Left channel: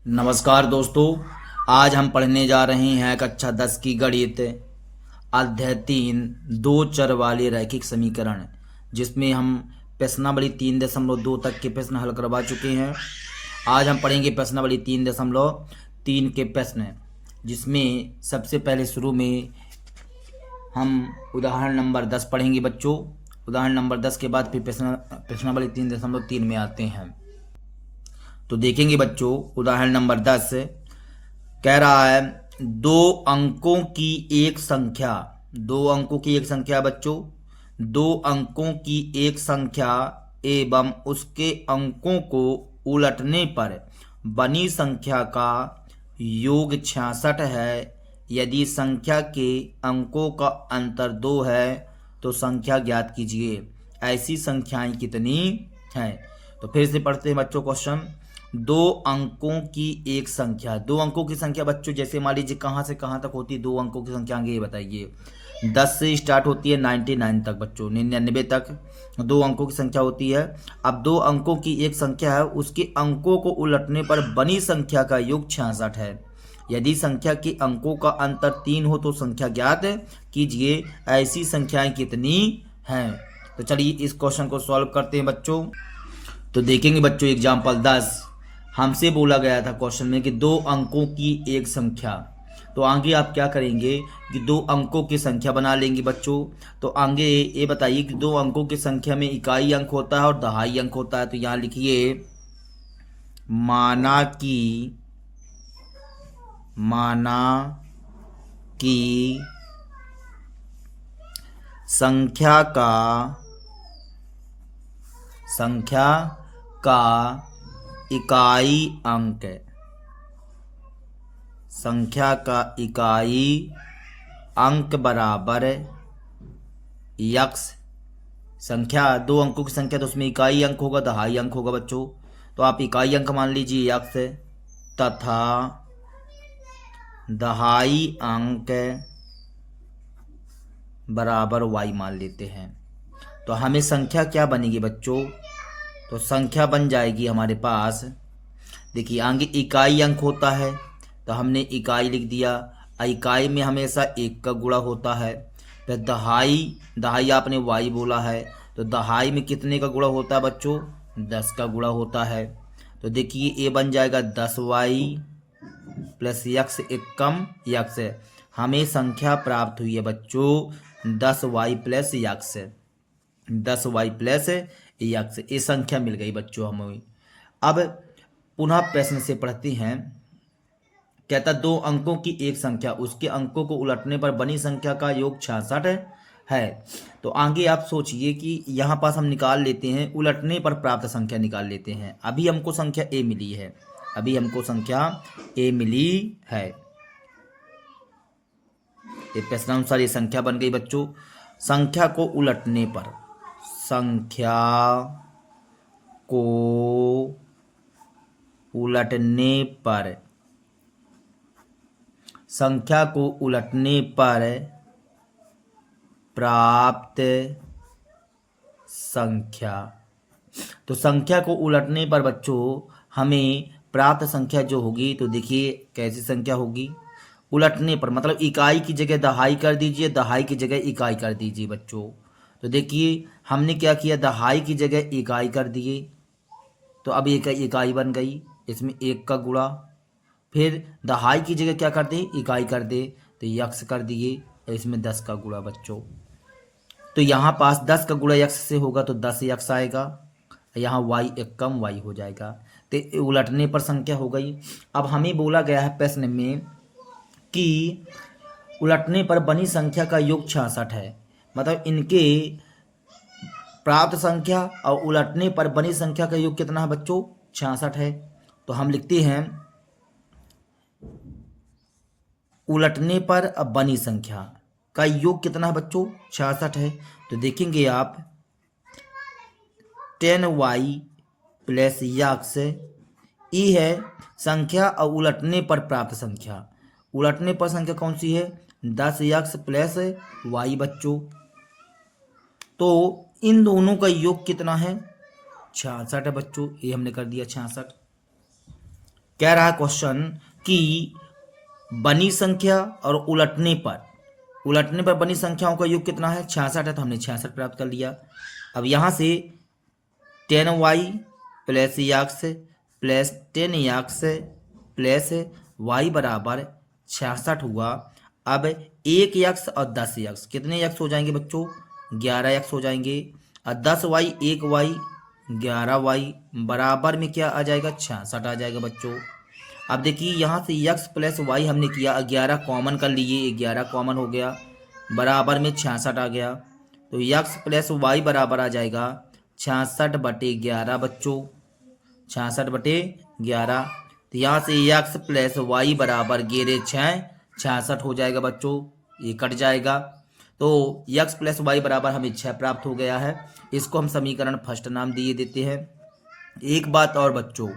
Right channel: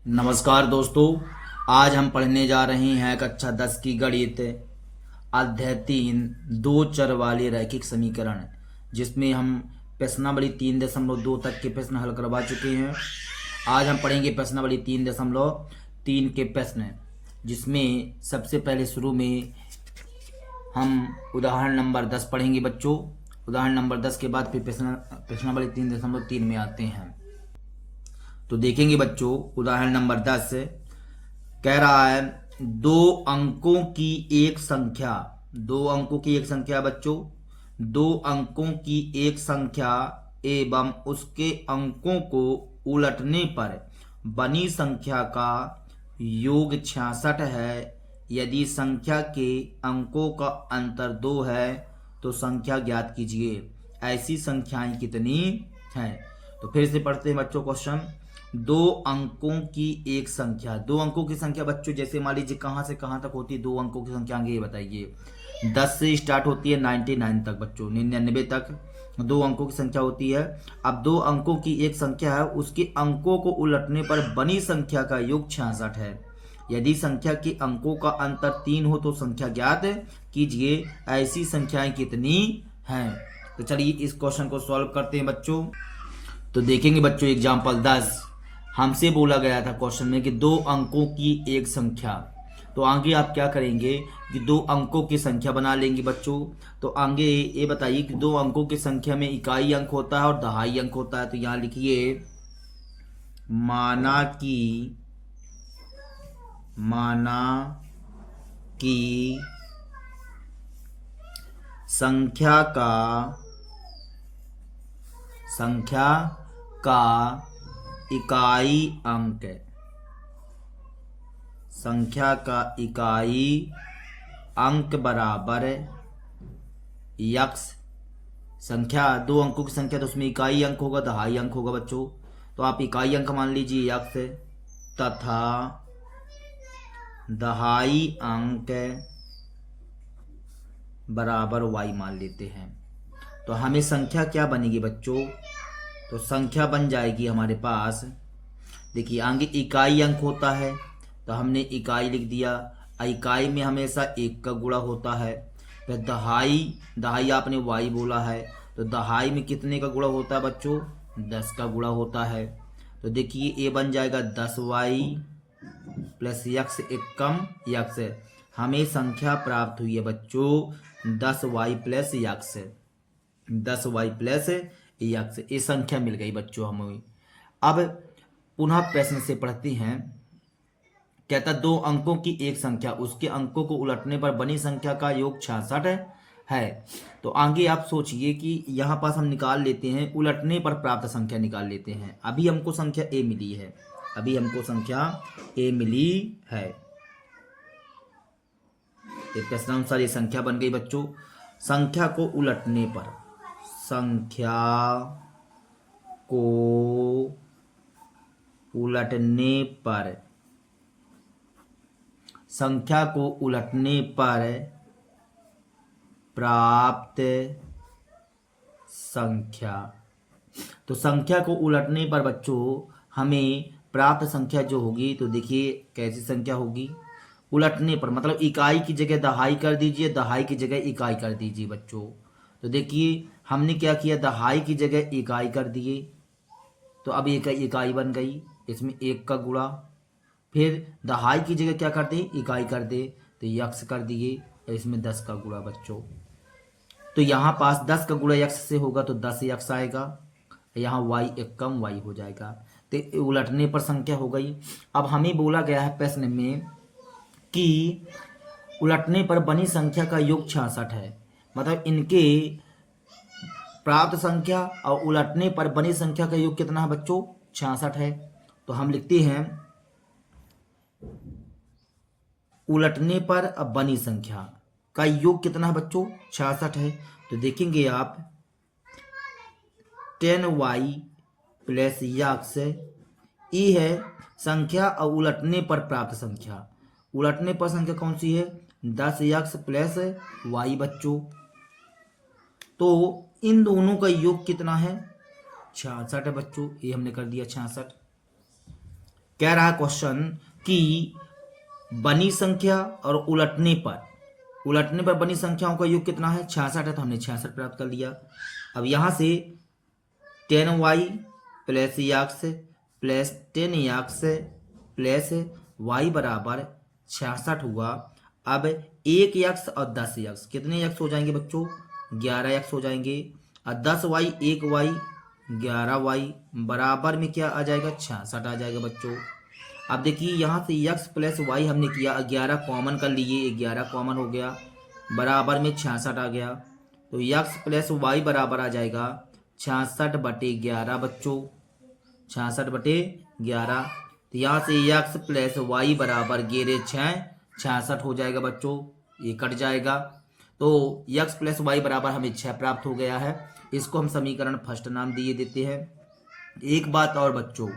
नमस्कार दोस्तों। आज हम पढ़ने जा रहे हैं कक्षा 10 की गणित अध्याय 3 दो चर वाले रैखिक समीकरण, जिसमें हम प्रश्नावली 3.2 तक के प्रश्न हल करवा चुके हैं। आज हम पढ़ेंगे प्रश्नावली 3.3 के प्रश्न, जिसमें सबसे पहले शुरू में हम उदाहरण नंबर 10 पढ़ेंगे बच्चों। उदाहरण नंबर 10 के बाद फिर प्रश्नावली 3.3 में आते हैं। तो देखेंगे बच्चों, उदाहरण नंबर 10 कह रहा है दो अंकों की एक संख्या। दो अंकों की एक संख्या बच्चों, दो अंकों की एक संख्या एवं उसके अंकों को उलटने पर बनी संख्या का योग 66 है। यदि संख्या के अंकों का अंतर 2 है तो संख्या ज्ञात कीजिए। ऐसी संख्याएं कितनी हैं? तो फिर से पढ़ते हैं बच्चों क्वेश्चन। दो अंकों की एक संख्या, दो अंकों की संख्या बच्चों जैसे मान लीजिए कहाँ से कहाँ तक होती है दो अंकों की संख्या, आगे ये बताइए। 10 से स्टार्ट होती है 99 तक बच्चों, 99 तक दो अंकों की संख्या होती है। अब दो अंकों की एक संख्या है, उसके अंकों को उलटने पर बनी संख्या का योग 66 है। यदि संख्या के अंकों का अंतर 3 हो तो संख्या ज्ञात कीजिए। ऐसी संख्याएं कितनी हैं? तो चलिए इस क्वेश्चन को सॉल्व करते हैं बच्चों। तो देखेंगे बच्चों एग्जाम्पल 10, हमसे बोला गया था क्वेश्चन में कि दो अंकों की एक संख्या। तो आगे आप क्या करेंगे कि दो अंकों की संख्या बना लेंगे बच्चों। तो आगे ये बताइए कि दो अंकों की संख्या में इकाई अंक होता है और दहाई अंक होता है। तो यहाँ लिखिए माना कि संख्या का इकाई अंक, संख्या का इकाई अंक बराबर यक्स। संख्या दो अंकों की संख्या तो उसमें इकाई अंक होगा, दहाई अंक होगा बच्चों। तो आप इकाई अंक मान लीजिए यक्स, तथा दहाई अंक बराबर वाई मान लेते हैं। तो हमें संख्या क्या बनेगी बच्चों? तो संख्या बन जाएगी हमारे पास, देखिए आगे इकाई अंक होता है तो हमने इकाई लिख दिया। इकाई में हमेशा एक का गुणा होता है। फिर दहाई आपने वाई बोला है, तो दहाई में कितने का गुणा होता है बच्चों? 10 का गुणा होता है। तो देखिए ये बन जाएगा 10y प्लस यक्स एक कम यक्स। हमें संख्या प्राप्त हुई है बच्चों 10y plus x, 10y plus x, ये संख्या मिल गई बच्चों हमें। अब पुनः प्रश्न से पढ़ते हैं। कहता दो अंकों की एक संख्या, उसके अंकों को उलटने पर बनी संख्या का योग 66 है। तो आगे आप सोचिए कि यहाँ पास हम निकाल लेते हैं, उलटने पर प्राप्त संख्या निकाल लेते हैं। अभी हमको संख्या ए मिली है, अभी हमको संख्या ए मिली है। प्रश्नानुसार ये संख्या बन गई बच्चों। संख्या को उलटने पर, संख्या को उलटने पर, संख्या को उलटने पर प्राप्त संख्या। तो संख्या को उलटने पर बच्चों हमें प्राप्त संख्या जो होगी, तो देखिए कैसी संख्या होगी। उलटने पर मतलब इकाई की जगह दहाई कर दीजिए, दहाई की जगह इकाई कर दीजिए बच्चों। तो देखिए हमने क्या किया, दहाई की जगह इकाई कर दिए, तो अब एक इकाई बन गई, इसमें एक का गुणा। फिर दहाई की जगह क्या कर दे, इकाई कर दे, तो यक्स कर दिए, इसमें 10 का गुणा बच्चों। तो यहाँ पास 10 का गुणा यक्स से होगा तो 10 यक्स आएगा, यहाँ y एक कम y हो जाएगा। तो उलटने पर संख्या हो गई। अब हमें बोला गया है प्रश्न में कि उलटने पर बनी संख्या का योग 66 है, मतलब इनके प्राप्त संख्या और उलटने पर बनी संख्या का योग कितना है बच्चों? 66 है। तो हम लिखते हैं उलटने पर अब बनी संख्या का योग कितना है बच्चों? 66 है। तो देखेंगे आप 10y प्लस यक्स ई है संख्या और उलटने पर प्राप्त संख्या। उलटने पर संख्या कौन सी है? 10 यक्स प्लस वाई बच्चों। तो इन दोनों का योग कितना है? 66 है बच्चों, ये हमने कर दिया 66। कह रहा है क्वेश्चन कि बनी संख्या और उलटने पर बनी संख्याओं का योग कितना है, 66 है, तो हमने 66 प्राप्त कर लिया। अब यहाँ से 10y plus x plus 10x plus y बराबर 66 हुआ। अब 1x और 10x, कितने x हो जाएंगे बच्चों, 11x हो जाएंगे। और 10y 1y 11y बराबर में क्या आ जाएगा, 66 आ जाएगा बच्चों। अब देखिए यहाँ से x प्लस वाई हमने किया, 11 कॉमन कर लिए, 11 कॉमन हो गया, बराबर में 66 आ गया। तो x प्लस वाई बराबर आ जाएगा 66/11 बच्चों, 66/11। तो यहाँ से x प्लस वाई बराबर 66 हो जाएगा बच्चों, ये कट जाएगा। तो x प्लस वाई बराबर हमें 6 प्राप्त हो गया है। इसको हम समीकरण फर्स्ट नाम दिए देते हैं। एक बात और बच्चों,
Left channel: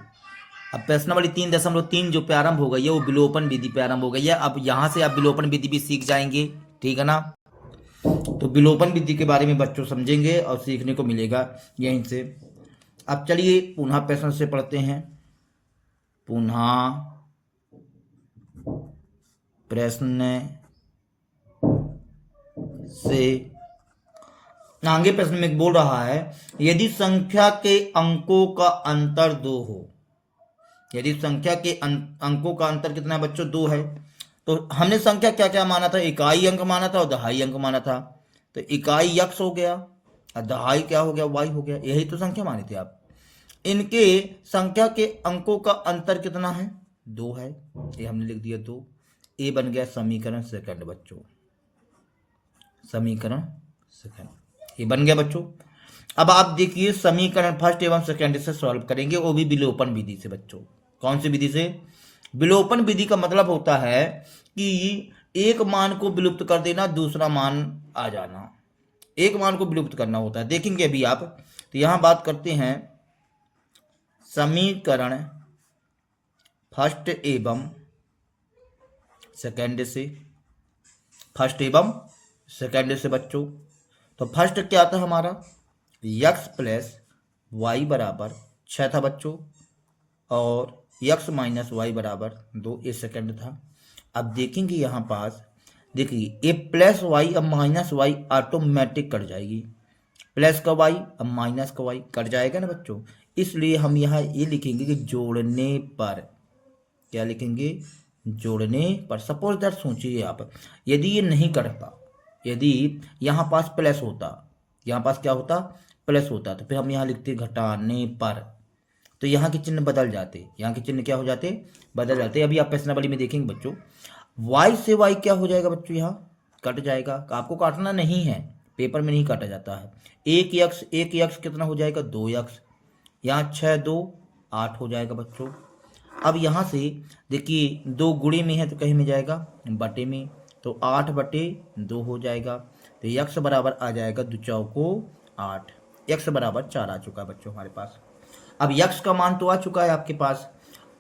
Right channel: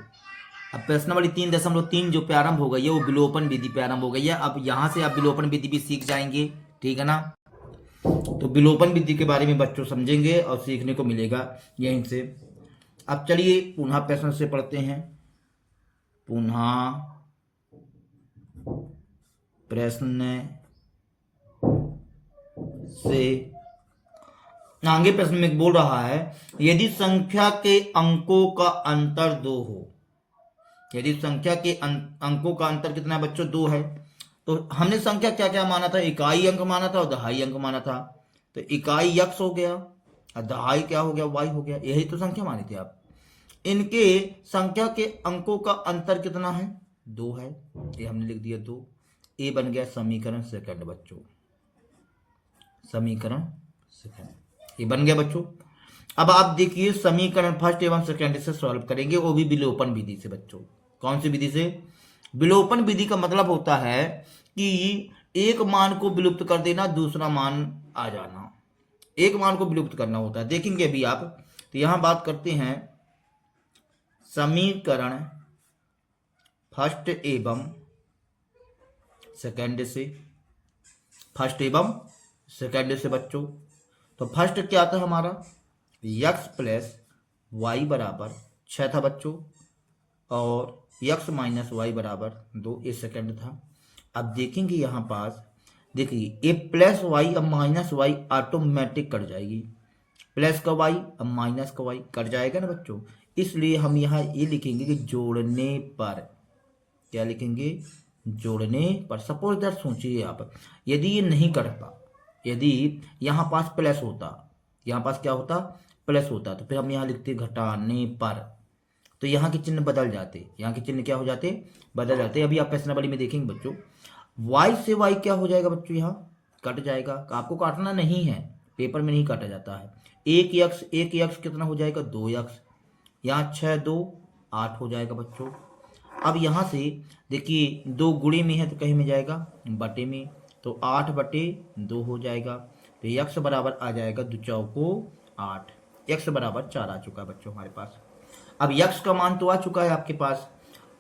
अब प्रश्न वाली 3.3 जो प्रारंभ हो गई है वो विलोपन विधि प्रारंभ हो गई है। अब यहाँ से आप विलोपन विधि भी सीख जाएंगे, ठीक है ना। तो विलोपन विधि के बारे में बच्चों समझेंगे और सीखने को मिलेगा यहीं से। अब चलिए पुनः प्रश्न से पढ़ते हैं। पुनः प्रश्न से आगे प्रश्न में बोल रहा है, यदि संख्या के अंकों का अंतर 2 हो, यदि संख्या के अंकों का अंतर कितना है बच्चों, 2 है, तो हमने संख्या क्या क्या माना था, इकाई अंक माना था और दहाई अंक माना था। तो इकाई x हो गया और दहाई क्या हो गया, y हो गया, यही तो संख्या मानी थी आप। इनके संख्या के अंकों का अंतर कितना है, 2 है, ये हमने लिख दिया 2। ये बन गया समीकरण सेकंड बच्चों, समीकरण सेकंड ये बन गया बच्चों। अब आप देखिए समीकरण फर्स्ट एवं सेकंड से सॉल्व करेंगे, वो भी विलोपन विधि से बच्चों। कौन सी विधि से, विलोपन विधि का मतलब होता है कि एक मान को विलुप्त कर देना, दूसरा मान आ जाना, एक मान को विलुप्त करना होता है। देखेंगे अभी आप। तो यहां बात करते हैं समीकरण फर्स्ट एवं सेकंड से, फर्स्ट एवं सेकंड से बच्चों। तो फर्स्ट क्या था हमारा, x प्लस वाई बराबर 6 था बच्चों, और x माइनस वाई बराबर 2, ये सेकंड था। अब देखेंगे यहाँ पास, देखिए ये प्लस वाई अब माइनस वाई ऑटोमेटिक कट जाएगी, प्लस का वाई अब माइनस का वाई कट जाएगा ना बच्चों। इसलिए हम यहाँ ये लिखेंगे कि जोड़ने पर, क्या लिखेंगे, जोड़ने पर। सपोज दैट सोचिए आप, यदि ये नहीं कटता, यदि यहाँ पास प्लस होता, यहाँ पास क्या होता, प्लस होता, तो फिर हम यहाँ लिखते घटाने पर, तो यहाँ के चिन्ह बदल जाते, यहाँ के चिन्ह क्या हो जाते, बदल जाते। अभी आप प्रश्नावली में देखेंगे बच्चों, y से y क्या हो जाएगा बच्चों, यहाँ कट जाएगा। आपको काटना नहीं है, पेपर में नहीं काटा जाता है। एक x कितना हो जाएगा, 2x, यहाँ 6 2 8 हो जाएगा बच्चों। अब यहाँ से देखिए 2 गुणे में है तो कहीं में जाएगा बटे में, तो 8/2 हो जाएगा। तो x बराबर आ जाएगा 2 चौको 8, x बराबर 4 आ चुका है बच्चों हमारे पास। अब x का मान तो आ चुका है आपके पास।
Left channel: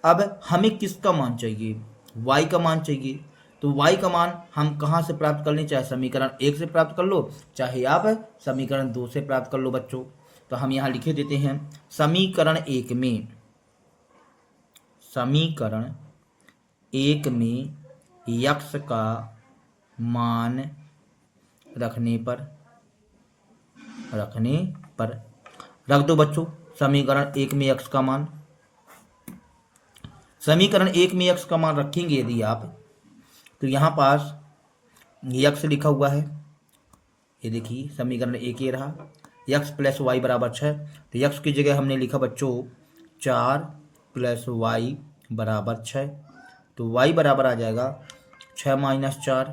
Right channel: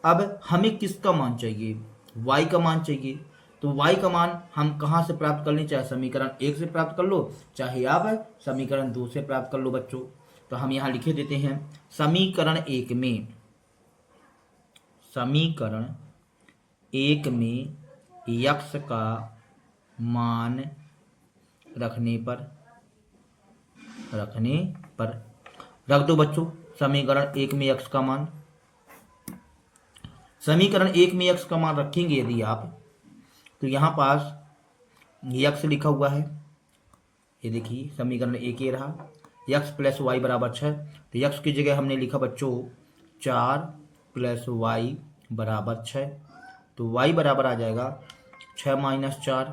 अब हमें किसका मान चाहिए, y का मान चाहिए। तो y का मान हम कहाँ से प्राप्त कर लें, चाहे समीकरण 1 से प्राप्त कर लो, चाहे आप समीकरण 2 से प्राप्त कर लो बच्चों। तो हम यहाँ लिखे देते हैं समीकरण 1 में, समीकरण 1 में x का मान रखने पर रख दो बच्चों। समीकरण 1 में x का मान, समीकरण 1 में x का मान रखेंगे यदि आप, तो यहाँ पास x लिखा हुआ है, ये देखिए समीकरण 1 ये रहा, x प्लस वाई बराबर 6। तो x की जगह हमने लिखा बच्चों 4 प्लस वाई बराबर 6। तो y बराबर आ जाएगा 6 माइनस 4,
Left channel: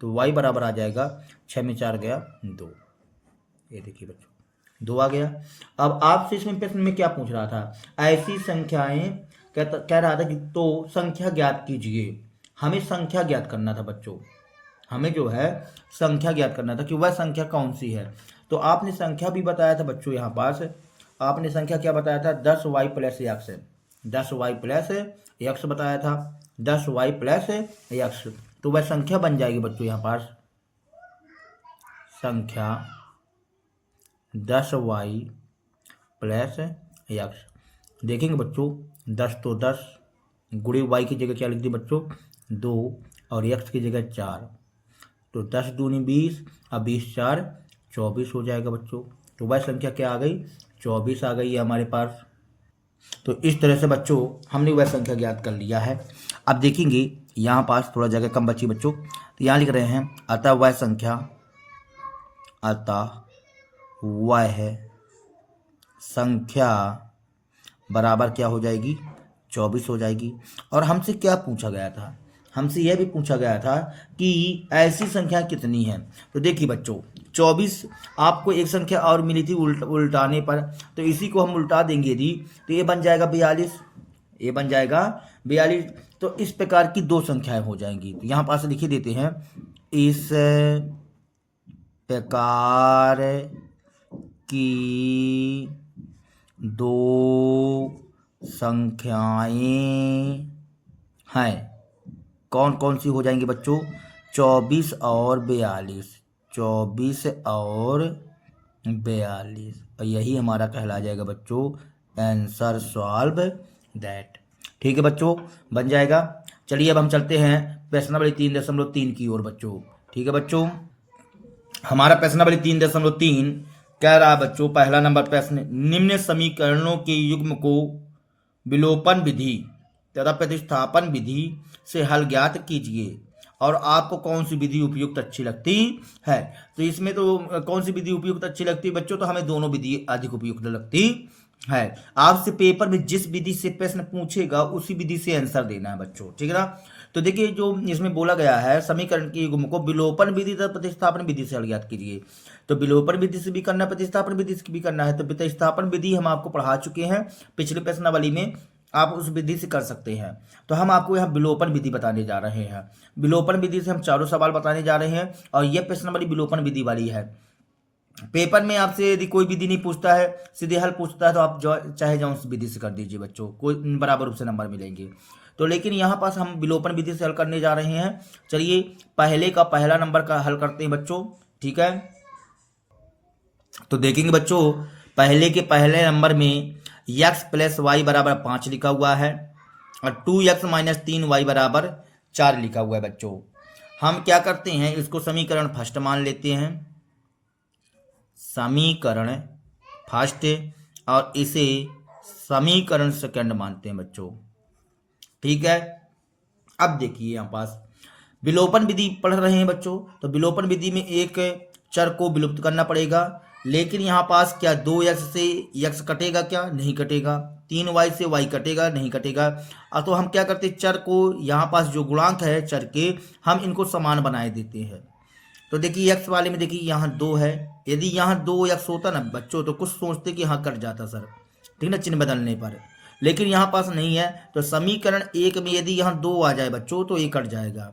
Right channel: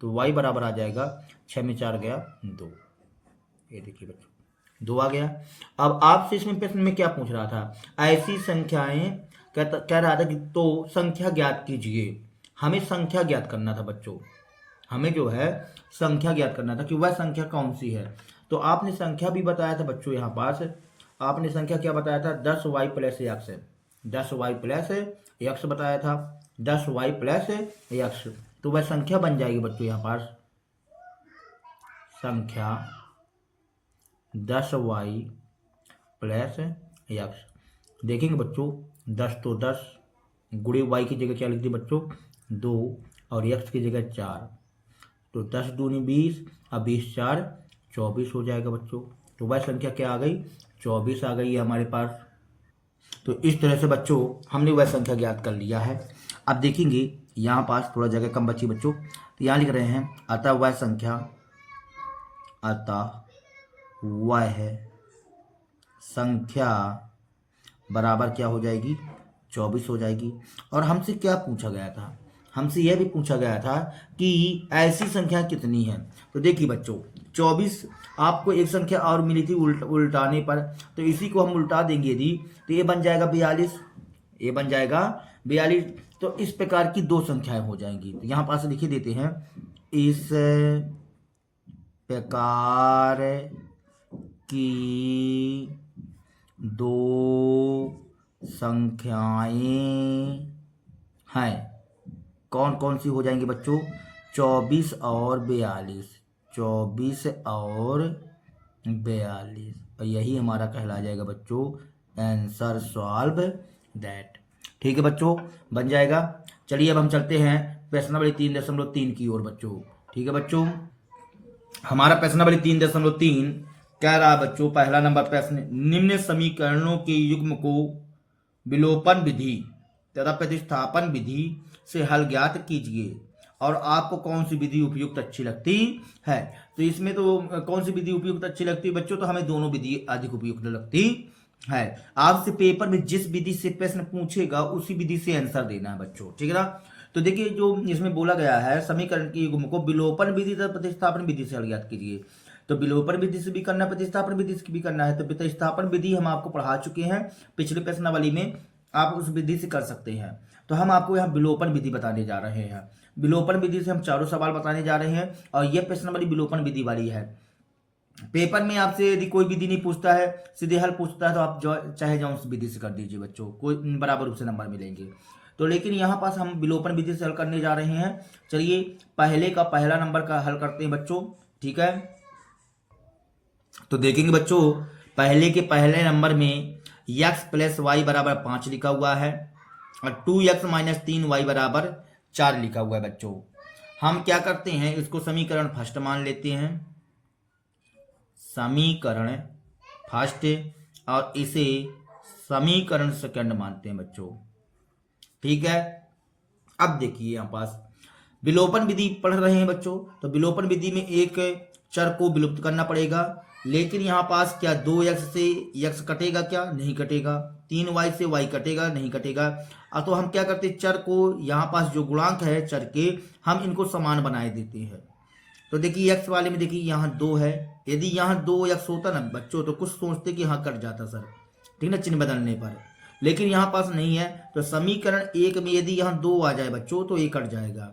तो y बराबर आ जाएगा 6 में 4 गया 2, ये देखिए बच्चों 2 आ गया। अब आपसे इसमें प्रश्न में क्या पूछ रहा था, ऐसी संख्याएं कह रहा था कि तो संख्या ज्ञात कीजिए। हमें संख्या ज्ञात करना था बच्चों, हमें जो है संख्या ज्ञात करना था कि वह संख्या कौन सी है। तो आपने संख्या भी बताया था बच्चों, यहाँ पास आपने संख्या क्या बताया था, 10y plus x, 10y plus x बताया था, 10y प्लस एक्स। तो वह संख्या बन जाएगी बच्चों यहाँ पास, संख्या 10y प्लस एक्स। देखेंगे बच्चों 10 तो 10, गुणे वाई की जगह क्या लिख दिए बच्चों 2 और एक्स की जगह 4, तो 10 दूनी 20 और 20 4 24 हो जाएगा बच्चों। तो वह संख्या क्या आ गई 24 आ गई है हमारे पास। तो इस तरह से बच्चों हमने वह संख्या ज्ञात कर लिया है। अब देखेंगे यहाँ पास थोड़ा जगह कम बची बच्चों, तो यहाँ लिख रहे हैं अतः वह संख्या, अतः वह संख्या बराबर क्या हो जाएगी 24 हो जाएगी। और हमसे क्या पूछा गया था, हमसे यह भी पूछा गया था कि ऐसी संख्या कितनी है। तो देखिए बच्चों 24 आपको एक संख्या और मिली थी उल्टाने पर, तो इसी को हम उल्टा देंगे यदि, तो ये बन जाएगा 42, ये बन जाएगा 42। तो इस प्रकार की दो संख्याएं हो जाएंगी। तो यहाँ पास लिखी देते हैं इस प्रकार की दो संख्याएं हैं। कौन कौन सी हो जाएंगी बच्चों 24 और 42, 24 और 42, और यही हमारा कहला जाएगा बच्चों आंसर सॉल्व दैट। ठीक है बच्चों बन जाएगा। चलिए अब हम चलते हैं प्रश्न नंबर 3.3 की ओर बच्चों। ठीक है बच्चों हमारा प्रश्न नंबर 3.3 कह रहा बच्चों, पहला नंबर प्रश्न, निम्न समीकरणों के युग्म को विलोपन विधि तथा प्रतिस्थापन विधि से हल ज्ञात कीजिए और आपको कौन सी विधि उपयुक्त अच्छी लगती है। तो इसमें तो कौन सी विधि उपयुक्त अच्छी लगती है बच्चों, तो हमें दोनों विधि अधिक उपयुक्त लगती है। आपसे पेपर में जिस विधि से प्रश्न पूछेगा उसी विधि से आंसर देना है बच्चों, ठीक है ना। तो देखिए जो इसमें बोला गया है समीकरण के युग्म को विलोपन विधि तथा प्रतिस्थापन विधि से हल ज्ञात कीजिए। तो विलोपन विधि से भी करना है, प्रतिस्थापन विधि से भी करना है। तो प्रतिस्थापन विधि हम आपको पढ़ा चुके हैं पिछले प्रश्नावली में, आप उस विधि से कर सकते हैं। तो हम आपको यहाँ विलोपन विधि बताने जा रहे हैं। विलोपन विधि से हम चारों सवाल बताने जा रहे हैं और यह प्रश्नावली विलोपन विधि वाली है। पेपर में आपसे यदि कोई विधि नहीं पूछता है, सीधे हल पूछता है, तो आप चाहे जाओ उस विधि से कर दीजिए बच्चों, कोई बराबर रूप से नंबर मिलेंगे। तो लेकिन यहाँ पास हम विलोपन विधि से हल करने जा रहे हैं। चलिए पहले का पहला नंबर का हल करते हैं बच्चों, ठीक है। तो देखेंगे बच्चों पहले के पहले नंबर में x + y बराबर 5 लिखा हुआ है और 2x - 3y बराबर 4 लिखा हुआ है बच्चों। हम क्या करते हैं इसको समीकरण फर्स्ट मान लेते हैं, समीकरण फर्स्ट, और इसे समीकरण सेकंड मानते हैं बच्चों, ठीक है। अब देखिए यहाँ पास विलोपन विधि पढ़ रहे हैं बच्चों, तो विलोपन विधि में एक चर को विलुप्त करना पड़ेगा। लेकिन यहाँ पास क्या 2x से x कटेगा, क्या नहीं कटेगा, 3y से y कटेगा नहीं कटेगा। तो हम क्या करते हैं चर को, यहाँ पास जो गुणांक है चर के, हम इनको समान बनाए देते हैं। तो देखिए x वाले में देखिए यहाँ 2 है, यदि यहाँ 2x होता ना बच्चों तो कुछ सोचते कि हाँ कट जाता सर, ठीक ना, चिन्ह बदलने पर। लेकिन यहाँ पास नहीं है, तो समीकरण 1 में यदि यहाँ 2 आ जाए बच्चों तो ये कट जाएगा।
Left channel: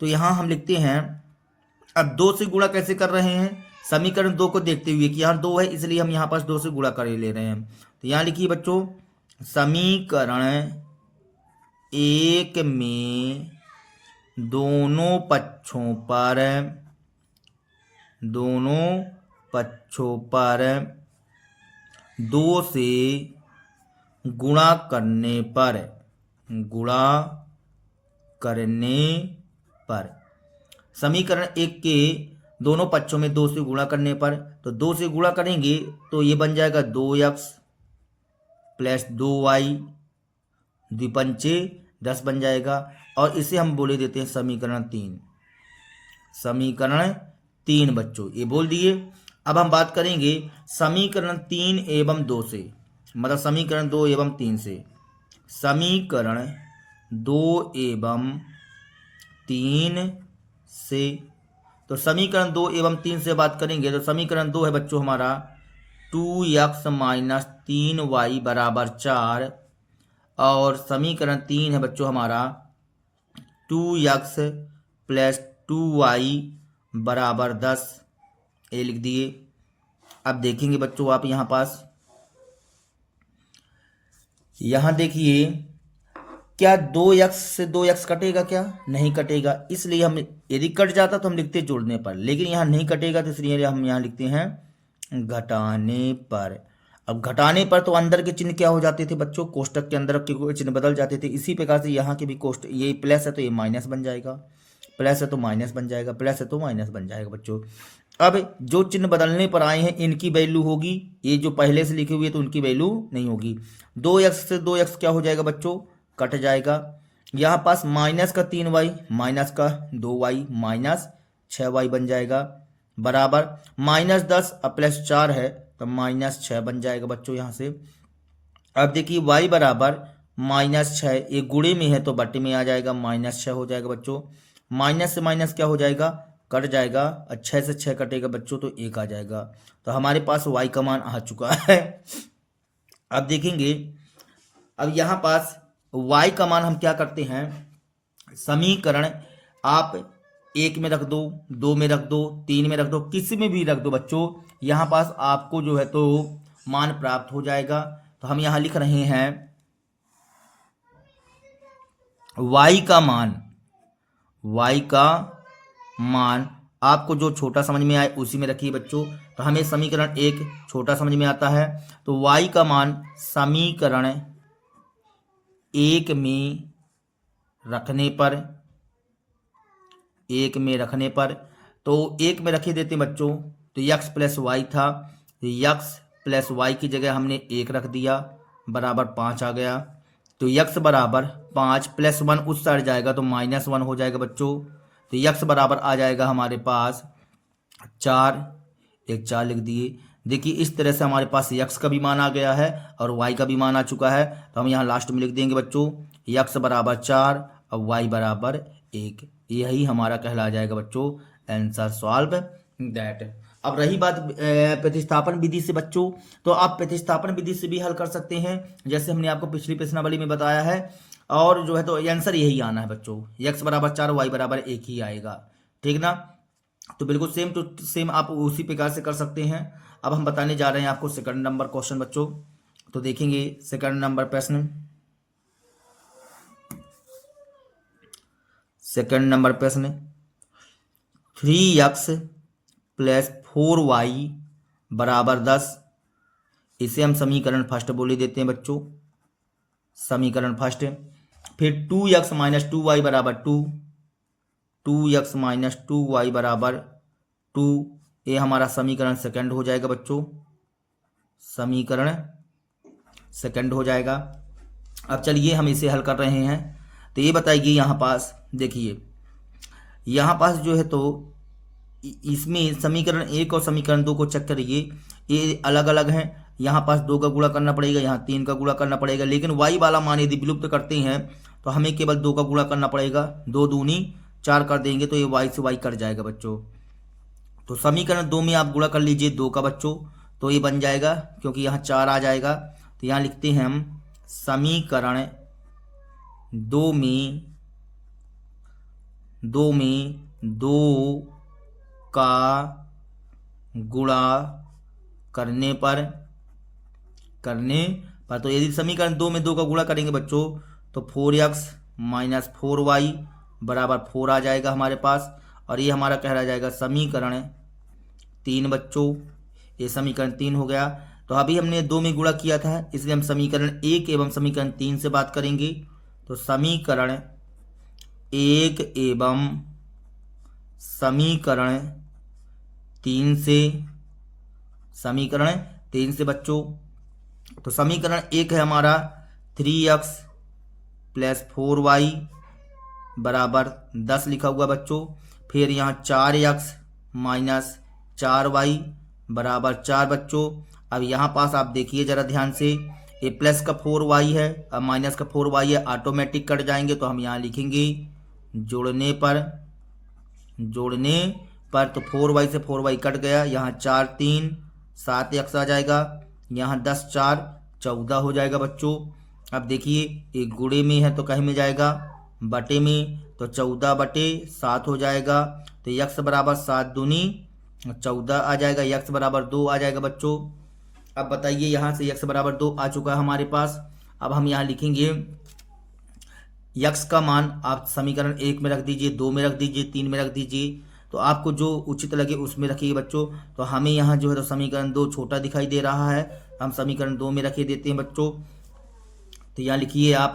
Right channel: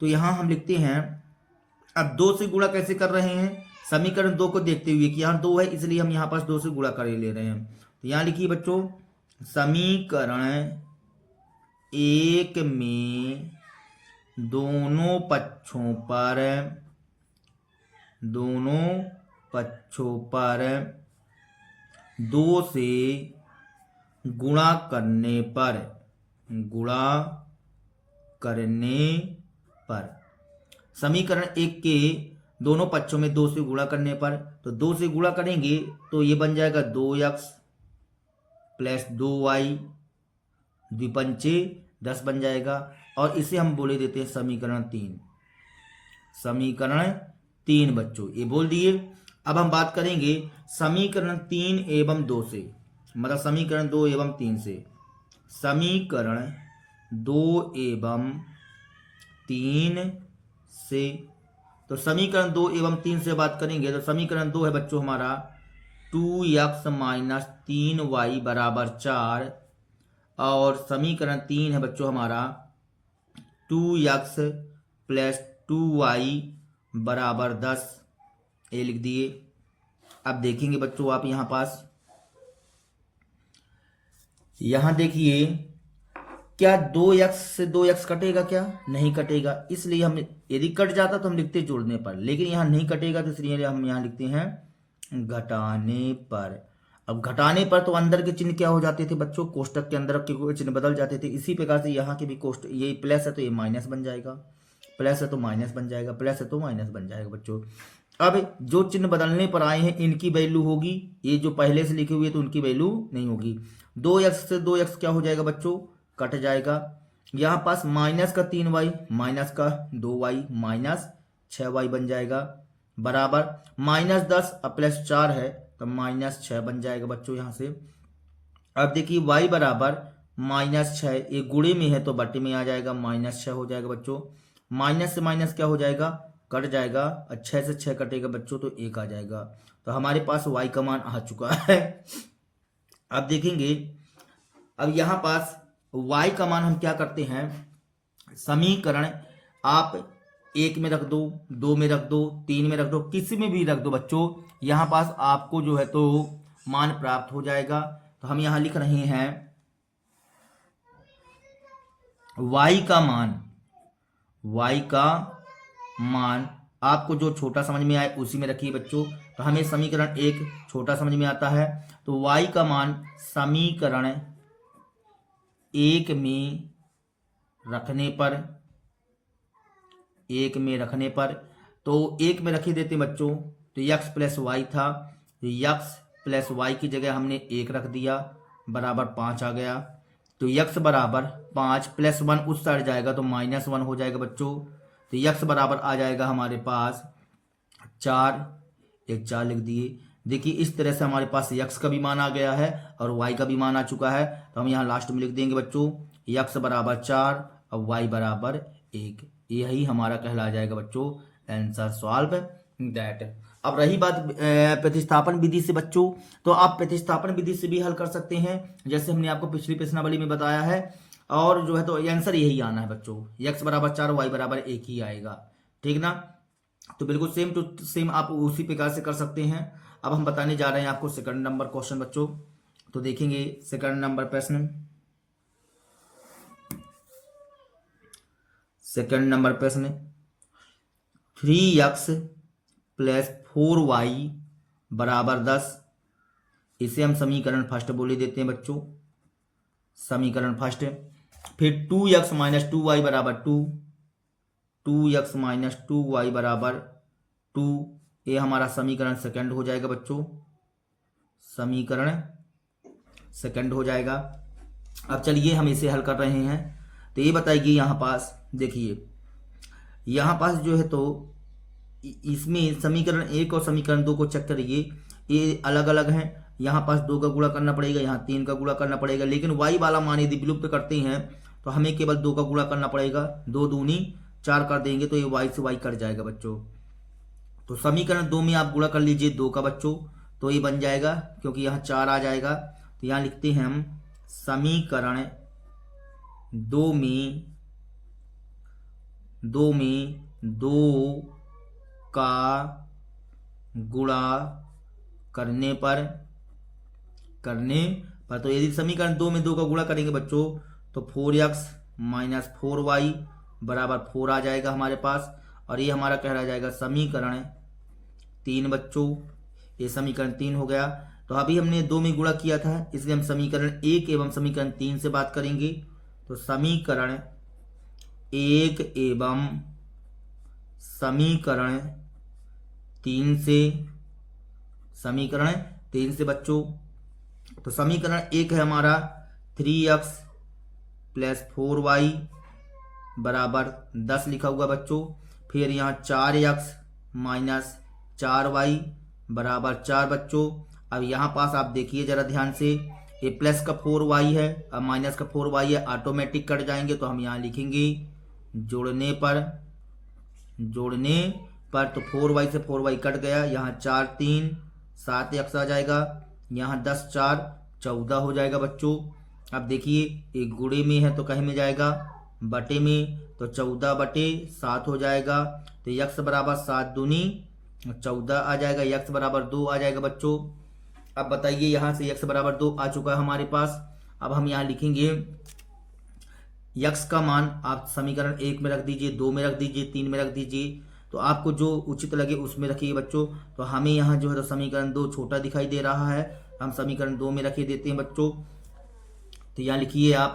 तो यहाँ हम लिखते हैं, अब 2 से गुणा कैसे कर रहे हैं, समीकरण 2 को देखते हुए कि यहाँ 2 है इसलिए हम यहाँ पास 2 से गुणा कर ले रहे हैं। तो यहाँ लिखिए बच्चों समीकरण 1 में दोनों पक्षों पर 2 से गुणा करने पर समीकरण 1 के दोनों पक्षों में 2 से गुणा करने पर, तो 2 से गुणा करेंगे तो ये बन जाएगा 2x + 2y, द्विपंचे 10 बन जाएगा। और इसे हम बोले देते हैं समीकरण 3 बच्चों, ये बोल दिए। अब हम बात करेंगे समीकरण 3 एवं 2 से, मतलब समीकरण 2 एवं 3 से। समीकरण 2 एवं 3 से, तो समीकरण 2 एवं 3 से बात करेंगे तो समीकरण 2 है बच्चों हमारा 2x - 3y बराबर 4, और समीकरण 3 है बच्चों हमारा 2x + 2y बराबर 10, ये लिख दिए। अब देखेंगे बच्चों आप यहाँ पास, यहाँ देखिए क्या 2x से 2x कटेगा, क्या नहीं कटेगा, इसलिए हम यदि कट जाता तो हम लिखते जोड़ने पर, लेकिन यहाँ नहीं कटेगा तो इसलिए हम यहाँ लिखते हैं घटाने पर। अब घटाने पर तो अंदर के चिन्ह क्या हो जाते थे बच्चों, कोष्टक के अंदर के चिन्ह बदल जाते थे। इसी प्रकार से यहाँ के भी कोष्टक, ये प्लस है तो ये माइनस बन जाएगा, प्लस है तो माइनस बन जाएगा, प्लस है तो माइनस बन जाएगा बच्चों। अब जो चिन्ह बदलने पर आए हैं इनकी वैल्यू होगी, ये जो पहले से लिखी हुई है तो उनकी वैल्यू नहीं होगी। 2x से 2x क्या हो जाएगा बच्चों, कट जाएगा। यहाँ पास माइनस का 3y माइनस का 2y माइनस 6y बन जाएगा, बराबर -10 अब +4 है तो -6 बन जाएगा बच्चों यहाँ से। अब देखिए y बराबर -6, ये गुणे में है तो बटे में आ जाएगा, -6 हो जाएगा बच्चों। माइनस से माइनस क्या हो जाएगा, कट जाएगा, 6 से 6 कटेगा बच्चों तो 1 आ जाएगा। तो हमारे पास y का मान आ चुका है। अब देखेंगे, अब यहाँ पास y का मान हम क्या करते हैं, समीकरण आप 1 में रख दो, 2 में रख दो, 3 में रख दो, किसी में भी रख दो बच्चों, यहाँ पास आपको जो है तो मान प्राप्त हो जाएगा। तो हम यहाँ लिख रहे हैं y का मान आपको जो छोटा समझ में आए उसी में रखिए बच्चों। तो हमें समीकरण 1 छोटा समझ में आता है, तो y का मान समीकरण 1 में रखने पर, 1 में रखने पर, तो 1 में रख ही देते बच्चों, तो x + y था, तो x + y की जगह हमने 1 रख दिया, बराबर 5 आ गया। तो x बराबर 5 + 1 उस साइड जाएगा तो -1 हो जाएगा बच्चों। तो x बराबर आ जाएगा हमारे पास 4, एक 4 लिख दिए। देखिए इस तरह से हमारे पास x का भी मान आ गया है और y का भी मान आ चुका है। तो हम यहाँ लास्ट में लिख देंगे बच्चों x बराबर 4 और y बराबर 1। यही हमारा कहला जाएगा बच्चों आंसर सॉल्व दैट। अब रही बात प्रतिस्थापन विधि से बच्चों, तो आप प्रतिस्थापन विधि से भी हल कर सकते हैं, जैसे हमने आपको पिछली प्रश्नावली में बताया है। और जो है तो आंसर यही आना है बच्चों, x बराबर 4 y बराबर 1 ही आएगा, ठीक ना। तो बिल्कुल सेम टू सेम आप उसी प्रकार से कर सकते हैं। अब हम बताने जा रहे हैं आपको सेकंड नंबर क्वेश्चन बच्चों। तो देखेंगे सेकंड नंबर प्रश्न, सेकंड नंबर प्रश्न 3x + 4y बराबर 10, इसे हम समीकरण फर्स्ट बोले देते हैं बच्चों, समीकरण फर्स्ट। फिर 2x - 2y बराबर 2, 2x - 2y बराबर 2, ये हमारा समीकरण सेकंड हो जाएगा बच्चों, समीकरण सेकंड हो जाएगा। अब चलिए हम इसे हल कर रहे हैं। तो ये बताइए यहाँ पास, देखिए यहाँ पास जो है तो इसमें समीकरण 1 और समीकरण 2 को चेक करिए, ये अलग अलग हैं। यहाँ पास 2 का गुणा करना पड़ेगा, यहाँ 3 का गुणा करना पड़ेगा, लेकिन y वाला मान यदि विलुप्त करते हैं तो हमें केवल 2 का गुणा करना पड़ेगा। 2 दूनी 4 कर देंगे तो ये y से y कट जाएगा बच्चों। तो समीकरण 2 में आप गुणा कर लीजिए 2 का बच्चों, तो ये बन जाएगा, क्योंकि यहाँ 4 आ जाएगा। तो यहाँ लिखते हैं हम समीकरण 2 में 2 का गुणा करने पर, तो यदि समीकरण 2 में 2 का गुणा करेंगे बच्चों तो 4x - 4y बराबर 4 आ जाएगा हमारे पास। और ये हमारा कह रहा जाएगा समीकरण 3 बच्चों, ये समीकरण 3 हो गया। तो अभी हमने 2 में गुणा किया था, इसलिए हम समीकरण 1 एवं समीकरण 3 से बात करेंगे। तो समीकरण 1 एवं समीकरण 3 से, समीकरण 3 से बच्चों। तो समीकरण 1 है हमारा 3x + 4y बराबर 10 लिखा हुआ बच्चों। फिर यहाँ 4x - 4y बराबर 4 बच्चों। अब यहाँ पास आप देखिए जरा ध्यान से, ये प्लस का 4y है और माइनस का 4y है, ऑटोमेटिक कट जाएंगे। तो हम यहाँ लिखेंगे जोड़ने पर तो 4y से 4y कट गया, यहाँ 4 3 7x आ जाएगा, यहाँ 10 4 14 हो जाएगा बच्चों। अब देखिए एक गुणे में है तो कहीं में जाएगा, बटे में, तो 14 बटे 7 हो जाएगा। तो x बराबर 7 दूनी 14 आ जाएगा, x बराबर 2 आ जाएगा बच्चों। अब बताइए यहाँ से x बराबर 2 आ चुका है हमारे पास। अब हम यहाँ लिखेंगे x का मान आप समीकरण 1 में रख दीजिए, 2 में रख दीजिए, 3 में रख दीजिए। तो आपको जो उचित लगे उसमें रखिए बच्चों। तो हमें यहाँ जो है तो समीकरण 2 छोटा दिखाई दे रहा है, हम समीकरण 2 में रखे देते हैं बच्चों। तो यहाँ लिखिए आप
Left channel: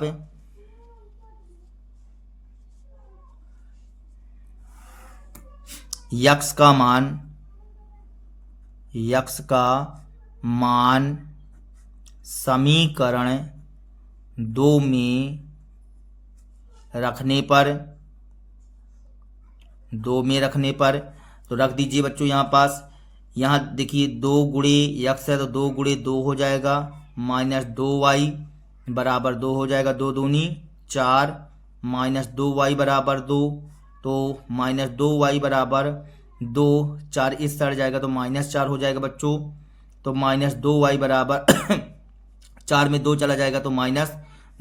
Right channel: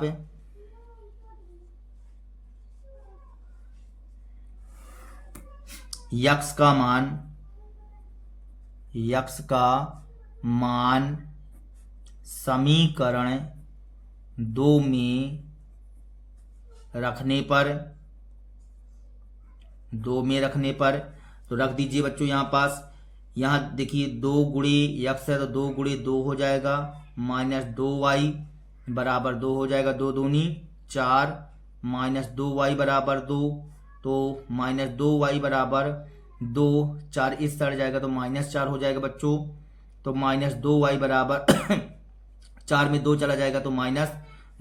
यक्स का मान समीकरण 2 में रखने पर तो रख दीजिए बच्चों यहाँ पास। यहाँ देखिए 2 गुणे यक्स है तो 2 गुणे 2 हो जाएगा, माइनस 2y बराबर 2 हो जाएगा, 2 दूनी 4, माइनस 2y बराबर 2, तो माइनस 2y बराबर 2, 4 इस साइड जाएगा तो माइनस 4 हो जाएगा बच्चों। तो माइनस 2y बराबर 4 में 2 चला जाएगा तो माइनस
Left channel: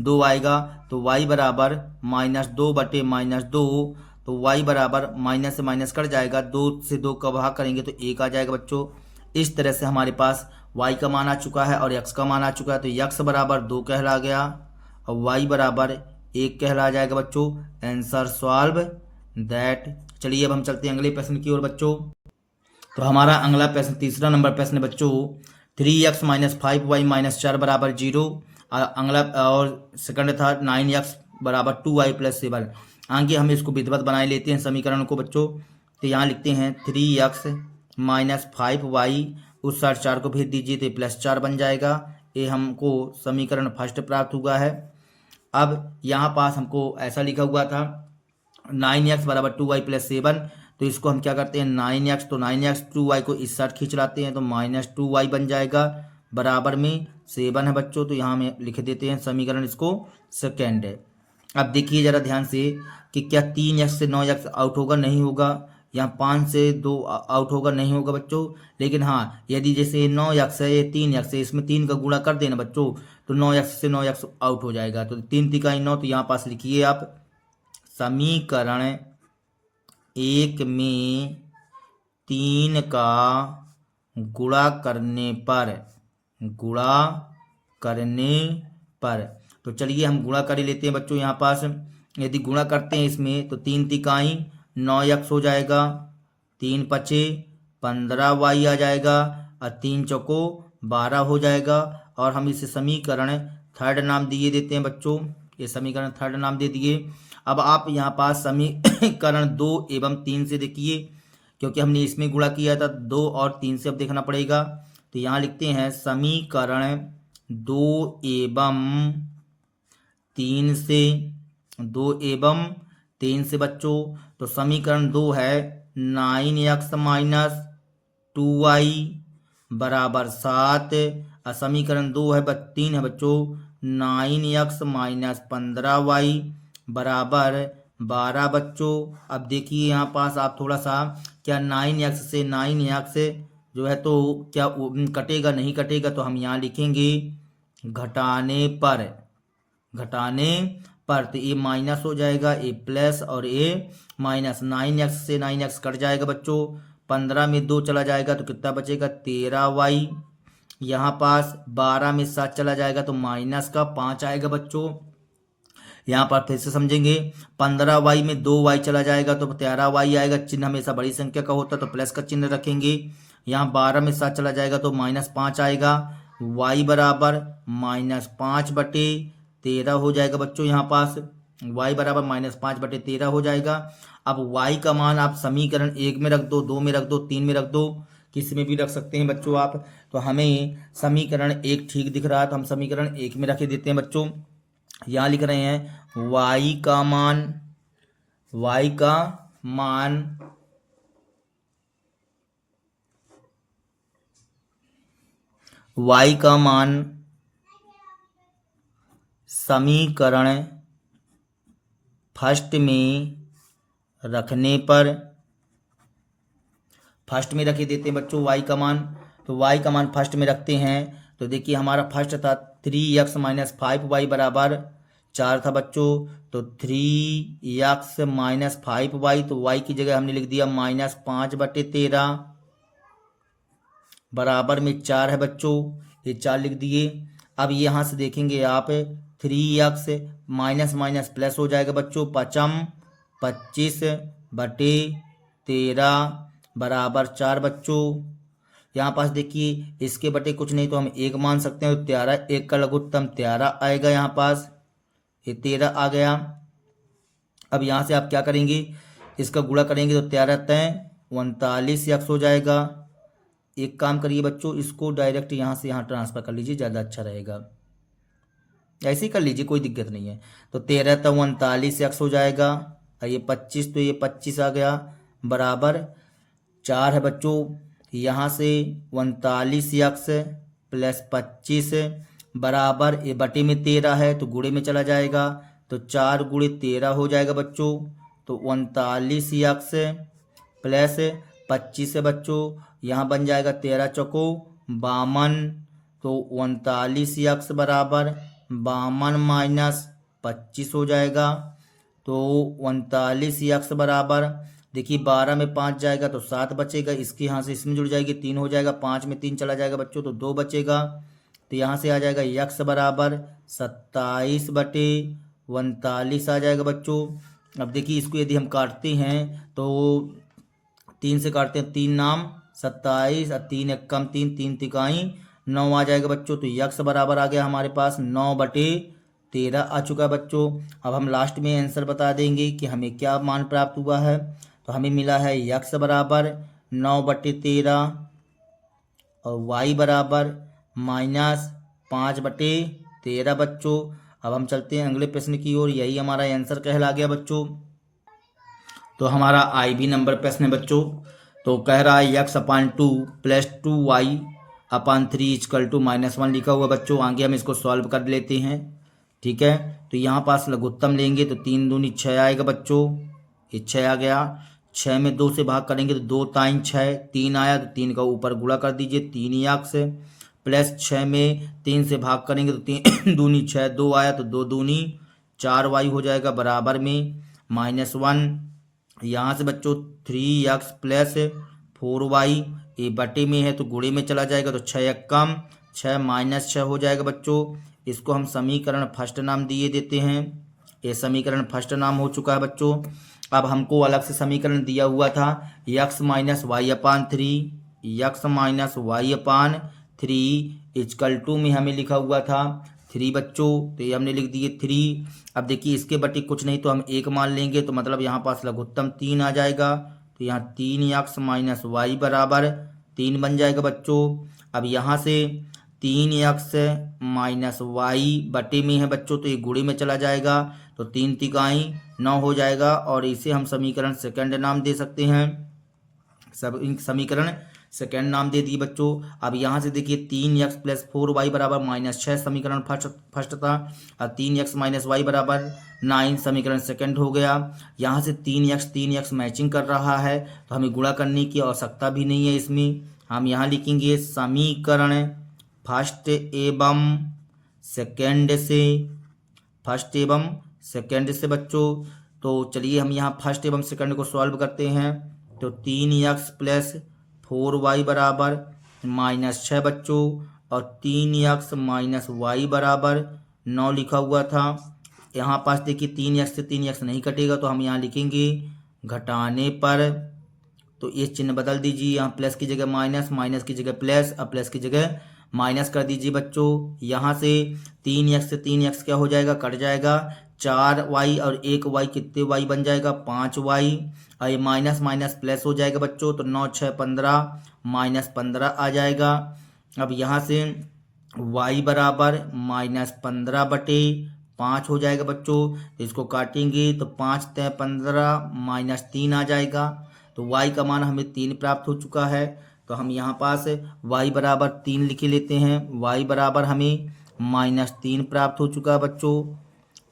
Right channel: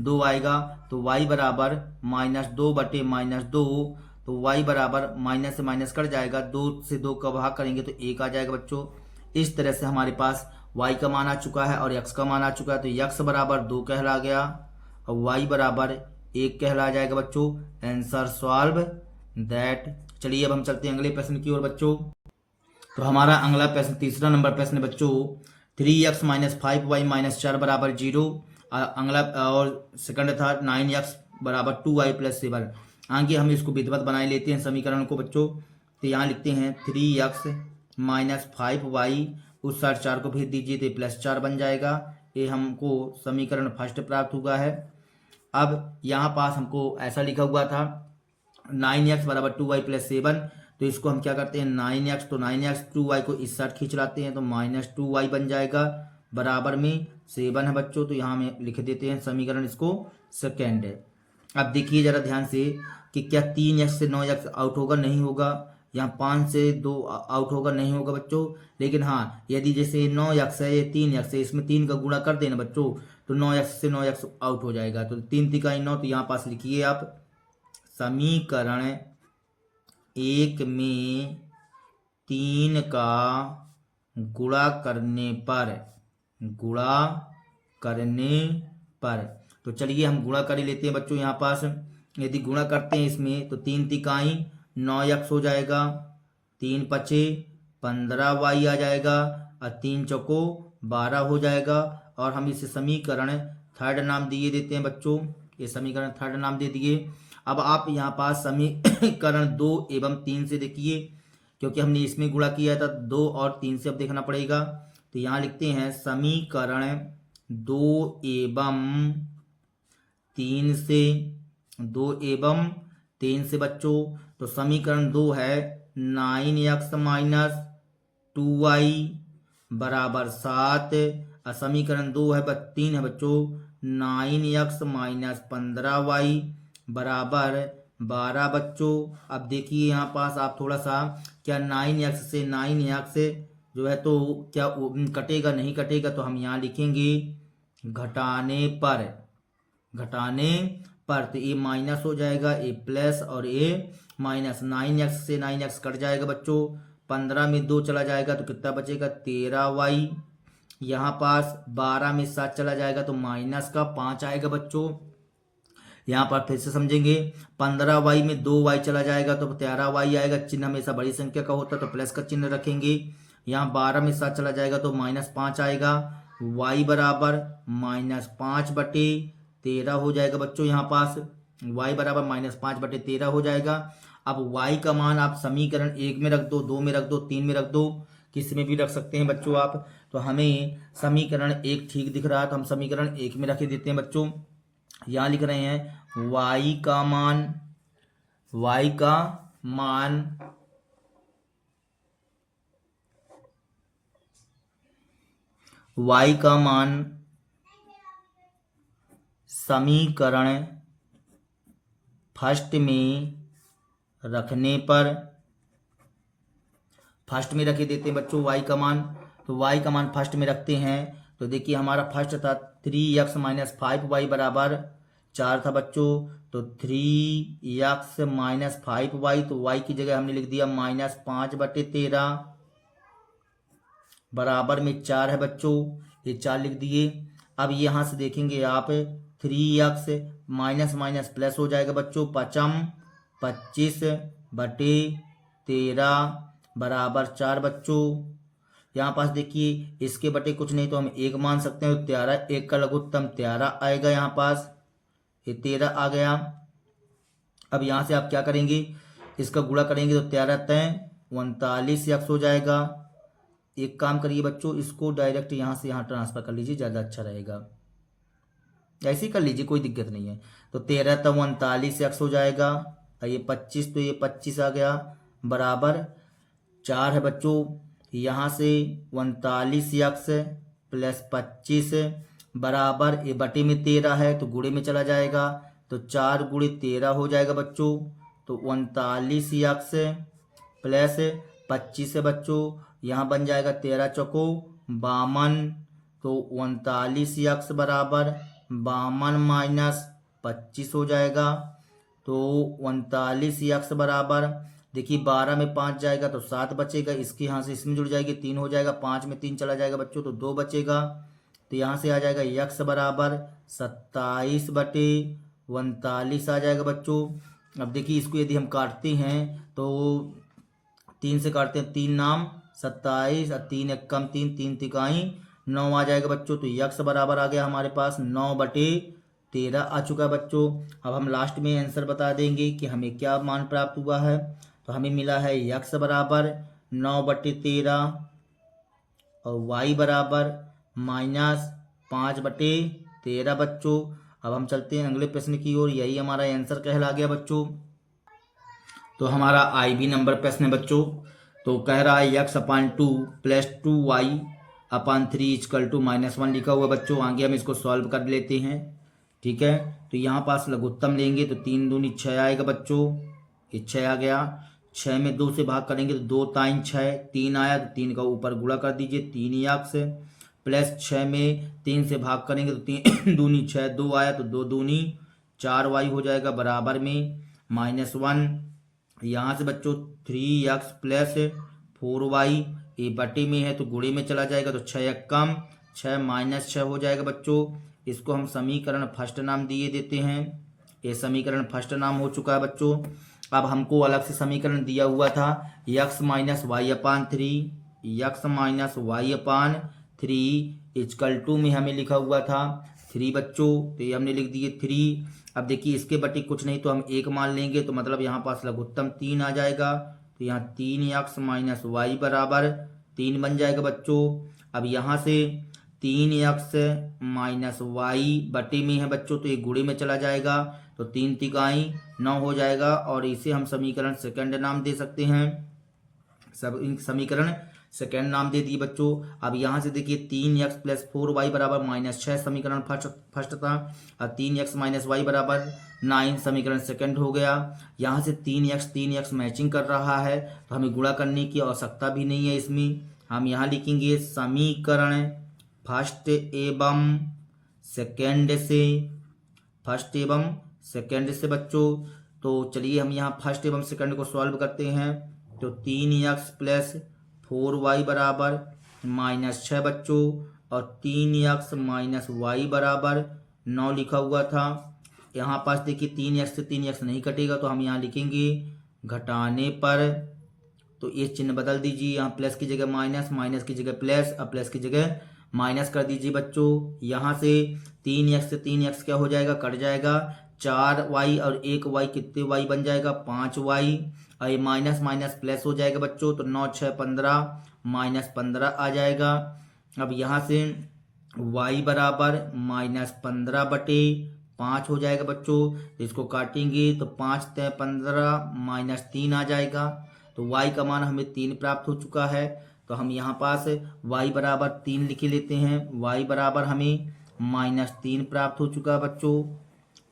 2 आएगा, तो y बराबर माइनस 2 बटे माइनस 2, तो y बराबर माइनस से माइनस कट जाएगा, 2 से 2 का भाग करेंगे तो 1 आ जाएगा बच्चों। इस तरह से हमारे पास y का मान आ चुका है और x का मान आ चुका है। तो x बराबर 2 कहला गया और y बराबर 1 कहला जाएगा बच्चों। Answer solve that. चलिए अब हम चलते हैं अगले प्रश्न की ओर बच्चों। तो हमारा अगला प्रश्न तीसरा नंबर प्रश्न है बच्चों, 3x माइनस 5y माइनस 4 बराबर 0। अगला और सेकंड था 9x बराबर 2y प्लस 7। आगे हम इसको विधिवत बनाए लेते हैं समीकरण को बच्चों। तो यहाँ लिखते हैं 3x माइनस 5y, उस साइड 4 को भेज दीजिए तो प्लस 4 बन जाएगा। ये हमको समीकरण फर्स्ट प्राप्त हुआ है। अब यहाँ पास हमको ऐसा लिखा हुआ था 9x बराबर 2y प्लस 7, तो इसको हम क्या करते हैं 9x, तो 9x 2y को इस साइड खींच लाते हैं तो माइनस 2y बन जाएगा, बराबर में 7 है बच्चों। तो यहाँ में लिख देते हैं समीकरण इसको सेकेंड है। अब देखिए जरा ध्यान से कि क्या 3x से 9x आउट होगा, नहीं होगा। यहाँ 5 से 2 आउट होगा, नहीं होगा बच्चों। लेकिन हाँ यदि जैसे 9x है ये 3x है, इसमें 3 का गुणा कर देना बच्चों तो 9x से 9x आउट हो जाएगा। तो 3 तिकाई 9, तो यहाँ पास लिखिए आप समीकरण 1 में 3 का गुणा करने पर तो चलिए हम गुणा कर लेते हैं बच्चों। यहाँ पास यदि गुणा करते हैं इसमें तो 3 तिकाई 9x हो जाएगा, 3 पचे 15y आ जाएगा और 3 चौको 12 हो जाएगा। और हम इसे समीकरण थर्ड नाम दिए देते हैं बच्चों, ये समीकरण थर्ड नाम दे दिए। अब आप यहाँ पास समीकरण 2 एवं 3 से देखिए, क्योंकि हमने इसमें गुणा किया था 2 और 3 से अब देखना पड़ेगा। तो यहाँ लिखते हैं समीकरण 2 एवं 3 से बच्चों। तो समीकरण 2 है 9x माइनस 2y बराबर 7, और समीकरण 2 है 3 है बच्चों 9x माइनस 15y बराबर 12 बच्चों। अब देखिए यहाँ पास आप थोड़ा सा क्या 9x से 9x जो है तो क्या कटेगा, नहीं कटेगा। तो हम यहाँ लिखेंगे घटाने पर तो ये माइनस हो जाएगा, ये प्लस और ये माइनस। 9x से 9x कट जाएगा बच्चों, 15 में 2 चला जाएगा तो कितना बचेगा 13y। यहाँ पास 12 में 7 चला जाएगा तो माइनस का 5 आएगा बच्चों। यहाँ पर फिर से समझेंगे 15y में 2y चला जाएगा तो 13y आएगा। चिन्ह हमेशा बड़ी संख्या का होता है तो प्लस का चिन्ह रखेंगे। यहाँ 12 में 7 चला जाएगा तो माइनस 5 आएगा, y बराबर माइनस 5 बटे 13 हो जाएगा बच्चों। यहाँ पास y बराबर माइनस 5 बटे 13 हो जाएगा। अब y का मान आप समीकरण 1 में रख दो, 2 में रख दो, 3 में रख दो, किसी में भी रख सकते हैं बच्चों आप। तो हमें समीकरण 1 ठीक दिख रहा है तो हम समीकरण 1 में रख देते हैं बच्चों। यहाँ लिख रहे हैं y का मान समीकरण फर्स्ट में रखे देते हैं बच्चों y का मान। तो y का मान फर्स्ट में रखते हैं तो देखिए हमारा फर्स्ट था 3x माइनस 5y बराबर 4 था बच्चों। तो 3x माइनस 5y, तो y की जगह हमने लिख दिया माइनस 5 बटे 13 बराबर में 4 है बच्चों, ये 4 लिख दिए। अब यहाँ से देखेंगे आप 3x माइनस माइनस प्लस हो जाएगा बच्चों, 5 25 बटे 13 बराबर 4 बच्चों। यहाँ पास देखिए इसके बटे कुछ नहीं तो हम 1 मान सकते हैं, तो 13 1 का लघुत्तम 13 आएगा। यहाँ पास ये 13 आ गया। अब यहाँ से आप क्या करेंगे, इसका गुणा करेंगे तो 13 तय 39 यक्स हो जाएगा। एक काम करिए बच्चों, इसको डायरेक्ट यहाँ से यहाँ ट्रांसफर कर लीजिए, ज़्यादा अच्छा रहेगा। ऐसे ही कर लीजिए, कोई दिक्कत नहीं है। तो 13 तक 39 यक्स हो जाएगा, और ये 25 तो ये 25 आ गया बराबर 4 है बच्चों। यहाँ से 39 यक्स प्लस 25 बराबर ये बटे में 13 है तो गुणे में चला जाएगा, तो 4 गुणे 13 हो जाएगा बच्चों। तो 39 यक्स प्लस 25 है बच्चों, यहाँ बन जाएगा 13 चौको 52, तो 39 यक्स बराबर 52 माइनस 25 हो जाएगा। तो 39 यक्स बराबर देखिए 12 में 5 जाएगा तो 7 बचेगा, इसके यहाँ से इसमें जुड़ जाएगी 3 हो जाएगा, 5 में 3 चला जाएगा बच्चों तो 2 बचेगा। तो यहाँ से आ जाएगा यक्स बराबर 27 बटे 39 आ जाएगा बच्चों। अब देखिए इसको यदि हम काटते हैं तो 3 से काटते हैं, 3 नाम 27 और 3 एक कम 3 3 तिकाई 9 आ जाएगा बच्चों। तो यक्स बराबर आ गया हमारे पास 9 बटे 13 आ चुका है बच्चों। अब हम लास्ट में आंसर बता देंगे कि हमें क्या मान प्राप्त हुआ है। तो हमें मिला है यक्स बराबर 9 बटे 13 और वाई बराबर -5 बटे 13 बच्चों। अब हम चलते हैं अगले प्रश्न की ओर, यही हमारा आंसर कहला गया बच्चों। तो हमारा IB नंबर प्रश्न है बच्चों। तो कह रहा है x upon 2 plus 2y upon 3 equal to -1 लिखा हुआ बच्चों। आगे हम इसको सॉल्व कर लेते हैं, ठीक है। तो यहाँ पास लघुत्तम लेंगे तो 3 दूनी 6 आएगा बच्चों, ये 6 आ गया। 6 में 2 से भाग करेंगे तो 2 ताइन 6 3 आया, तो 3 का ऊपर गुणा कर दीजिए 3 यक्स प्लस 6 में 3 से भाग करेंगे तो 3 दूनी 6 2 आया, तो 2 दूनी 4y हो जाएगा बराबर में -1। यहाँ से बच्चों 3x प्लस 4y ये बटे में है तो गुणे में चला जाएगा, तो 6 एक कम 6 -6 हो जाएगा बच्चों। इसको हम समीकरण फर्स्ट नाम दिए देते हैं, ये समीकरण फर्स्ट नाम हो चुका है बच्चों। अब हमको अलग से समीकरण दिया हुआ था x minus y upon 3 x minus y upon 3 equal to में हमें लिखा हुआ था 3 बच्चों, तो ये हमने लिख दिए 3। अब देखिए इसके बटे कुछ नहीं तो हम 1 मान लेंगे, तो मतलब यहाँ पास लघुत्तम 3 आ जाएगा, तो यहाँ 3 यक्स माइनस वाई बराबर 3 बन जाएगा बच्चों। अब यहाँ से 3 यक्स माइनस वाई बटे में है बच्चों, तो ये गुणे में चला जाएगा, तो 3 तिकाई 9 हो जाएगा, और इसे हम समीकरण सेकंड नाम दे सकते हैं। सब समीकरण सेकंड नाम दे दिए बच्चों। अब यहाँ से देखिए 3x प्लस 4y बराबर -6 समीकरण फर्स्ट था, और 3x माइनस वाई बराबर 9 समीकरण सेकंड हो गया। यहाँ से 3x मैचिंग कर रहा है, तो हमें गुणा करने की आवश्यकता भी नहीं है इसमें। हम यहाँ लिखेंगे समीकरण फर्स्ट एवं सेकंड से बच्चों। तो चलिए हम यहाँ फर्स्ट एवं सेकंड को सॉल्व करते हैं। तो 3x प्लस 4y बराबर -6 बच्चों, और 3x माइनस वाई बराबर 9 लिखा हुआ था। यहाँ पास देखिए 3x से 3x नहीं कटेगा, तो हम यहाँ लिखेंगे घटाने पर, तो ये चिन्ह बदल दीजिए, यहाँ प्लस की जगह माइनस, माइनस की जगह प्लस, और प्लस की जगह माइनस कर दीजिए बच्चों। यहाँ से 3x से 3x क्या हो जाएगा, कट जाएगा, 4y और 1y कितने y बन जाएगा 5y, और ये माइनस माइनस प्लस हो जाएगा बच्चों, तो 9 6 15 -15 आ जाएगा। अब यहाँ से y बराबर -15 बटे 5 हो जाएगा बच्चों। इसको काटेंगे तो 5 तय 15 -3 आ जाएगा, तो y का मान हमें 3 प्राप्त हो चुका है। तो हम यहाँ पास y बराबर 3 लिखे लेते हैं, y बराबर हमें -3 प्राप्त हो चुका है बच्चों।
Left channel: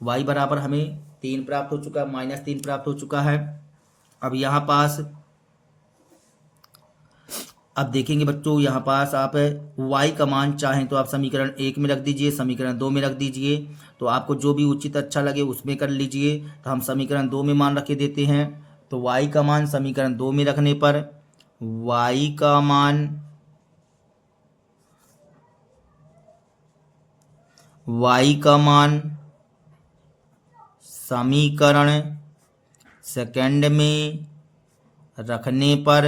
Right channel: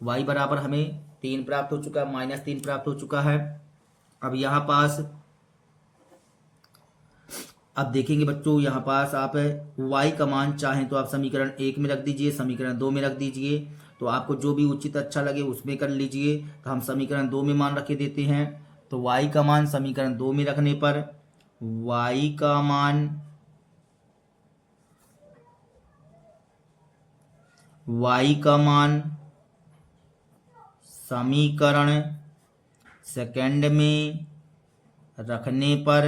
y बराबर हमें 3 प्राप्त हो चुका है, -3 प्राप्त हो चुका है। अब यहाँ पास अब देखेंगे बच्चों, यहाँ पास आप y का मान चाहें तो आप समीकरण 1 में रख दीजिए, समीकरण 2 में रख दीजिए, तो आपको जो भी उचित अच्छा लगे उसमें कर लीजिए। तो हम समीकरण 2 में मान रखे देते हैं। तो y का मान समीकरण 2 में रखने पर y का मान समीकरण सेकंड में रखने पर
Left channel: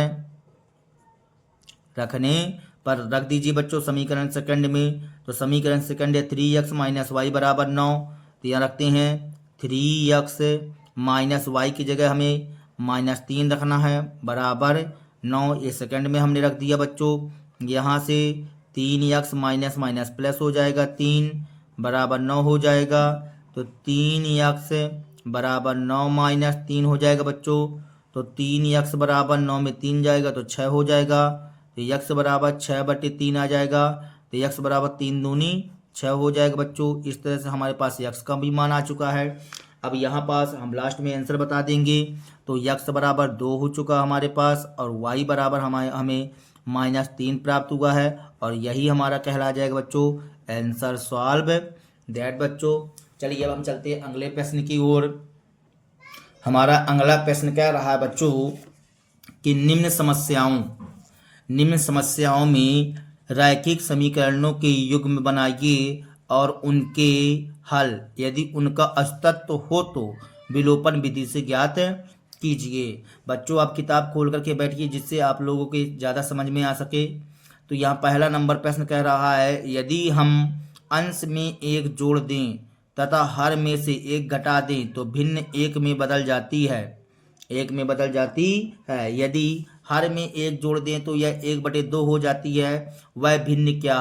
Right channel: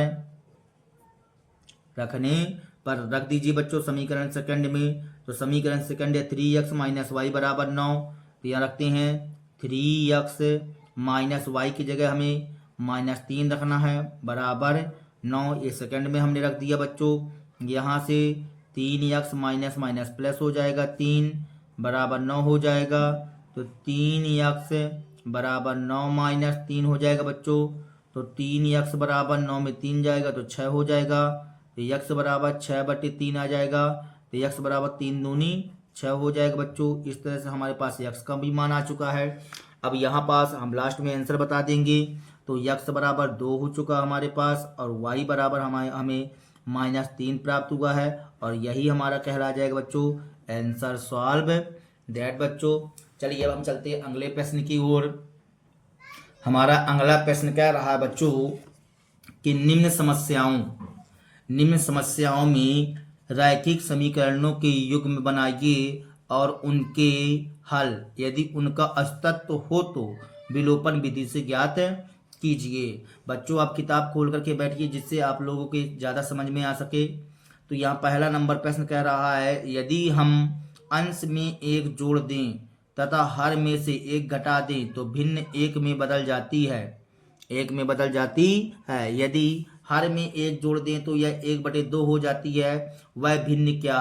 रख दीजिए बच्चों समीकरण सेकंड में। तो समीकरण सेकंड है 3x माइनस वाई बराबर 9। तो यहाँ रखते हैं 3x माइनस वाई की जगह हमें -3 रखना है बराबर 9। ये सेकंड में हमने रख दिया बच्चों। यहाँ से 3x माइनस माइनस प्लस हो जाएगा 3 बराबर 9 हो जाएगा। तो 3x बराबर 9 माइनस 3 हो जाएगा बच्चों। तो 3x बराबर 9 में 3 जाएगा तो 6 हो जाएगा। तो x बराबर 6/3 आ जाएगा। तो x बराबर 3 दूनी 6 हो जाएगा बच्चों। इस तरह से हमारे पास x का भी मान आ चुका है। अब यहाँ पास हम लास्ट में आंसर बता देंगे। तो x बराबर 2 हो चुका हमारे पास और y बराबर हमें -3 प्राप्त हुआ है। और यही हमारा कहला जाएगा बच्चों आंसर सॉल्व दैट बच्चों। चलिए अब हम चलते हैं अगले प्रश्न की ओर। हमारा अगला प्रश्न क्या रहा बच्चों कि निम्न समस्याओं में रैखिक समीकरणों के युग्म बनाइए और उनके हल यदि उनका अस्तित्व हो तो विलोपन विधि से ज्ञात कीजिए। बच्चों आप किताब खोल करके बैठिए जिससे आप लोगों के ज़्यादा समझ में आ सके। तो यहाँ पहला नंबर प्रश्न कह रहा है यदि हम अंश में 1 जोड़ दें तथा हर में से 1 घटा दें तो भिन्न 1 में बदल जाती है। यदि हर में 1 जोड़ दें तो यह 1/2 हो जाती है। वह भिन्न क्या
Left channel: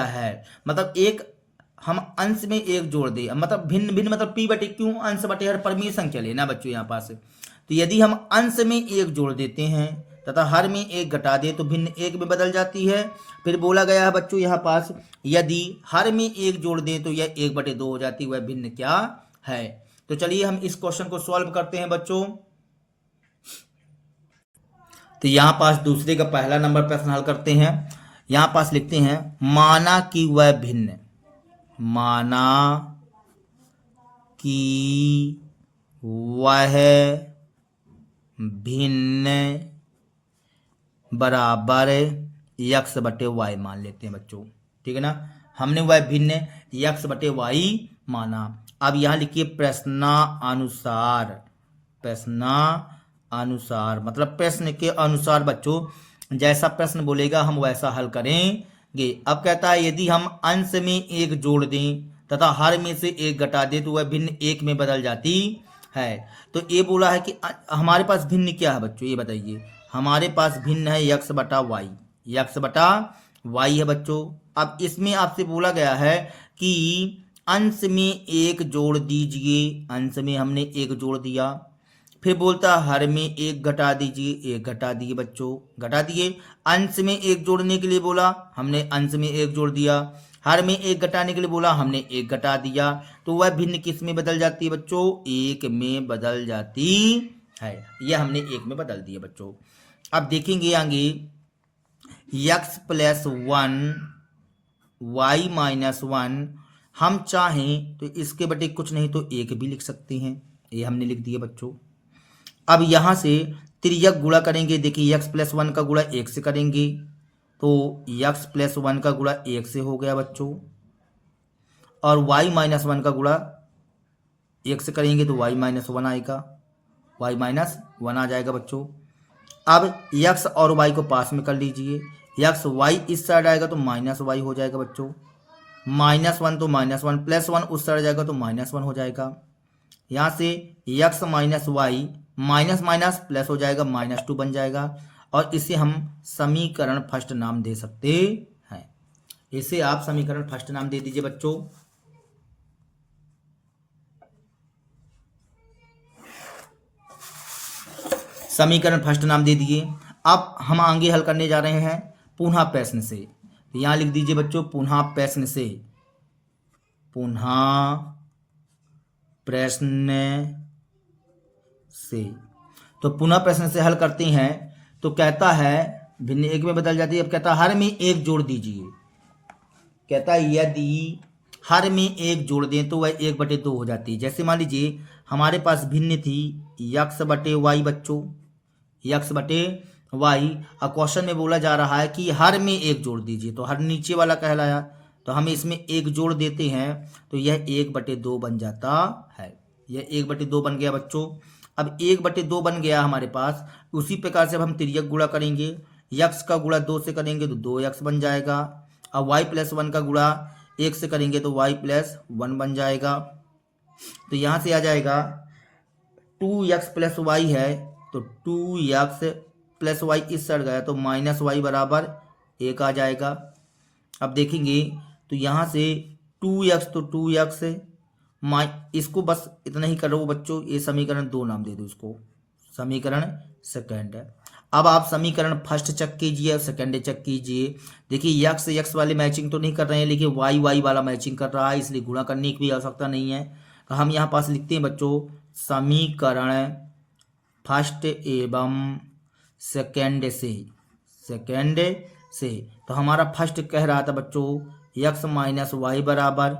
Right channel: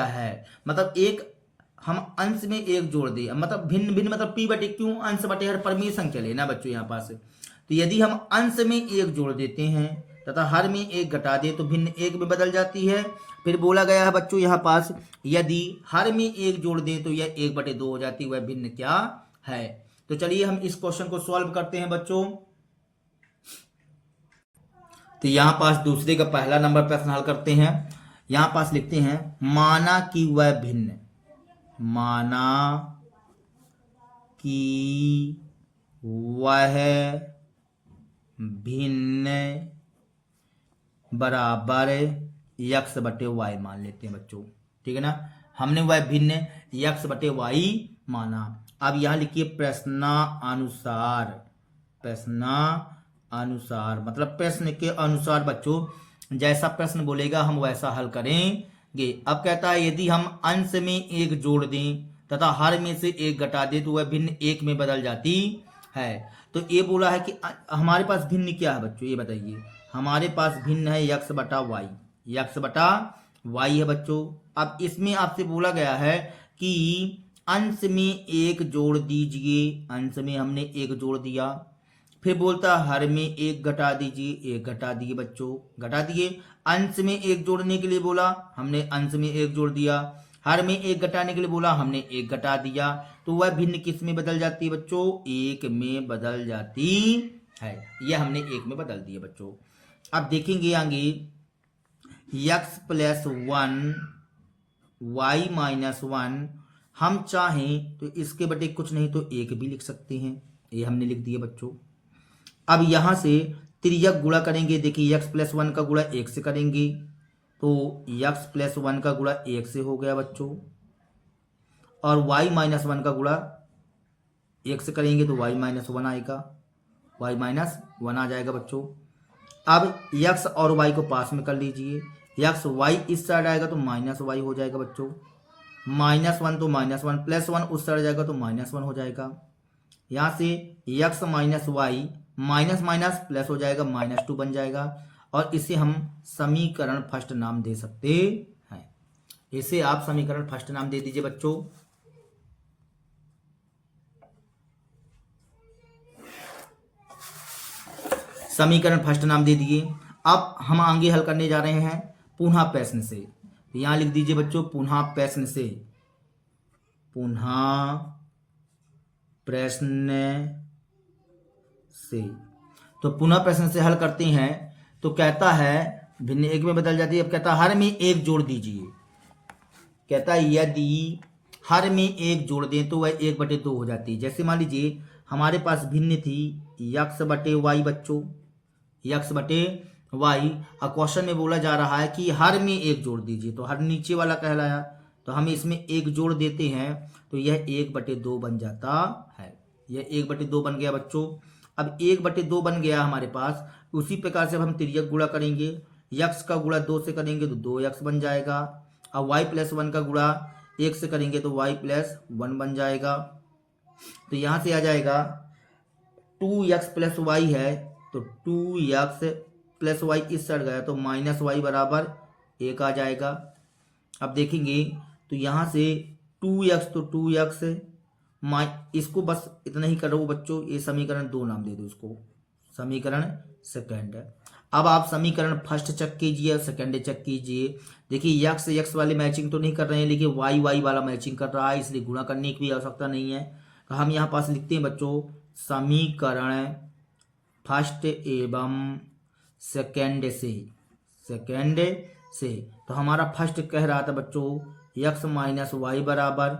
है? मतलब एक हम अंश में 1 जोड़ दें मतलब भिन्न मतलब p/q अंश बटे हर परमीय संख्या लेना बच्चों यहाँ पास। तो यदि हम अंश में 1 जोड़ देते हैं तथा हर में 1 घटा दें तो भिन्न 1 में बदल जाती है। फिर बोला गया है बच्चों यहाँ पास यदि हर में 1 जोड़ दें तो यह 1/2 हो जाती है। वह भिन्न क्या है? तो चलिए हम इस क्वेश्चन को सॉल्व करते हैं बच्चों। तो यहाँ पास दूसरे का पहला नंबर प्रश्न हल करते हैं। यहाँ पास लिखते हैं माना कि वह भिन्न बराबर x/y मान लेते हैं बच्चों। ठीक है ना, हमने वह भिन्न x/y माना। अब यहाँ लिखिए प्रश्नानुसार मतलब प्रश्न के अनुसार बच्चों जैसा प्रश्न बोलेगा हम वैसा हल करेंगे। अब कहता है यदि हम अंश में 1 जोड़ दें तथा हर में से 1 घटा दें तो वह भिन्न 1 में बदल जाती है। तो ये बोला है कि हमारे पास भिन्न क्या है बच्चों ये बताइए। हमारे पास भिन्न है x/y है बच्चों। अब इसमें आपसे बोला गया है कि अंश में 1 जोड़ दीजिए। अंश में हमने 1 जोड़ दिया। फिर बोलता है हर में 1 घटा दीजिए। 1 घटा दिए बच्चों, घटा दिए। अंश में 1 जोड़ने के लिए बोला हमने अंश में 1 जोड़ दिया। हर में 1 घटाने के लिए बोला हमने 1 घटा दिया। तो वह भिन्न किस में बदल जाती है बच्चों? 1 में बदल जाती है। यह हमने 1 में बदल दिया बच्चों। अब देखेंगे आगे x+1 y-1 हम चाहें तो इसके बटे कुछ नहीं तो 1 भी लिख सकते हैं। ये हमने लिख दिया बच्चों। अब यहाँ से तिर्यक गुणा करेंगे। देखिए x+1 का गुणा 1 से करेंगे तो x+1 का गुणा 1 से हो गया बच्चों। और y-1 का गुणा 1 से करेंगे तो y-1 आएगा। y-1 आ जाएगा बच्चों। अब x और y को पास में कर लीजिए। x y इस साइड आएगा तो -y हो जाएगा बच्चों। -1 तो -1 +1 उस साइड जाएगा तो -1 हो जाएगा। यहाँ से x minus y minus plus हो जाएगा -2 बन जाएगा। और इसे हम समीकरण फर्स्ट नाम दे सकते हैं। इसे आप समीकरण फर्स्ट नाम दे दीजिए बच्चों। समीकरण फर्स्ट नाम दे दिए। अब हम आगे हल करने जा रहे हैं पुनः प्रश्न से। तो यहाँ लिख दीजिए बच्चों पुनः प्रश्न से। तो पुनः प्रश्न से हल करते हैं। तो कहता है भिन्न 1 में बदल जाती है। अब कहता है हर में 1 जोड़ दीजिए। कहता है यदि हर में 1 जोड़ दें तो वह 1/2 हो जाती है। जैसे मान लीजिए हमारे पास भिन्न थी x/y बच्चों, x/y। और क्वेश्चन में बोला जा रहा है कि हर में 1 जोड़ दीजिए। तो हर नीचे वाला कहलाया तो हम इसमें 1 जोड़ देते हैं तो यह 1/2 बन जाता है। यह 1/2 बन गया बच्चों। अब 1/2 बन गया हमारे पास। उसी प्रकार से अब हम तिर्यक गुणा करेंगे, यक्स का गुणा 2 से करेंगे तो 2x बन जाएगा। अब y+1 का गुणा 1 से करेंगे तो y+1 बन जाएगा। तो यहाँ से आ जाएगा 2x+y है तो 2x+y इस साइड गया तो -y बराबर 1 आ जाएगा। अब देखेंगे तो यहाँ से 2x तो 2x, इसको बस इतना ही करो बच्चों, ये समीकरण 2 नाम दे दो इसको, समीकरण सेकंड है। अब आप समीकरण फर्स्ट चेक कीजिए और सेकंड चेक कीजिए। देखिए यक्स यक्स वाले मैचिंग तो नहीं कर रहे हैं, लेकिन वाई वाई वाला मैचिंग कर रहा है, इसलिए गुणा करने की भी आवश्यकता नहीं है। तो हम यहाँ पास लिखते हैं बच्चों समीकरण फर्स्ट एवं सेकंड से। तो हमारा फर्स्ट कह रहा था बच्चों यक्स माइनस वाई बराबर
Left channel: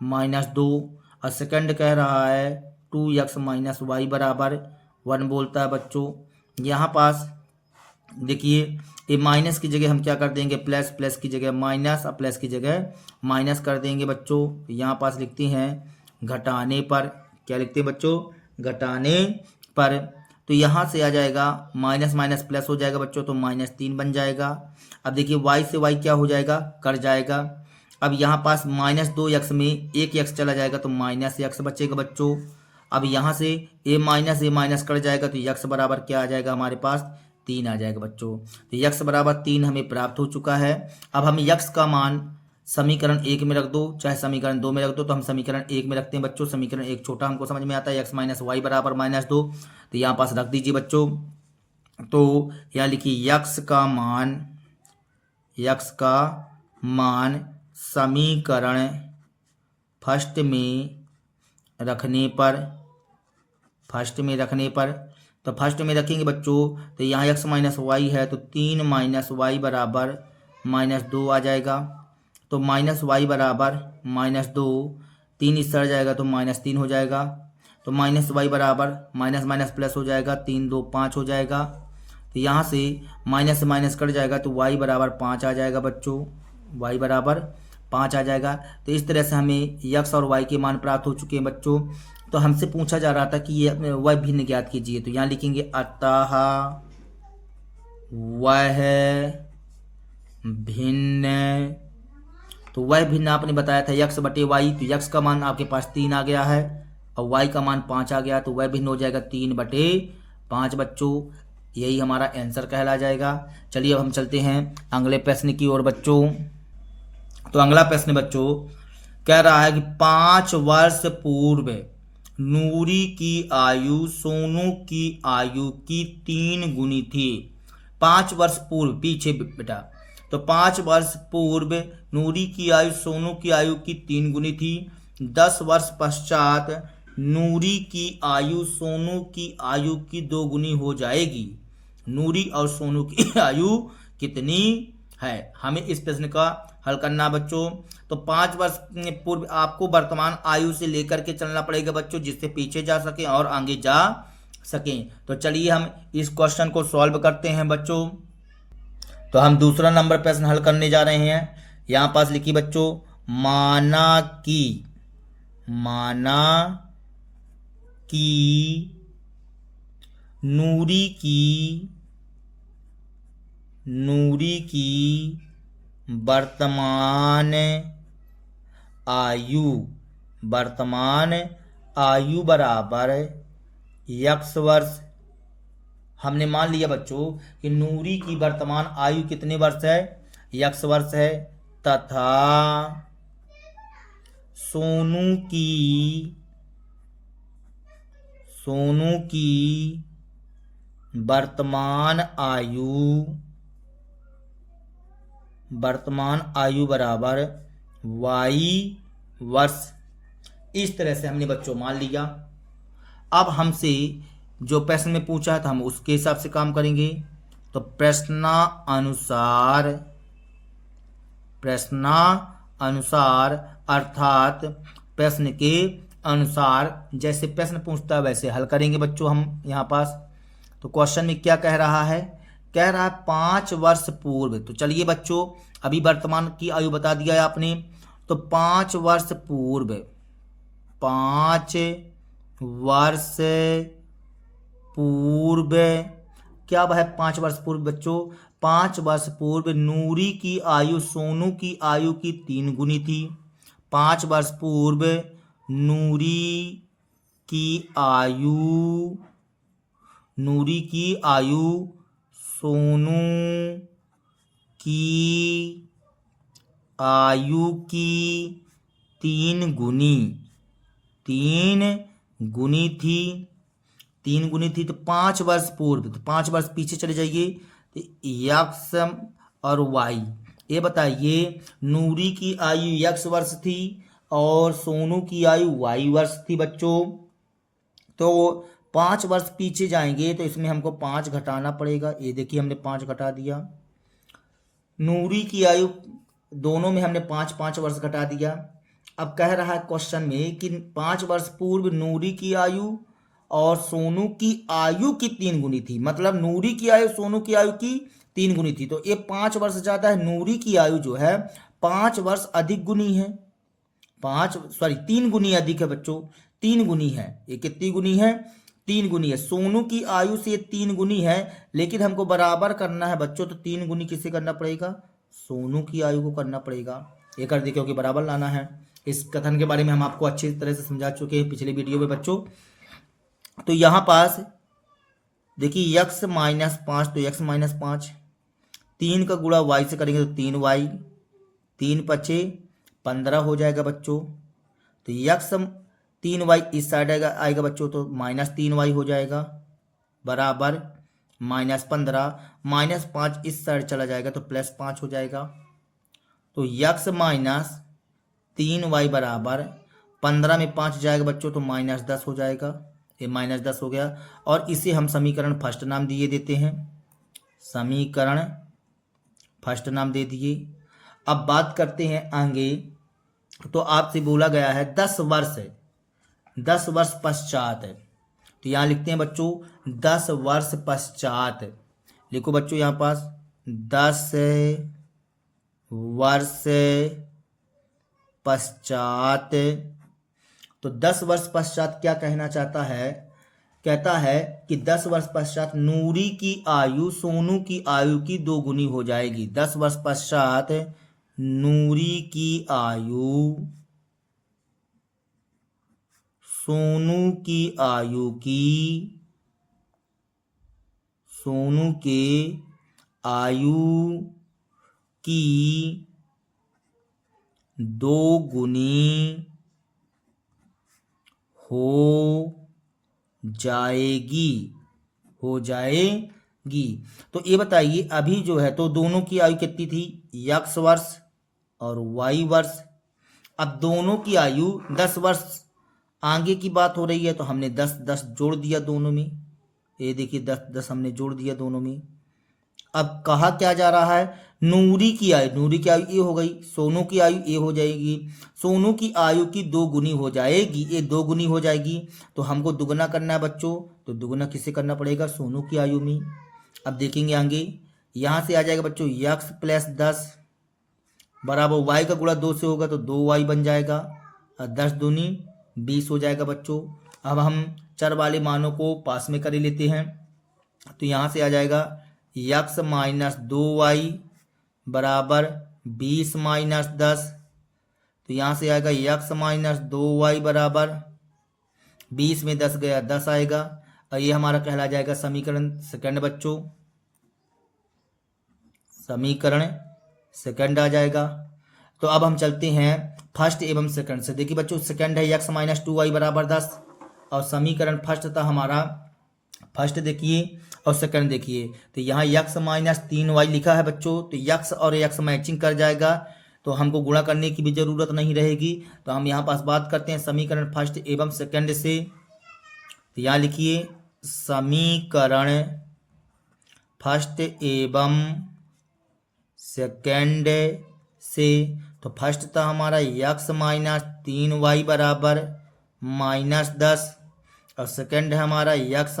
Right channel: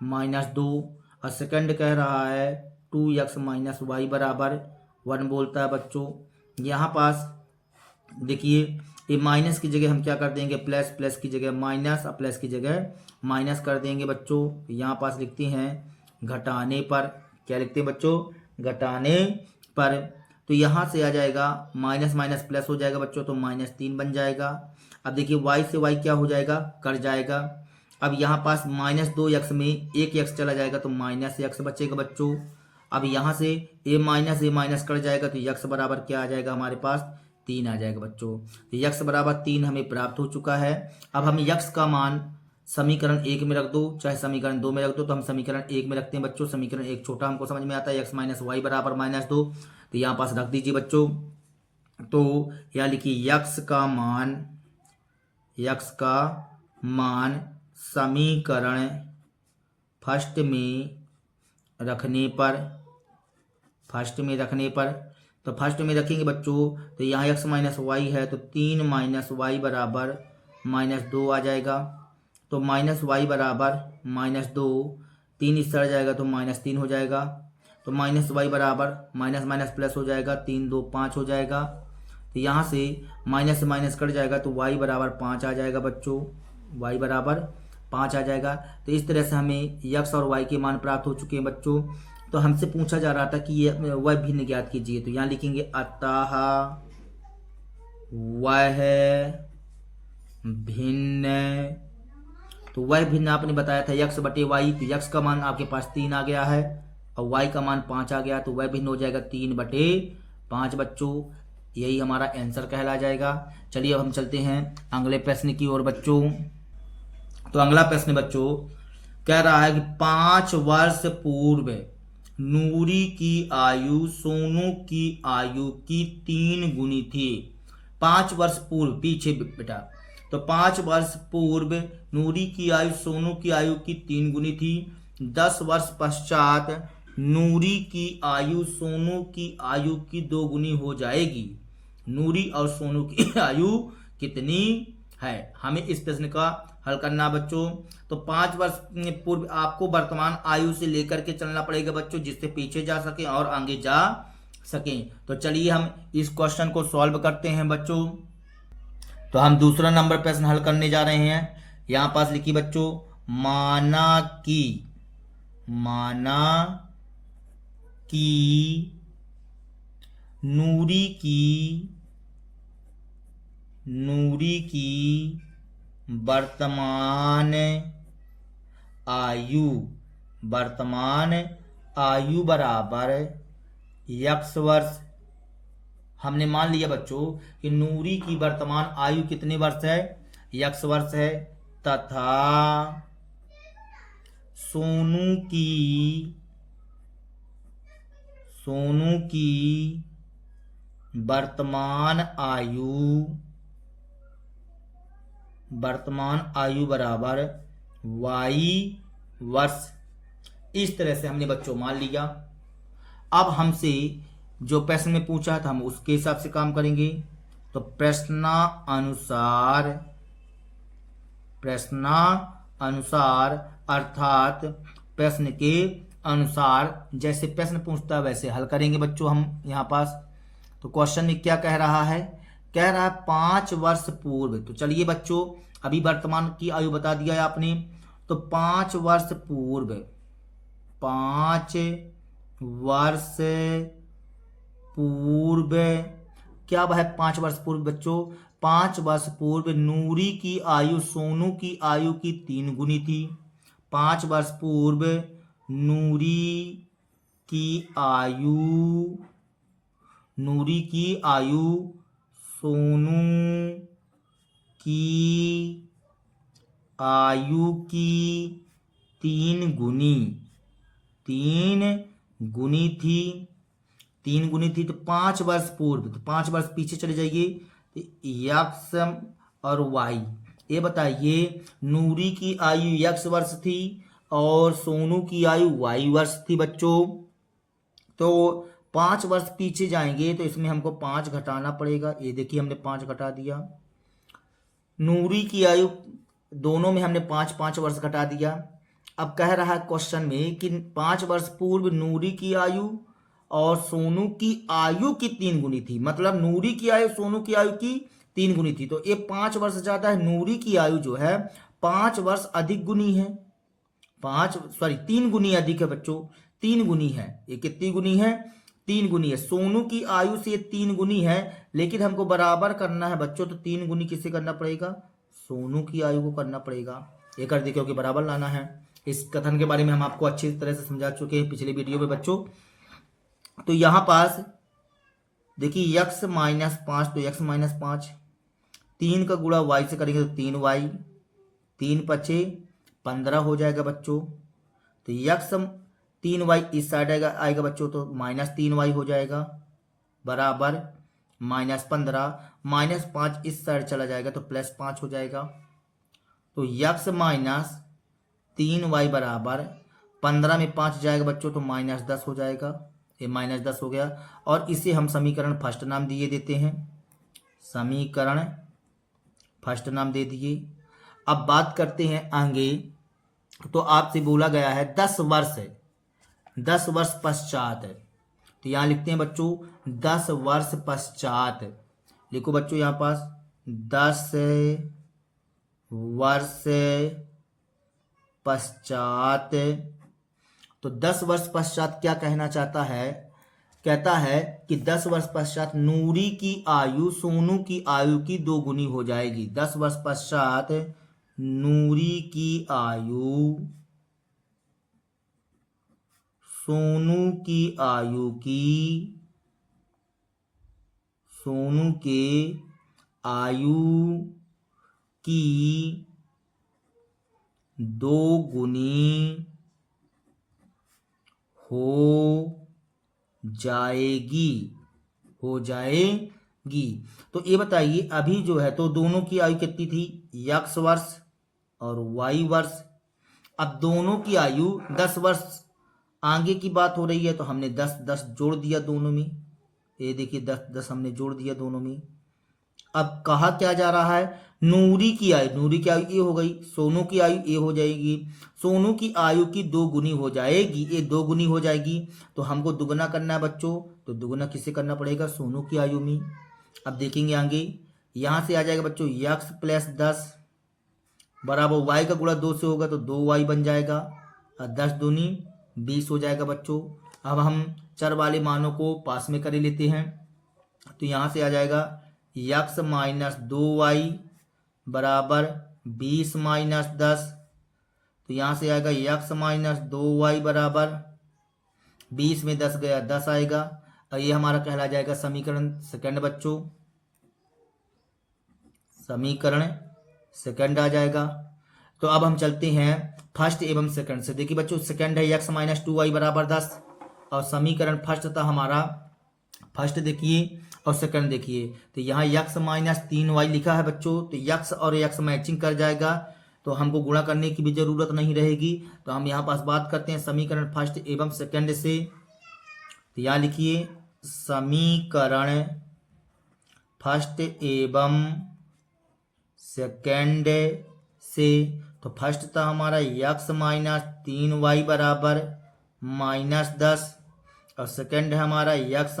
-2 और सेकंड कह रहा है 2x माइनस वाई बराबर 1 बोलता है बच्चों। यहाँ पास देखिए ये माइनस की जगह हम क्या कर देंगे प्लस, प्लस की जगह माइनस और प्लस की जगह माइनस कर देंगे बच्चों। यहाँ पास लिखते हैं घटाने पर, क्या लिखते हैं बच्चों घटाने पर। तो यहाँ से आ जाएगा माइनस माइनस प्लस हो जाएगा बच्चों, तो -3 बन जाएगा। अब देखिए y से y क्या हो जाएगा कट जाएगा। अब यहाँ पास -2x में 1x चला जाएगा तो -x बचेगा बच्चों। अब यहाँ से a माइनस कट जाएगा तो x बराबर क्या आ जाएगा हमारे पास 3 आ जाएगा बच्चों। तो x बराबर 3 हमें प्राप्त हो चुका है। अब हम x का मान समीकरण 1 में रख दो चाहे समीकरण 2 में रख दो, तो हम समीकरण 1 में रखते हैं बच्चों। समीकरण 1 छोटा हमको समझ में आता है, x माइनस वाई बराबर -2, तो यहाँ पास रख दीजिए बच्चों। तो यहाँ लिखिए x का मान समीकरण फर्स्ट में रखने पर, तो फर्स्ट में रखेंगे बच्चों तो यहाँ x माइनस वाई है तो 3 माइनस वाई बराबर -2 आ जाएगा। तो -y बराबर -2, 3 इस तरह जाएगा तो -3 हो जाएगा। तो -y बराबर माइनस प्लस हो जाएगा, 3 2 5 हो जाएगा। तो यहाँ से माइनस से माइनस कट जाएगा तो y बराबर 5 आ जाएगा बच्चों, y बराबर 5 आ जाएगा। तो इस तरह से हमें x और y के मान प्राप्त हो चुके हैं बच्चों। तो हमसे पूछा जा रहा था कि ये वह भिन्न ज्ञात कीजिए, तो यहाँ लिखेंगे अतः वह भिन्न। तो वह भिन्न आपने बताया था x बटे वाई, तो x का मान आपके पास 3 आ गया है और y का मान 5 आ गया, तो वह भिन्न हो जाएगा 3/5 बच्चों। यही हमारा आंसर कहला जाएगा। चलिए अब हम चलते हैं अगले प्रश्न की ओर बच्चों। तो अगला प्रश्न बच्चों कह रहा है कि 5 वर्ष पूर्व नूरी की आयु सोनू की आयु की 3 गुनी थी। 5 वर्ष पूर्व पीछे बेटा, तो 5 वर्ष पूर्व नूरी की आयु सोनू की आयु की 3 गुनी थी। 10 वर्ष पश्चात नूरी की आयु सोनू की आयु की 2 गुनी हो जाएगी। नूरी और सोनू की आयु कितनी है, हमें इस प्रश्न का हल करना बच्चों। तो 5 वर्ष पूर्व आपको वर्तमान आयु से लेकर के चलना पड़ेगा बच्चों, जिससे पीछे जा सके और आगे जा सकें। तो चलिए हम इस क्वेश्चन को सॉल्व करते हैं बच्चों। तो हम दूसरा नंबर प्रश्न हल करने जा रहे हैं। यहाँ पास लिखिए बच्चों माना कि नूरी की वर्तमान आयु बराबर x वर्ष। हमने मान लिया बच्चों कि नूरी की वर्तमान आयु कितने वर्ष है x वर्ष है, तथा सोनू की वर्तमान आयु बराबर y वर्ष। इस तरह से हमने बच्चों मान लिया। अब हमसे जो प्रश्न में पूछा है तो हम उसके हिसाब से काम करेंगे। तो प्रश्नानुसार अर्थात प्रश्न के अनुसार जैसे प्रश्न पूछता है वैसे हल करेंगे बच्चों हम यहाँ पास। तो क्वेश्चन में क्या कह रहा है, कह रहा है 5 वर्ष पूर्व। तो चलिए बच्चों अभी वर्तमान की आयु बता दिया है आपने, तो 5 वर्ष पूर्व पूर्व, क्या है 5 वर्ष पूर्व बच्चों, 5 वर्ष पूर्व नूरी की आयु सोनू की आयु की 3 गुनी थी। 5 वर्ष पूर्व नूरी की आयु सोनू की आयु की 3 गुनी थी। 3 गुनी थी तो 5 वर्ष पूर्व, तो 5 वर्ष पीछे चले जाइए तो यक्स और वाई। ये बताइए नूरी की आयु यक्स वर्ष थी और सोनू की आयु वाई वर्ष थी बच्चों। तो 5 वर्ष पीछे जाएंगे तो इसमें हमको 5 घटाना पड़ेगा। ये देखिए हमने 5 घटा दिया। नूरी की आयु दोनों में हमने 5-5 वर्ष घटा दिया। अब कह रहा है क्वेश्चन में कि 5 वर्ष पूर्व नूरी की आयु और सोनू की आयु की 3 गुनी थी, मतलब नूरी की आयु सोनू की आयु की 3 गुनी थी। तो ये 5 वर्ष ज्यादा है, नूरी की आयु जो है 5 वर्ष अधिक गुनी है, 3 गुनी अधिक है बच्चों, 3 गुनी है। ये कितनी गुनी है? 3 गुनी है। सोनू की आयु से 3 गुनी है, लेकिन हमको बराबर करना है बच्चों, तो 3 गुनी किसे करना पड़ेगा? सोनू की आयु को करना पड़ेगा। ये कर दे क्योंकि बराबर लाना है। इस कथन के बारे में हम आपको अच्छी तरह से समझा चुके हैं पिछले वीडियो में बच्चों। तो यहाँ पास देखिए x -5, तो x -5 3 का गुणा y से करेंगे तो 3y, 3 पचे 15 हो जाएगा बच्चों। तो x 3y इस साइड आएगा बच्चों, तो -3y हो जाएगा बराबर -15, -5 इस साइड चला जाएगा तो +5 हो जाएगा। तो x -3y बराबर 15 में 5 जाएगा बच्चों तो -10 हो जाएगा। ये -10 हो गया और इसे हम समीकरण फर्स्ट नाम दिए देते हैं, समीकरण फर्स्ट नाम दे दिए। अब बात करते हैं आगे। तो आपसे बोला गया है 10 वर्ष पश्चात है, तो यहाँ लिखते हैं बच्चों 10 वर्ष पश्चात। लिखो बच्चों यहाँ पास 10 वर्ष पश्चात। तो 10 वर्ष पश्चात क्या कहना चाहता है? कहता है कि 10 वर्ष पश्चात नूरी की आयु सोनू की आयु की 2 गुनी हो जाएगी। 10 वर्ष पश्चात नूरी की आयु सोनू की आयु की 2 गुनी हो जाएगी। तो ये बताइए अभी जो है तो दोनों की आयु कितनी थी? x वर्ष और y वर्ष। अब दोनों की आयु 10 वर्ष आगे की बात हो रही है, तो हमने 10-10 जोड़ दिया दोनों में। ये देखिए 10-10 हमने जोड़ दिया दोनों में। अब कहा क्या जा रहा है? नूरी की आयु ये हो गई, सोनू की आयु ये हो जाएगी। सोनू की आयु की 2 गुनी हो जाएगी, ये 2 गुनी हो जाएगी। तो हमको दुगना करना है बच्चों, तो दुगना किसे करना पड़ेगा? सोनू की आयु में। अब देखेंगे आगे, यहाँ से आ जाएगा बच्चों x + 10 बराबर y का गुणा 2 से होगा तो 2y बन जाएगा और 10 दूनी 20 हो जाएगा बच्चों। अब हम चर वाले मानों को पास में कर लेते हैं। तो यहाँ से आ जाएगा x - 2y बराबर 20 - 10। तो यहाँ से आएगा x - 2y बराबर 20 में 10 गया 10 आएगा और ये हमारा कहला जाएगा समीकरण सेकंड बच्चों, समीकरण सेकंड आ जाएगा। तो अब हम चलते हैं फर्स्ट एवं सेकंड से। देखिए बच्चों सेकंड है x - 2y बराबर 10 और समीकरण फर्स्ट था हमारा, फर्स्ट देखिए और सेकंड देखिए। तो यहाँ x - 3y लिखा है बच्चों, तो x और x मैचिंग कर जाएगा, तो हमको गुणा करने की भी जरूरत नहीं रहेगी। तो हम यहाँ पास बात करते हैं समीकरण फर्स्ट एवं सेकंड से। तो यहाँ लिखिए समीकरण फर्स्ट एवं सेकंड से। तो फर्स्ट था हमारा x - 3y बराबर -10 और सेकंड है हमारा x -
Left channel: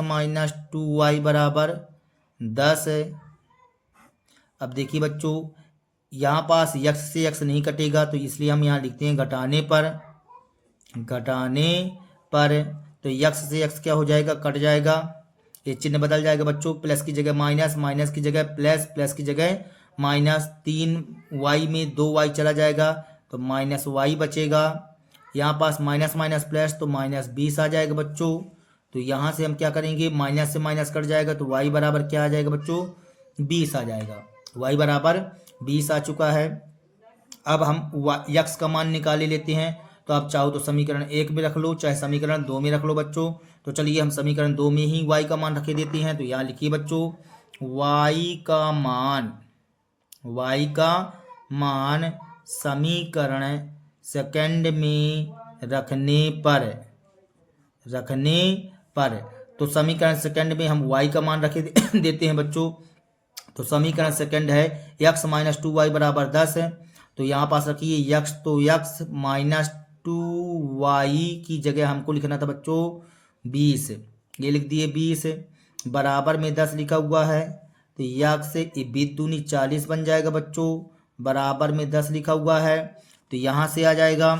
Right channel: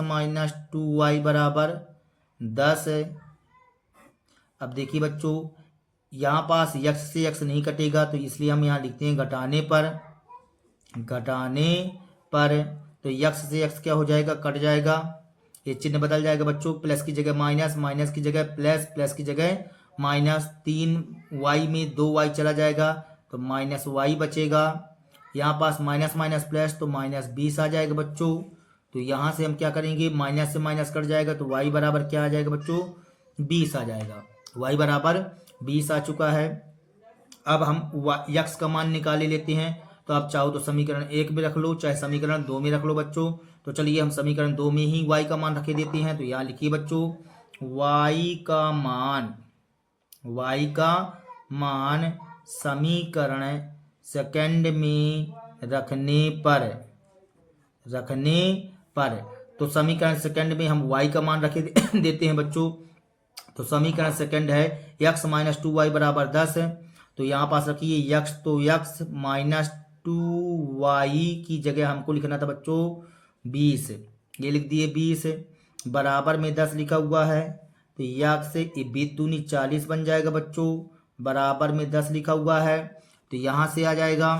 2y बराबर 10 है। अब देखिए बच्चों यहाँ पास x से x नहीं कटेगा, तो इसलिए हम यहाँ लिखते हैं घटाने पर। तो x से x क्या हो जाएगा? कट जाएगा। ये चिन्ह बदल जाएगा बच्चों, प्लस की जगह माइनस, माइनस की जगह प्लस, प्लस की जगह माइनस, 3y में 2y चला जाएगा तो माइनस वाई बचेगा। यहाँ पास माइनस माइनस प्लस तो माइनस 20 आ जाएगा बच्चों। तो यहाँ से हम क्या करेंगे, माइनस से माइनस कट जाएगा तो y बराबर क्या आ जाएगा बच्चों, 20 आ जाएगा। y बराबर 20 आ चुका है। अब हम यक्स का मान निकाले लेते हैं। तो आप चाहो तो समीकरण 1 में रख लो, चाहे समीकरण 2 में रख लो बच्चों। तो चलिए हम समीकरण 2 में ही y का मान रखे देते हैं। तो यहाँ लिखिए बच्चों, y का मान समीकरण सेकंड में रखने पर तो समीकरण सेकंड में हम y का मान रखे देते हैं बच्चों। तो समीकरण सेकंड है x माइनस 2y बराबर 10 है। तो यहाँ पास रखिए x, तो x माइनस 2y की जगह हमको लिखना था बच्चों 20, ये लिख दिए 20, बराबर में 10 लिखा हुआ है। तो x से 20 दूनी 40 बन जाएगा बच्चों, बराबर में 10 लिखा हुआ है। तो यहाँ से आ जाएगा,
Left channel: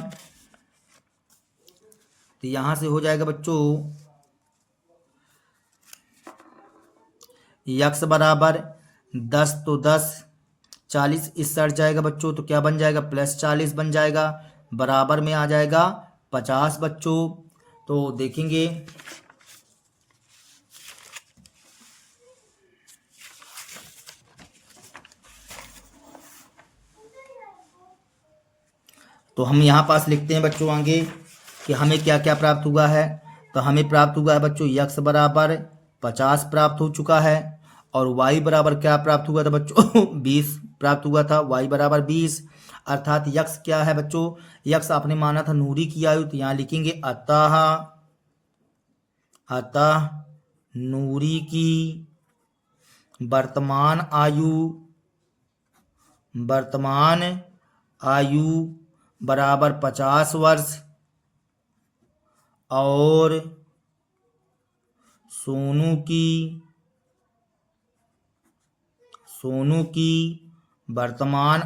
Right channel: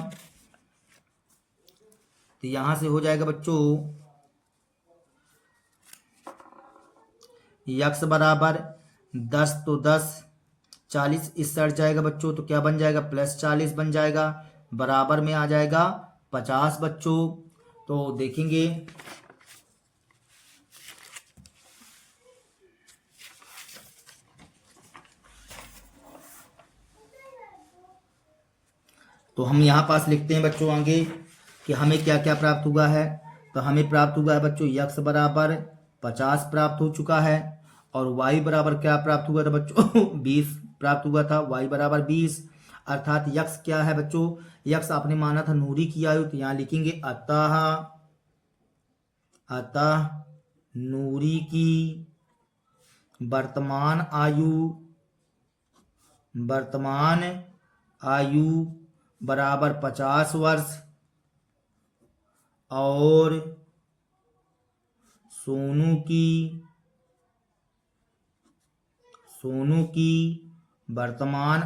तो यहाँ से हो जाएगा बच्चों x बराबर 10, तो 10 40 इससे हट जाएगा बच्चों, तो क्या बन जाएगा, प्लस 40 बन जाएगा, बराबर में आ जाएगा 50 बच्चों। तो देखेंगे तो हम यहाँ पास लिखते हैं बच्चों आगे कि हमें क्या क्या प्राप्त हुआ है। तो हमें प्राप्त हुआ है बच्चों x बराबर 50 प्राप्त हो चुका है, और y बराबर क्या प्राप्त हुआ था बच्चों 20 प्राप्त हुआ था, y बराबर 20। अर्थात x क्या है बच्चों, x आपने माना था नूरी की आयु, तो यहाँ लिखेंगे अतः नूरी की वर्तमान आयु बराबर 50 वर्ष, और सोनू की वर्तमान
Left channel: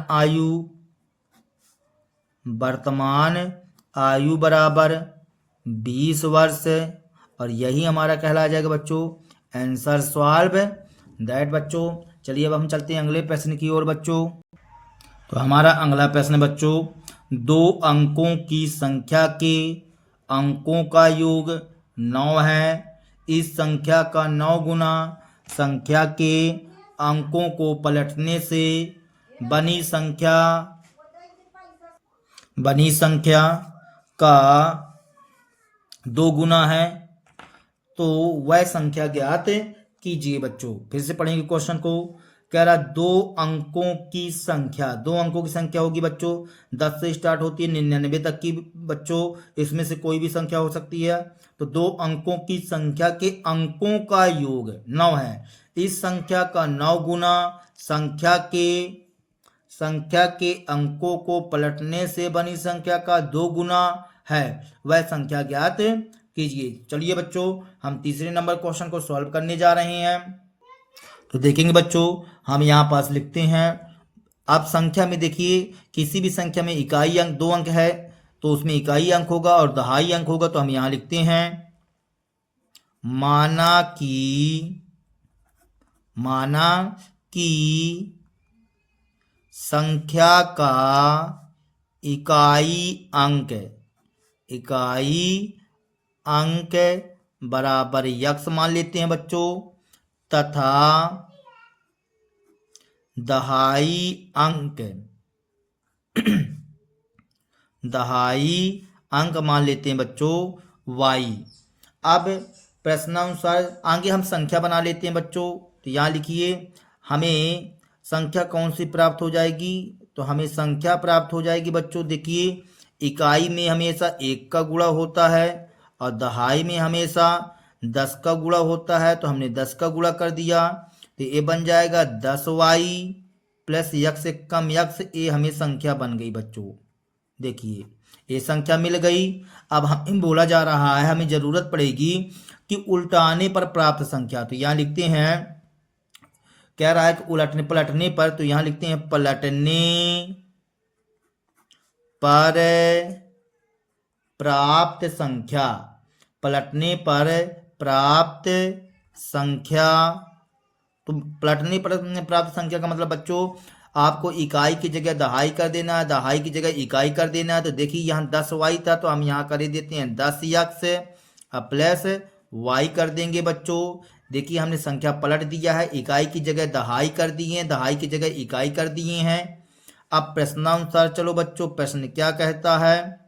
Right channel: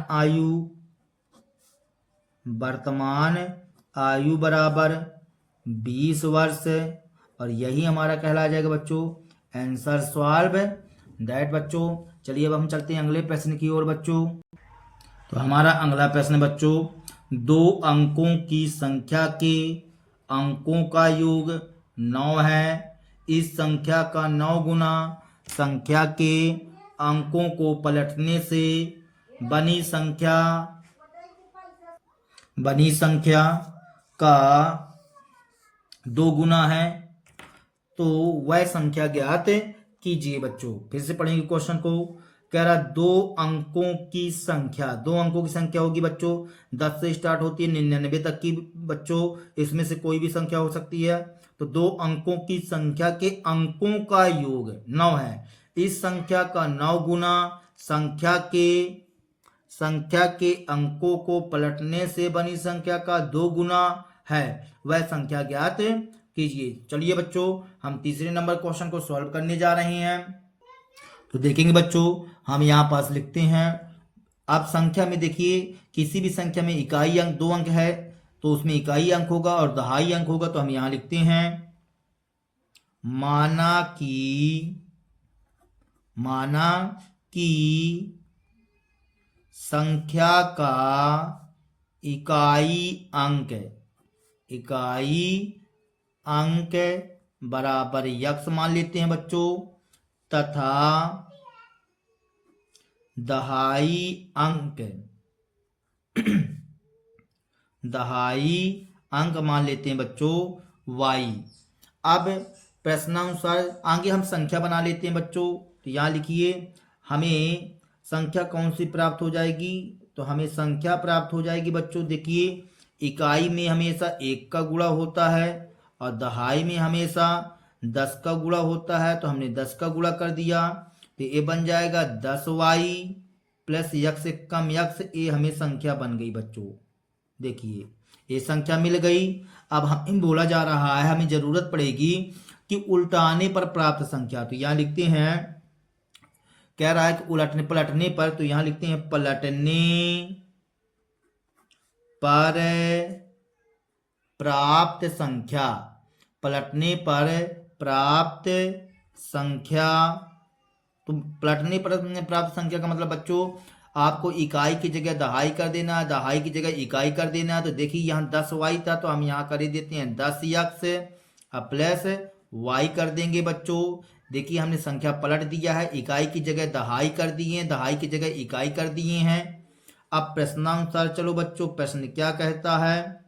आयु बराबर 20 वर्ष। और यही हमारा कहला जाएगा बच्चों आंसर सॉल्व दैट बच्चों। चलिए अब हम चलते हैं अगले प्रश्न की ओर बच्चों। तो हमारा अगला प्रश्न बच्चों, 2 अंकों की संख्या के अंकों का योग 9 है। इस संख्या का 9 गुना संख्या के अंकों को पलटने से बनी संख्या का 2 गुना है, तो वह संख्या ज्ञात कीजिए बच्चों। फिर से पढ़ेंगे क्वेश्चन को। कह रहा 2 अंकों की संख्या होगी बच्चों 10 से स्टार्ट होती है 99 तक की बच्चों, इसमें से कोई भी संख्या हो सकती है। तो 2 अंकों की संख्या के अंकों का योग 9 है। इस संख्या का 9 गुना संख्या के अंकों को पलटने से बनी संख्या का 2 गुना है, वह संख्या ज्ञात कीजिए। चलिए बच्चों हम तीसरे नंबर क्वेश्चन को सॉल्व करने जा रहे हैं। तो देखेंगे बच्चों, हम यहाँ पास लिखते हैं। आप संख्या में देखिए, किसी भी संख्या में इकाई अंक 2 अंक है तो उसमें इकाई अंक होगा और दहाई अंक होगा। तो हम यहाँ लिखते हैं माना कि संख्या का इकाई अंक बराबर x मान लेते हैं बच्चों, तथा दहाई अंक मान लेते हैं बच्चों y। अब प्रश्नानुसार आगे हम संख्या बना लेते हैं बच्चों। तो यहाँ लिखिए, हमें संख्या कौन सी प्राप्त हो जाएगी, तो हमें संख्या प्राप्त हो जाएगी बच्चों। देखिए इकाई में हमेशा 1 का गुणा होता है और दहाई में हमेशा 10 का गुणा होता है। तो हमने 10 का गुणा कर दिया, तो ये बन जाएगा 10y प्लस x से कम x। ये हमें संख्या बन गई बच्चों। देखिए ये संख्या मिल गई। अब हमें बोला जा रहा है, हमें जरूरत पड़ेगी कि उल्टाने पर प्राप्त संख्या। तो यहाँ लिखते हैं, कह रहा है कि पलटने पर, तो यहाँ लिखते हैं पलटने पर प्राप्त संख्या। पलटने पर प्राप्त संख्या, तो पलटने पर प्राप्त संख्या का मतलब बच्चों आपको इकाई की जगह दहाई कर देना है, दहाई की जगह इकाई कर देना है। तो देखिए यहाँ 10y था तो हम यहाँ कर देते हैं 10x प्लस y कर देंगे बच्चों। देखिए हमने संख्या पलट दिया है, इकाई की जगह दहाई कर दिए हैं, दहाई की जगह इकाई कर दिए हैं। अब प्रश्नानुसार चलो बच्चों, प्रश्न क्या कहता है।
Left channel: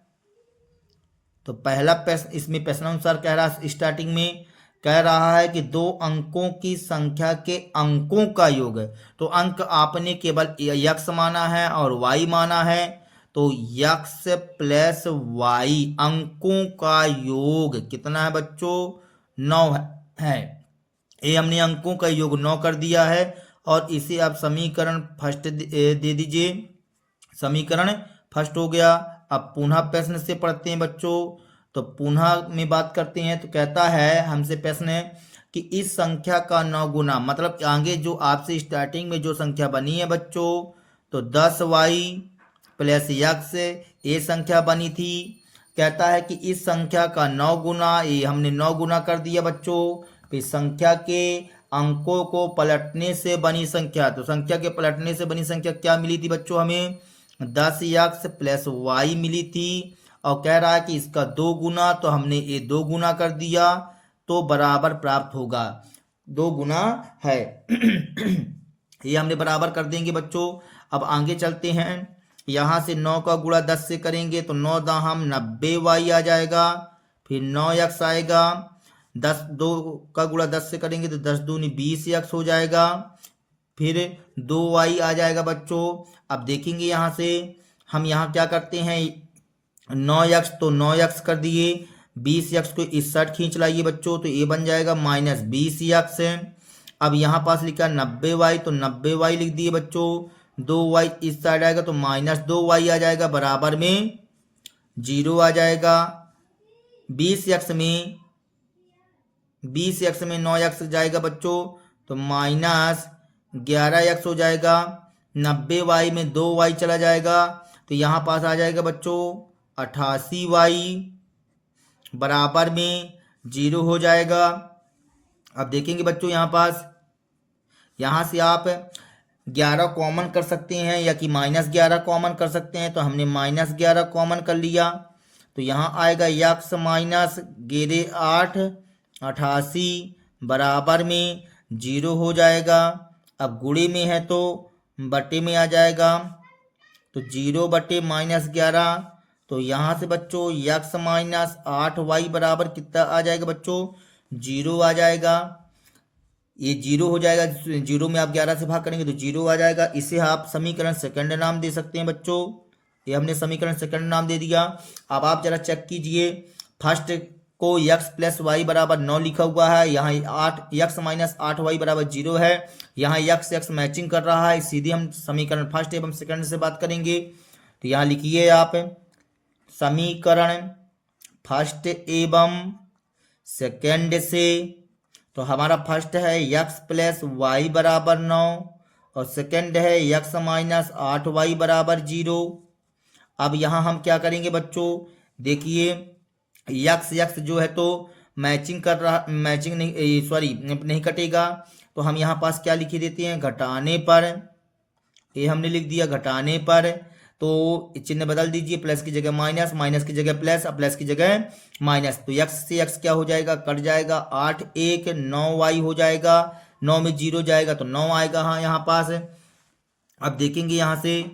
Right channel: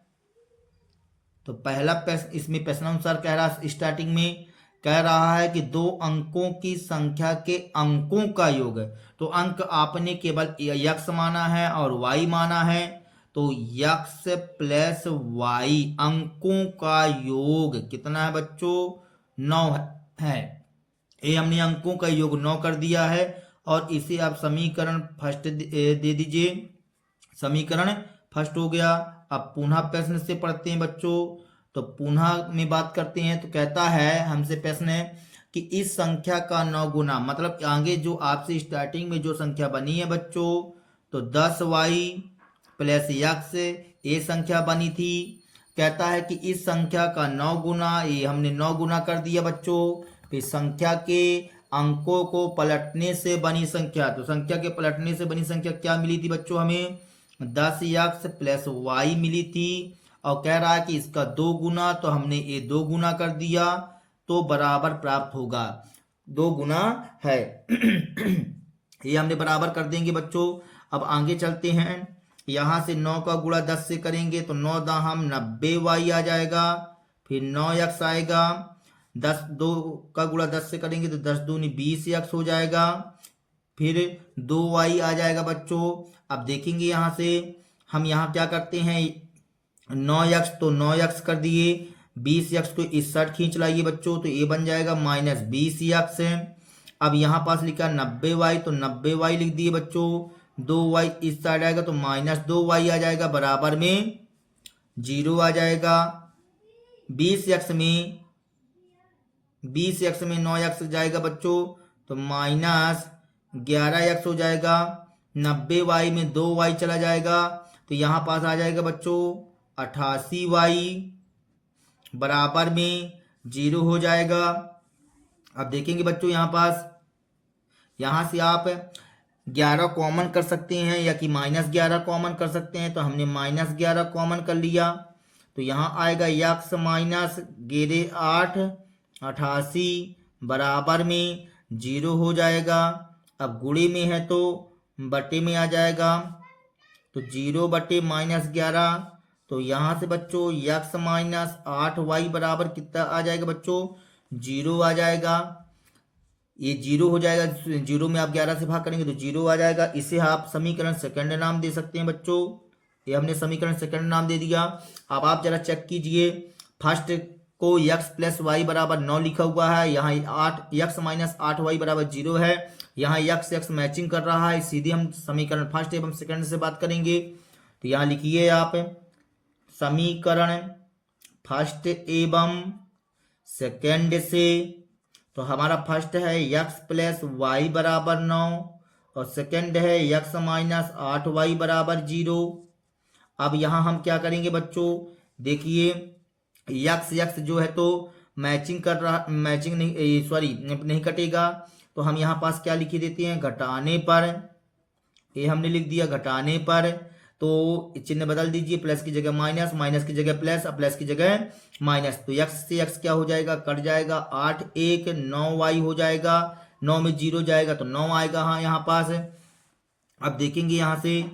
तो पहला प्रश्न इसमें प्रश्नानुसार कह रहा है, स्टार्टिंग में कह रहा है कि दो अंकों की संख्या के अंकों का योग है। तो अंक आपने केवल यक्स माना है और वाई माना है, तो यक्स प्लस वाई अंकों का योग कितना है बच्चों, 9 है। ये हमने अंकों का योग 9 कर दिया है और इसे आप समीकरण फर्स्ट दे दीजिए। समीकरण फर्स्ट हो गया। अब पुनः प्रश्न से पढ़ते हैं बच्चों। तो पुनः में बात करते हैं तो कहता है हमसे प्रश्न है कि इस संख्या का 9 गुना, मतलब आगे जो आपसे स्टार्टिंग में जो संख्या बनी है बच्चों, तो 10y प्लस यक्स ये संख्या बनी थी। कहता है कि इस संख्या का 9 गुना, ये हमने 9 गुना कर दिया बच्चों। फिर संख्या के अंकों को पलटने से बनी संख्या, तो संख्या के पलटने से बनी संख्या क्या मिली थी बच्चों, हमें 10x प्लस वाई मिली थी। और कह रहा है कि इसका 2 गुना, तो हमने ये 2 गुना कर दिया तो बराबर प्राप्त होगा, 2 गुना है। ये हमने बराबर कर देंगे बच्चों। अब आगे चलते हैं, यहाँ से 9 का गुणा 10 से करेंगे तो 9 दाहम 90y आ जाएगा। फिर 9x आएगा, 2 का गुणा 10 से करेंगे तो 10 दूनी 20x हो जाएगा। फिर 2y आ जाएगा बच्चों। अब देखेंगे यहाँ से हम यहाँ क्या करते हैं, 9x तो 9x कर दिए, 20x को इस साइड खींच लाइए बच्चों, तो ये बन जाएगा माइनस 20x। अब यहाँ पास लिखा 90y तो 90y लिख दिए बच्चों, 2y इस साइड आएगा तो माइनस 2y आ जाएगा, बराबर में 0 आ जाएगा। 20x में 9x जाएगा बच्चों तो माइनस 11x हो जाएगा। 90y में 2y चला जाएगा तो यहाँ पास आ जाएगा बच्चों 88y, बराबर में 0 हो जाएगा। अब देखेंगे बच्चों यहाँ पास, यहाँ से आप 11 कॉमन कर सकते हैं या कि -11 कॉमन कर सकते हैं। तो हमने -11 कॉमन कर लिया तो यहाँ आएगा x माइनस 8 88 बराबर में 0 हो जाएगा। अब गुणे में है तो बटे में आ जाएगा, तो 0 बटे -11, तो यहाँ से बच्चों x माइनस 8y बराबर कितना आ जाएगा बच्चों, 0 आ जाएगा। ये 0 हो जाएगा, 0 में आप 11 से भाग करेंगे तो 0 आ जाएगा। इसे आप समीकरण सेकंड नाम दे सकते हैं बच्चों। ये हमने समीकरण सेकंड नाम दे दिया। अब आप जरा चेक कीजिए, फर्स्ट को x प्लस वाई बराबर 9 लिखा हुआ है, यहाँ 8 x माइनस 8y बराबर 0 है। यहाँ x मैचिंग कर रहा है, सीधे हम समीकरण फर्स्ट एवं सेकंड से बात करेंगे। तो यहाँ लिखिए आप समीकरण फर्स्ट एवं सेकंड से। तो हमारा फर्स्ट है x प्लस वाई बराबर 9 और सेकंड है x माइनस 8y बराबर 0। अब यहाँ हम क्या करेंगे बच्चों, देखिए x जो है तो मैचिंग कर रहा, मैचिंग नहीं, सॉरी नहीं कटेगा। तो हम यहाँ पास क्या लिख देते हैं, घटाने पर, ये हमने लिख दिया घटाने पर। तो चिन्ह बदल दीजिए, प्लस की जगह माइनस, माइनस की जगह प्लस, अब प्लस की जगह माइनस। तो x से x क्या हो जाएगा, कट जाएगा, 8 1 9y हो जाएगा, 9 में 0 जाएगा तो 9 आएगा। हाँ यहाँ पास अब देखेंगे यहाँ से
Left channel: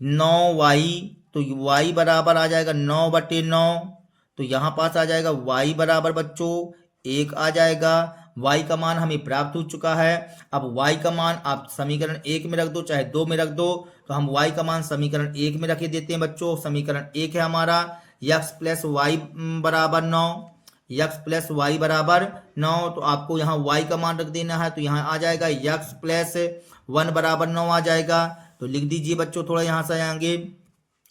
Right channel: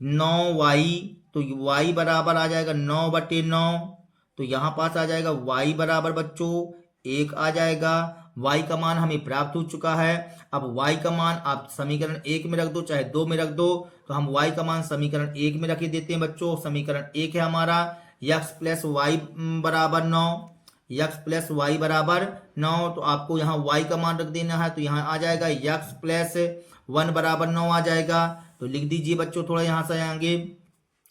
9y, तो y बराबर आ जाएगा 9 बटे 9, तो यहाँ पास आ जाएगा y बराबर बच्चों 1 आ जाएगा। y का मान हमें प्राप्त हो चुका है। अब y का मान आप समीकरण 1 में रख दो चाहे 2 में रख दो, तो हम y का मान समीकरण 1 में रख देते हैं बच्चों। समीकरण 1 है हमारा x प्लस वाई बराबर 9, x प्लस वाई बराबर 9। तो आपको यहाँ y का मान रख देना है, तो यहाँ आ जाएगा x प्लस 1 बराबर 9 आ जाएगा। तो लिख दीजिए बच्चों, थोड़ा यहाँ से आएंगे,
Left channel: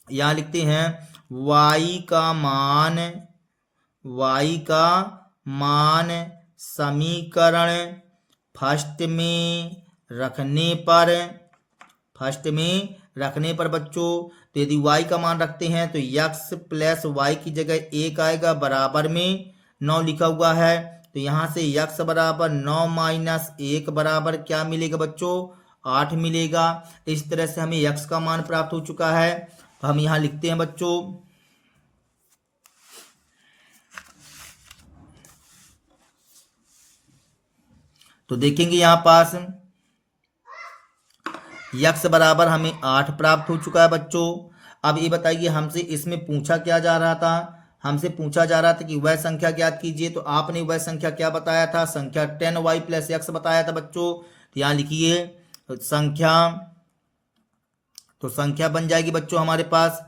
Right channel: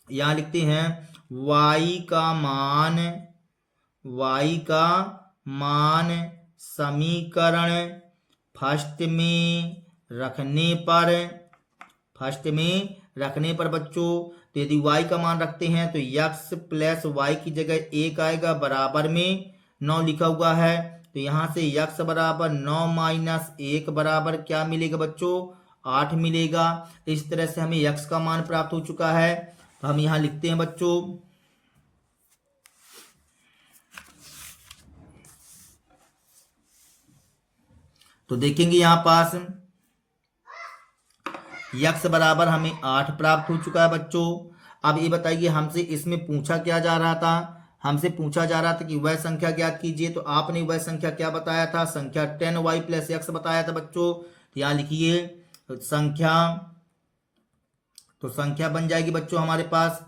यहाँ लिखते हैं y का मान समीकरण फर्स्ट में रखने पर बच्चों, तो यदि y का मान रखते हैं तो x प्लस वाई की जगह 1 आएगा, बराबर में 9 लिखा हुआ है। तो यहाँ से यक्स बराबर 9 माइनस 1 बराबर क्या मिलेगा बच्चों? 8 मिलेगा। इस तरह से हमें यक्स का मान प्राप्त हो चुका है। तो हम यहाँ लिखते हैं बच्चों, तो देखेंगे यहाँ पास यक्स बराबर हमें 8 प्राप्त हो चुका है बच्चों। अब ये बताइए हमसे इसमें पूछा क्या जा रहा था? हमसे पूछा जा रहा था कि वह संख्या ज्ञात कीजिए। तो आपने वह संख्या क्या बताया था? संख्या 10y प्लस x बताया था बच्चों। तो यहाँ लिखिए संख्या, तो संख्या बन जाएगी बच्चों हमारे पास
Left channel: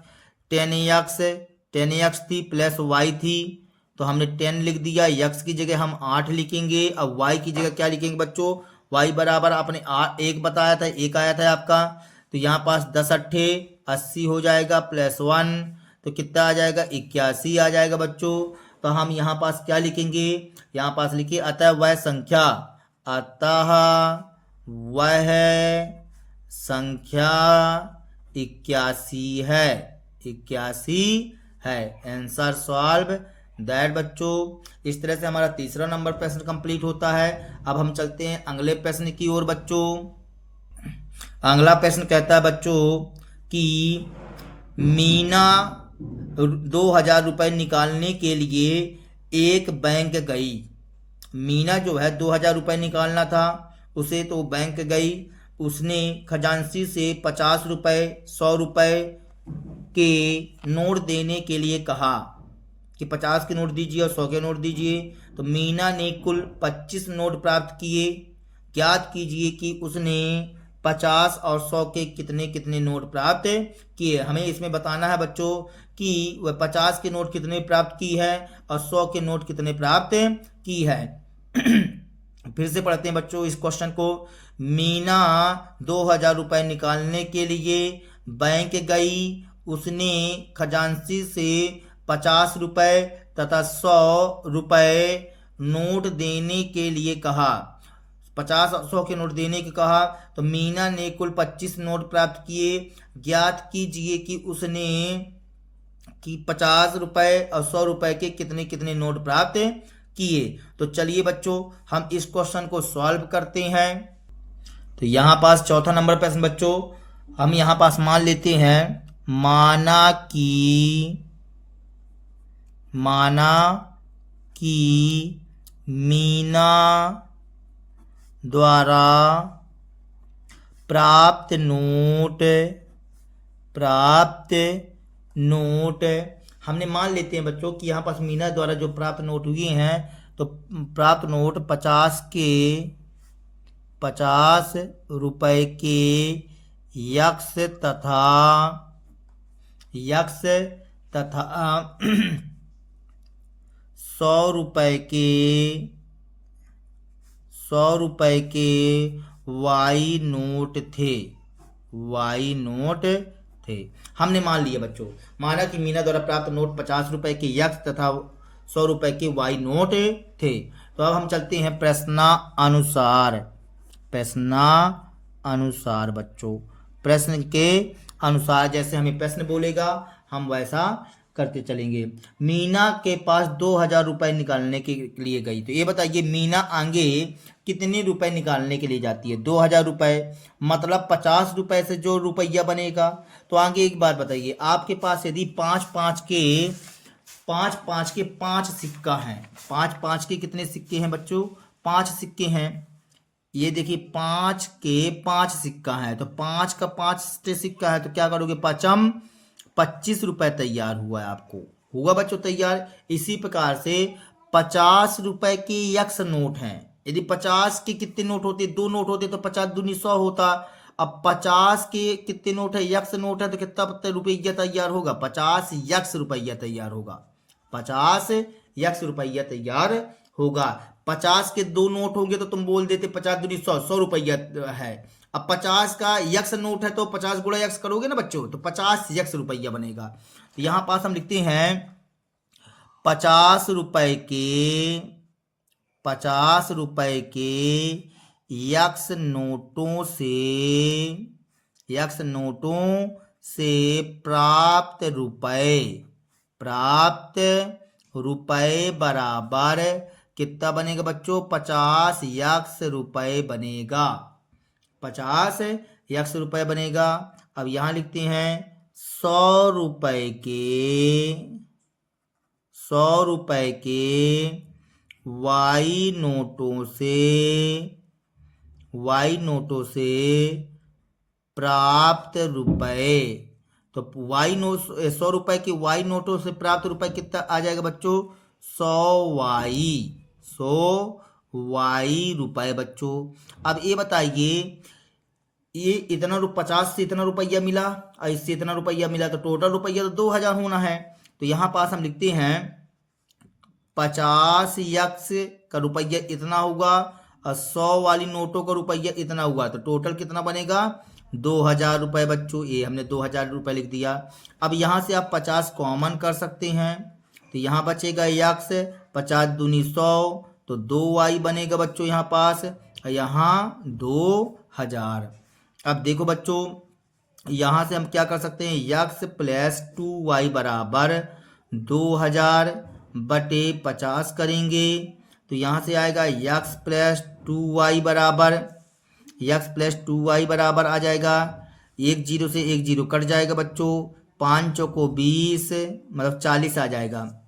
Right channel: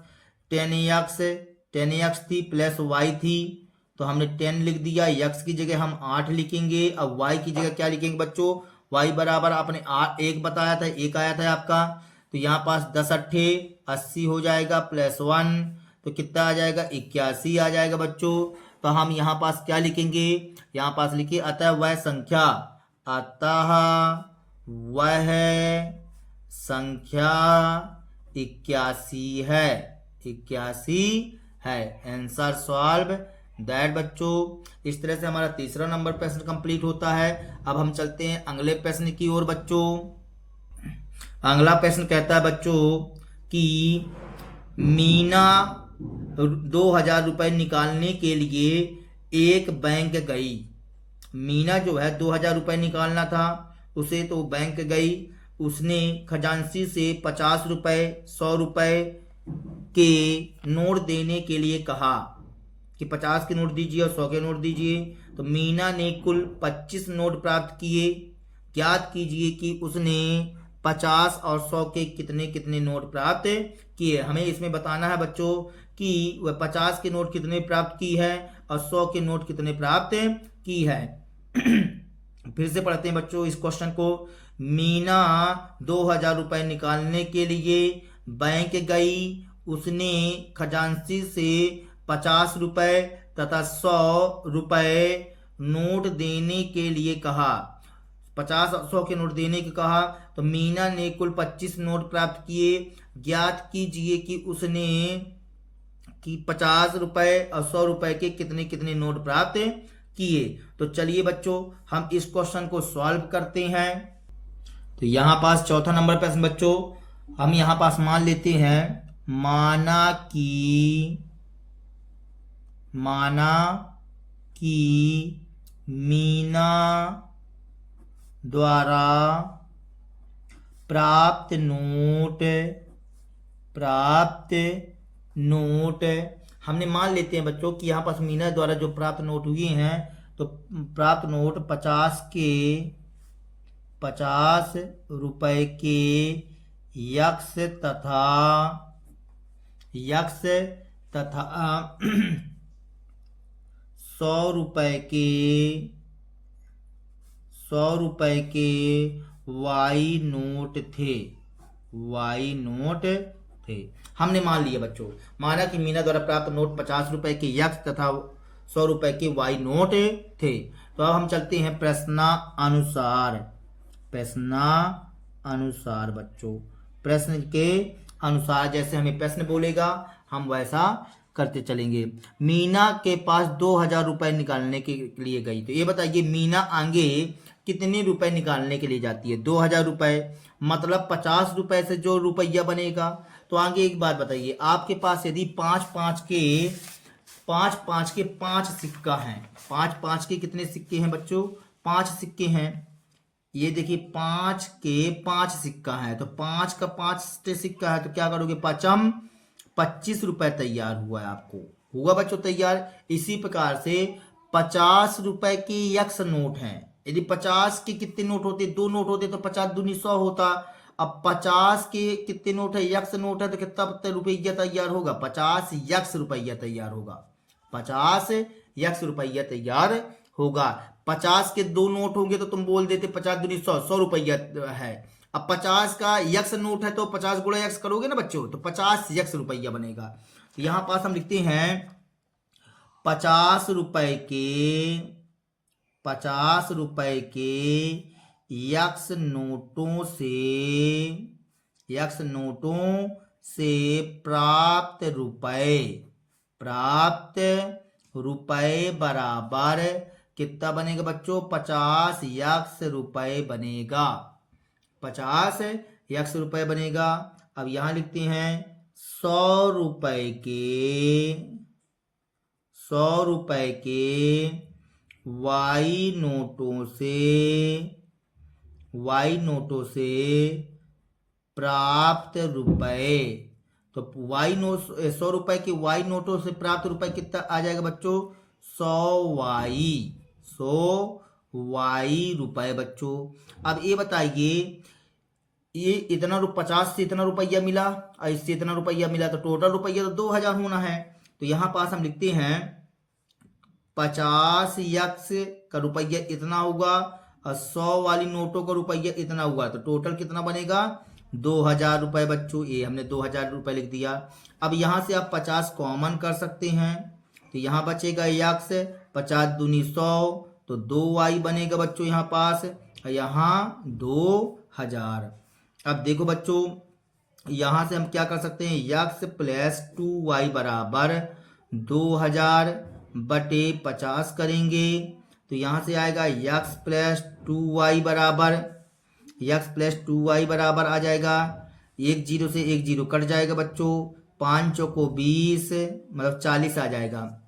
10x थी प्लस y थी, तो हमने 10 लिख दिया। x की जगह हम 8 लिखेंगे। अब y की जगह क्या लिखेंगे बच्चों? y बराबर आपने 1 बताया था, 1 आया था आपका, तो यहाँ पास 10 अट्ठे 80 हो जाएगा प्लस 1, तो कितना आ जाएगा? 81 आ जाएगा बच्चों। तो हम यहाँ पास क्या लिखेंगे? यहाँ पास लिखिए अतः वह संख्या, अतः वह संख्या 81 है, 81 है। आंसर सॉल्व दैट बच्चों। इस तरह से हमारा तीसरा नंबर प्रश्न कंप्लीट होता है। अब हम चलते हैं अगले प्रश्न की ओर बच्चों। अगला प्रश्न कहता है बच्चों कि मीना 2000 रुपए निकालने के लिए एक बैंक गई। मीना जो है 2000 रुपए निकालना था उसे, तो बैंक गई। उसने खजांची से 50 रुपए 100 रुपए के नोट देने के लिए कहा कि 50 के नोट दीजिए और 100 के नोट दीजिए। तो मीना ने कुल 25 नोट प्राप्त किए। ज्ञात कीजिए कि उसने 50 और 100 के कितने कितने नोट प्राप्त किए। हमें इसमें बताना है बच्चों कि वह 50 के नोट कितने प्राप्त की है और 100 के नोट कितने प्राप्त की है। फिर से पढ़ते हैं बच्चों इस क्वेश्चन को। मीना 2000 रुपए निकालने के लिए बैंक गई। उसने खजांची से 50 रुपए तथा 100 रुपए नोट देने के लिए कहा। 50 और 100 के नोट देने के कहा। तो मीना ने कुल 25 नोट प्राप्त किए। ज्ञात कीजिए कि उसने 50 रुपए और 100 रुपए के कितने कितने नोट प्राप्त किए। तो चलिए बच्चों हम इस क्वेश्चन को सॉल्व करते हैं। तो यहाँ पास चौथा नंबर प्रश्न बच्चों, हम यहाँ पास मान लेते हैं माना कि मीना द्वारा प्राप्त नोट हमने मान लेते हैं बच्चों कि यहाँ पास मीना द्वारा जो प्राप्त नोट हुए हैं, तो प्राप्त नोट 50 रुपए के यक्स तथा 100 रुपए के वाई नोट थे। हमने मान लिया बच्चों, माना कि मीना द्वारा प्राप्त नोट 50 रुपए के यक्स तथा 100 रुपए के वाई नोट थे। तो अब हम चलते हैं प्रश्नानुसार बच्चों। प्रश्न के अनुसार जैसे हमें प्रश्न बोलेगा हम वैसा करते चलेंगे। मीना के पास 2000 रुपए निकालने के लिए गई। तो ये बताइए मीना आगे कितने रुपए निकालने के लिए जाती है? 2000 रुपए, मतलब 50 रुपए से जो रुपया बनेगा। तो आगे एक बात बताइए, आपके पास यदि 5 के 5 सिक्का हैं, 5 के कितने सिक्के हैं बच्चों? 5 सिक्के हैं। ये देखिए 5 के 5 सिक्का है, तो 5 का 5 सिक्का है, तो क्या करोगे? 25 रुपए तैयार हुआ है आपको, हुआ बच्चों तैयार। इसी प्रकार से 50 रुपए के यक्स नोट हैं। यदि 50 के कितने नोट होते? 2 नोट होते तो 50 दूनी 100 होता। अब 50 के कितने नोट है? यक्स नोट है, तो कितना रुपया तैयार होगा? 50 यक्स रुपया तैयार होगा। 50 यक्स रुपया तैयार होगा। 50 के 2 नोट होंगे तो तुम बोल देते 50 दूनी 100 रुपया है। अब 50 का यक्स नोट है तो 50 गुणा यक्स करोगे ना बच्चों, तो 50 यक्स रुपया बनेगा। तो यहां पास हम लिखते हैं 50 रुपए के यक्स नोटों से प्राप्त रुपए बराबर कितना बनेगा बच्चों? 50 यक्ष रुपए बनेगा। 50 यक्ष रुपए बनेगा। अब यहां लिखते हैं 100 रुपए के वाई नोटों से प्राप्त रुपए। तो 100 रुपए के वाई नोटों से प्राप्त रुपए कितना आ जाएगा बच्चों? 100 वाई रुपए बच्चों। अब ये बताइए, ये इतना 50 से इतना रुपया मिला और इससे इतना रुपया मिला, तो टोटल रुपया तो 2000 होना है। तो यहाँ पास हम लिखते हैं 50 यक्ष का रुपया इतना होगा और 100 वाली नोटों का रुपया इतना हुआ, तो टोटल कितना बनेगा? 2000 रुपये बच्चों। ये हमने 2000 रुपये लिख दिया। अब यहाँ से आप 50 कॉमन कर सकते हैं, तो यहाँ बचेगा यक्ष, 50 दूनी 100, तो 2y बनेगा बच्चों यहाँ पास, यहाँ 2000। अब देखो बच्चों, यहाँ से हम क्या कर सकते हैं? यक्ष प्लस 2y बराबर 2000 बटे 50 करेंगे, तो यहाँ से आएगा यक्स प्लस 2y बराबर आ जाएगा। एक जीरो से एक जीरो कट जाएगा बच्चों, 5 चौको 20 मतलब 40 आ जाएगा।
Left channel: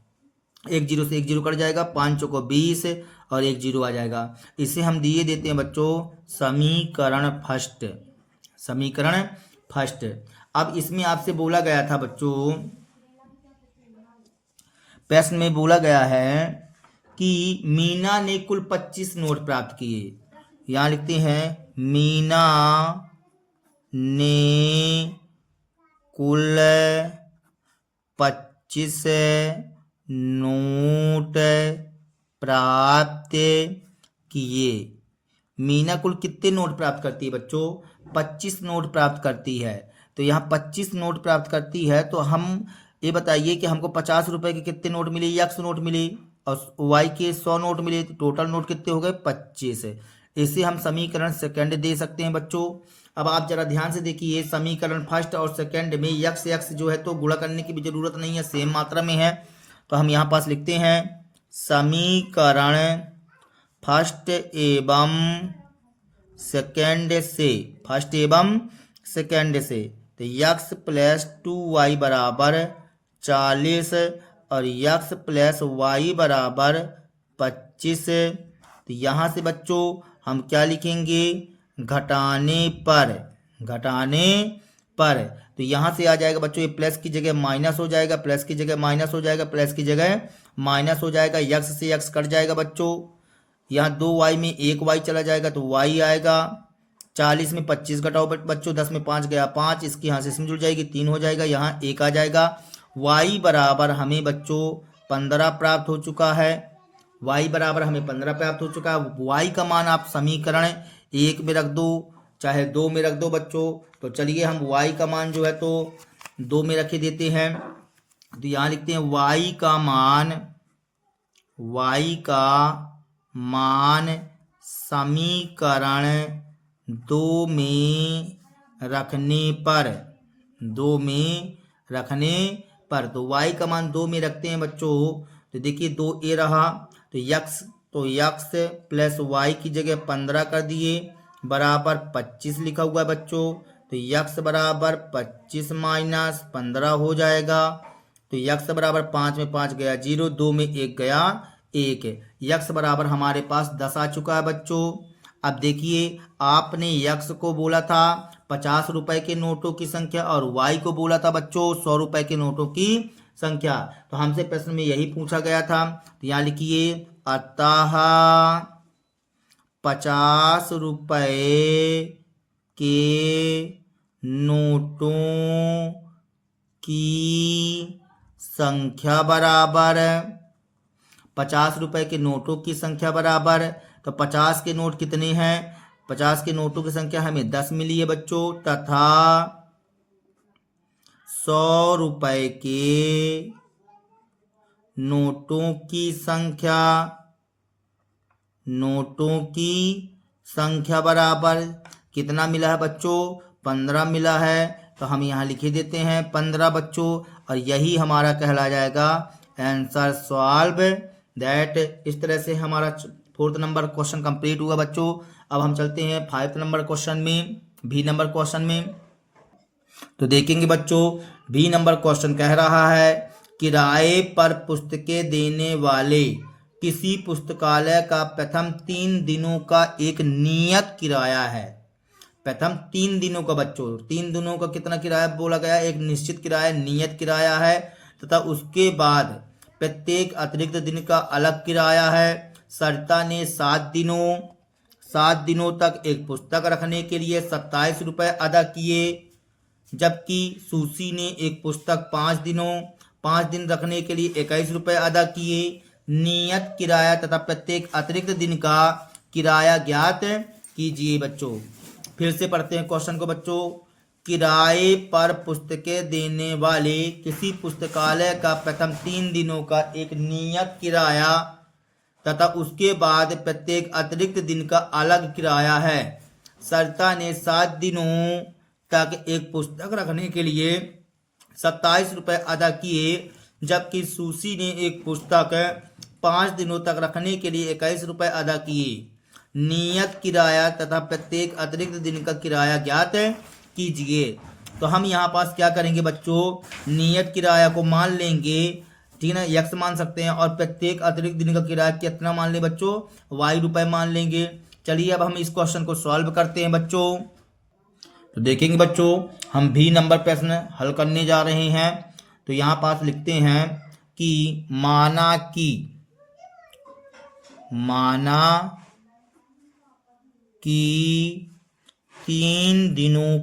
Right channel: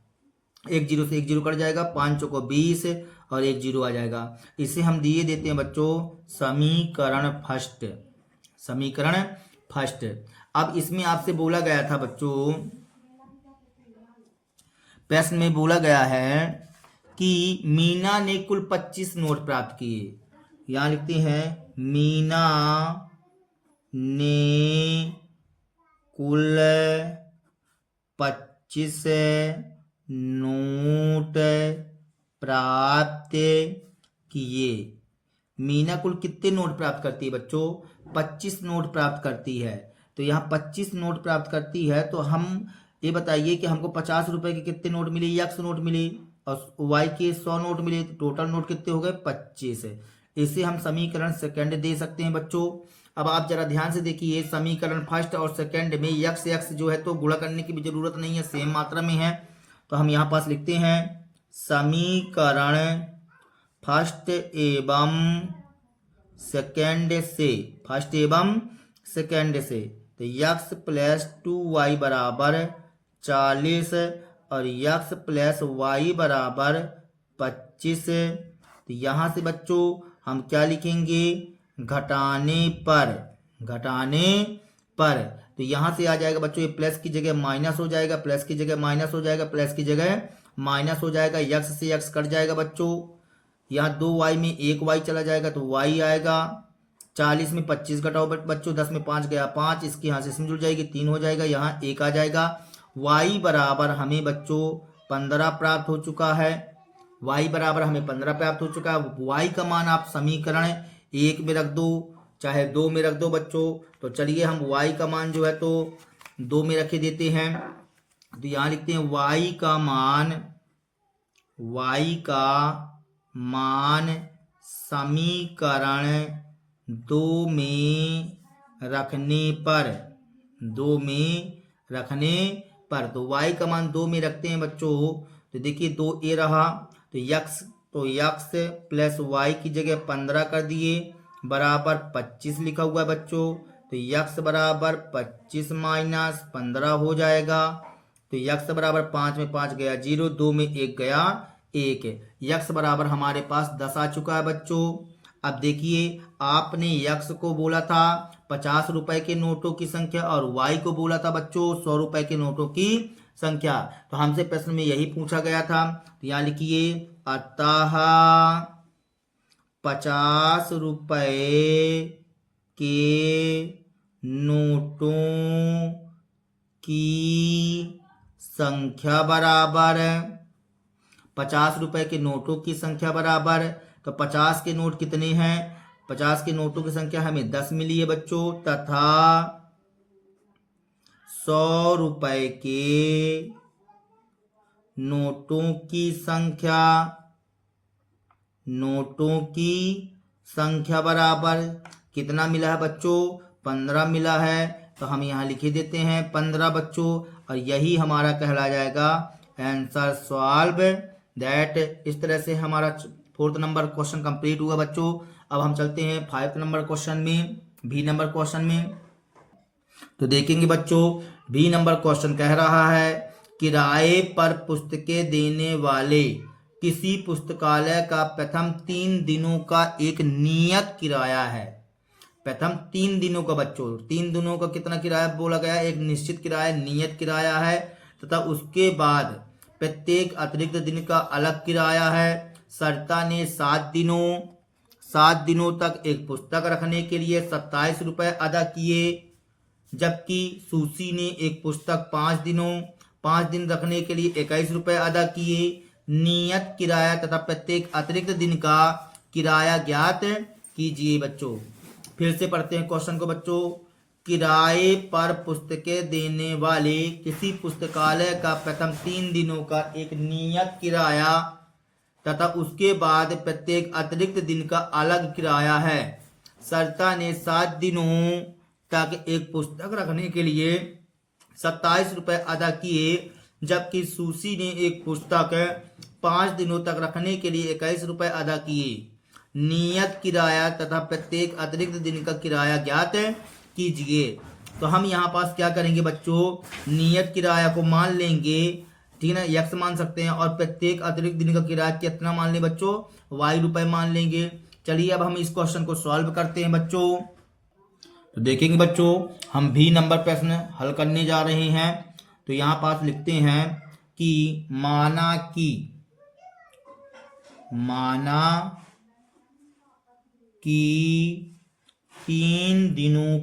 एक जीरो से एक जीरो कट जाएगा, 5 चौको 20 और एक जीरो आ जाएगा। इसे हम दिए देते हैं बच्चों समीकरण फर्स्ट। अब इसमें आपसे बोला गया था बच्चों, प्रश्न में बोला गया है कि मीना ने कुल 25 नोट प्राप्त किए। यहाँ लिखते हैं मीना ने कुल 25 नोट प्राप्त किए। मीना कुल कितने नोट प्राप्त करती है बच्चों? 25 नोट प्राप्त करती है। तो यहाँ 25 नोट प्राप्त करती है, तो हम ये बताइए कि हमको 50 रुपए के कितने नोट मिले? यक्ष नोट मिले, और वाई के 100 नोट मिले, तो टोटल नोट कितने हो गए? 25। इसे हम समीकरण सेकंड दे सकते हैं बच्चों। अब आप जरा ध्यान से देखिए, समीकरण फर्स्ट और सेकंड में यक्ष जो है तो गुणा करने की भी जरूरत नहीं है, सेम मात्रा में है। तो हम यहाँ पास लिखते हैं समीकरण फर्स्ट एवं सेकंड से, तो यक्स प्लस 2y बराबर 40 और यक्स प्लस वाई बराबर 25। तो यहाँ से बच्चों हम क्या लिखेंगे? घटाने पर। तो यहाँ से आ जाएगा बच्चों, ये प्लस की जगह माइनस हो जाएगा, प्लस की जगह माइनस हो जाएगा, प्लस की जगह माइनस हो जाएगा, यक्स से यक्स कट जाएगा बच्चों। यहाँ 2y में 1y चला जाएगा तो y आएगा। 40 में 25 घटाओ बच्चों, 10 में 5 गया 5, इसकी यहाँ से इसमें जुड़ जाएगी, 3 हो जाएगा, यहाँ 1 आ जाएगा। y बराबर हमें बच्चों 15 प्राप्त हो चुका है। y बराबर हमें 15 प्राप्त हो चुका है। y का मान आप समीकरण 1 में रख दो चाहे 2 में रख दो बच्चों। तो चलिए हम y का मान जो है तो 2 में रखे देते हैं। तो यहाँ लिखते हैं y का मान समीकरण 2 में रखने पर, तो y का मान 2 में रखते हैं बच्चों। तो देखिए 2 ए रहा, तो यक्स प्लस वाई की जगह 15 कर दिए, बराबर 25 लिखा हुआ है बच्चों। तो यक्स बराबर 25 माइनस 15 हो जाएगा। तो यक्स बराबर 5 में 5 गया 0, 2 में 1 गया 1। यक्स बराबर हमारे पास 10 आ चुका है बच्चों। अब देखिए, आपने यक्स को बोला था 50 रुपए के नोटों की संख्या और वाई को बोला था बच्चों 100 रुपए के नोटों की संख्या। तो हमसे प्रश्न में यही पूछा गया था। तो यहाँ लिखिए, अतः 50 रुपए के नोटों की संख्या बराबर 50 रुपए के नोटों की संख्या बराबर, तो 50 के नोट कितने हैं? 50 के नोटों की संख्या हमें 10 मिली है बच्चों, तथा 100 रुपए के नोटों की संख्या बराबर कितना मिला है बच्चों? 15 मिला है। तो हम यहाँ लिखे देते हैं 15 बच्चों, और यही हमारा कहला जाएगा आंसर सॉल्व दैट। इस तरह से हमारा 4th नंबर क्वेश्चन कंप्लीट हुआ बच्चों। अब हम चलते हैं 5th नंबर क्वेश्चन में, बी नंबर क्वेश्चन में। तो देखेंगे बच्चों, बी नंबर क्वेश्चन कह रहा है किराए पर पुस्तकें देने वाले किसी पुस्तकालय का प्रथम 3 दिनों का एक नियत किराया है। प्रथम 3 दिनों का बच्चों, 3 दिनों का कितना किराया बोला गया, एक निश्चित किराया, नियत किराया है, तथा उसके बाद प्रत्येक अतिरिक्त दिन का अलग किराया है। सरिता ने 7 दिनों तक एक पुस्तक रखने के लिए 27 रुपये अदा किए, जबकि सुशी ने एक पुस्तक 5 दिन रखने के लिए 21 रुपये अदा किए। नियत किराया तथा प्रत्येक अतिरिक्त दिन का किराया ज्ञात कीजिए बच्चों। फिर से पढ़ते हैं क्वेश्चन को बच्चों। किराए पर पुस्तकें देने वाले किसी पुस्तकालय का प्रथम 3 दिनों का एक नियत किराया तथा उसके बाद प्रत्येक अतिरिक्त दिन का अलग किराया है। सरिता ने 7 दिनों तक एक पुस्तक रखने के लिए 27 रुपये अदा किए, जबकि सुशी ने एक पुस्तक 5 दिनों तक रखने के लिए 21 रुपये अदा किए। नियत किराया तथा प्रत्येक अतिरिक्त दिन का किराया ज्ञात कीजिए। तो हम यहाँ पास क्या करेंगे बच्चों, नियत किराया को मान लेंगे, ठीक है ना, x मान सकते हैं, और प्रत्येक अतिरिक्त दिन का किराया कितना मान लें बच्चों, y रुपये मान लेंगे। चलिए अब हम इस क्वेश्चन को सॉल्व करते हैं बच्चों। तो देखेंगे बच्चों, हम भी नंबर प्रश्न हल करने जा रहे हैं। तो यहाँ पास लिखते हैं कि माना कि 3 दिनों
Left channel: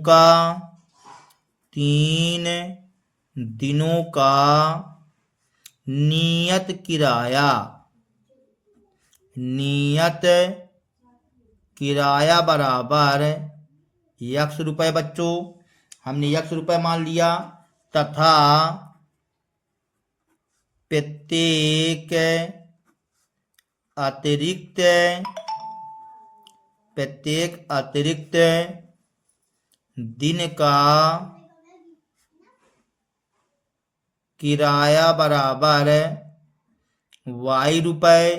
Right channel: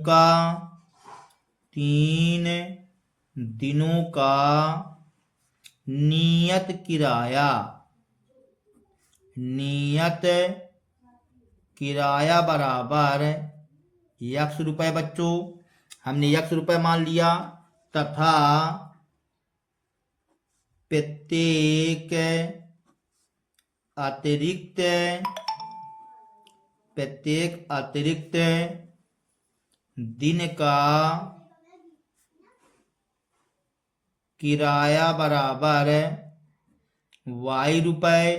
का नियत किराया बराबर x रुपये बच्चों, हमने x रुपये मान लिया, तथा प्रत्येक अतिरिक्त दिन का किराया बराबर y रुपये,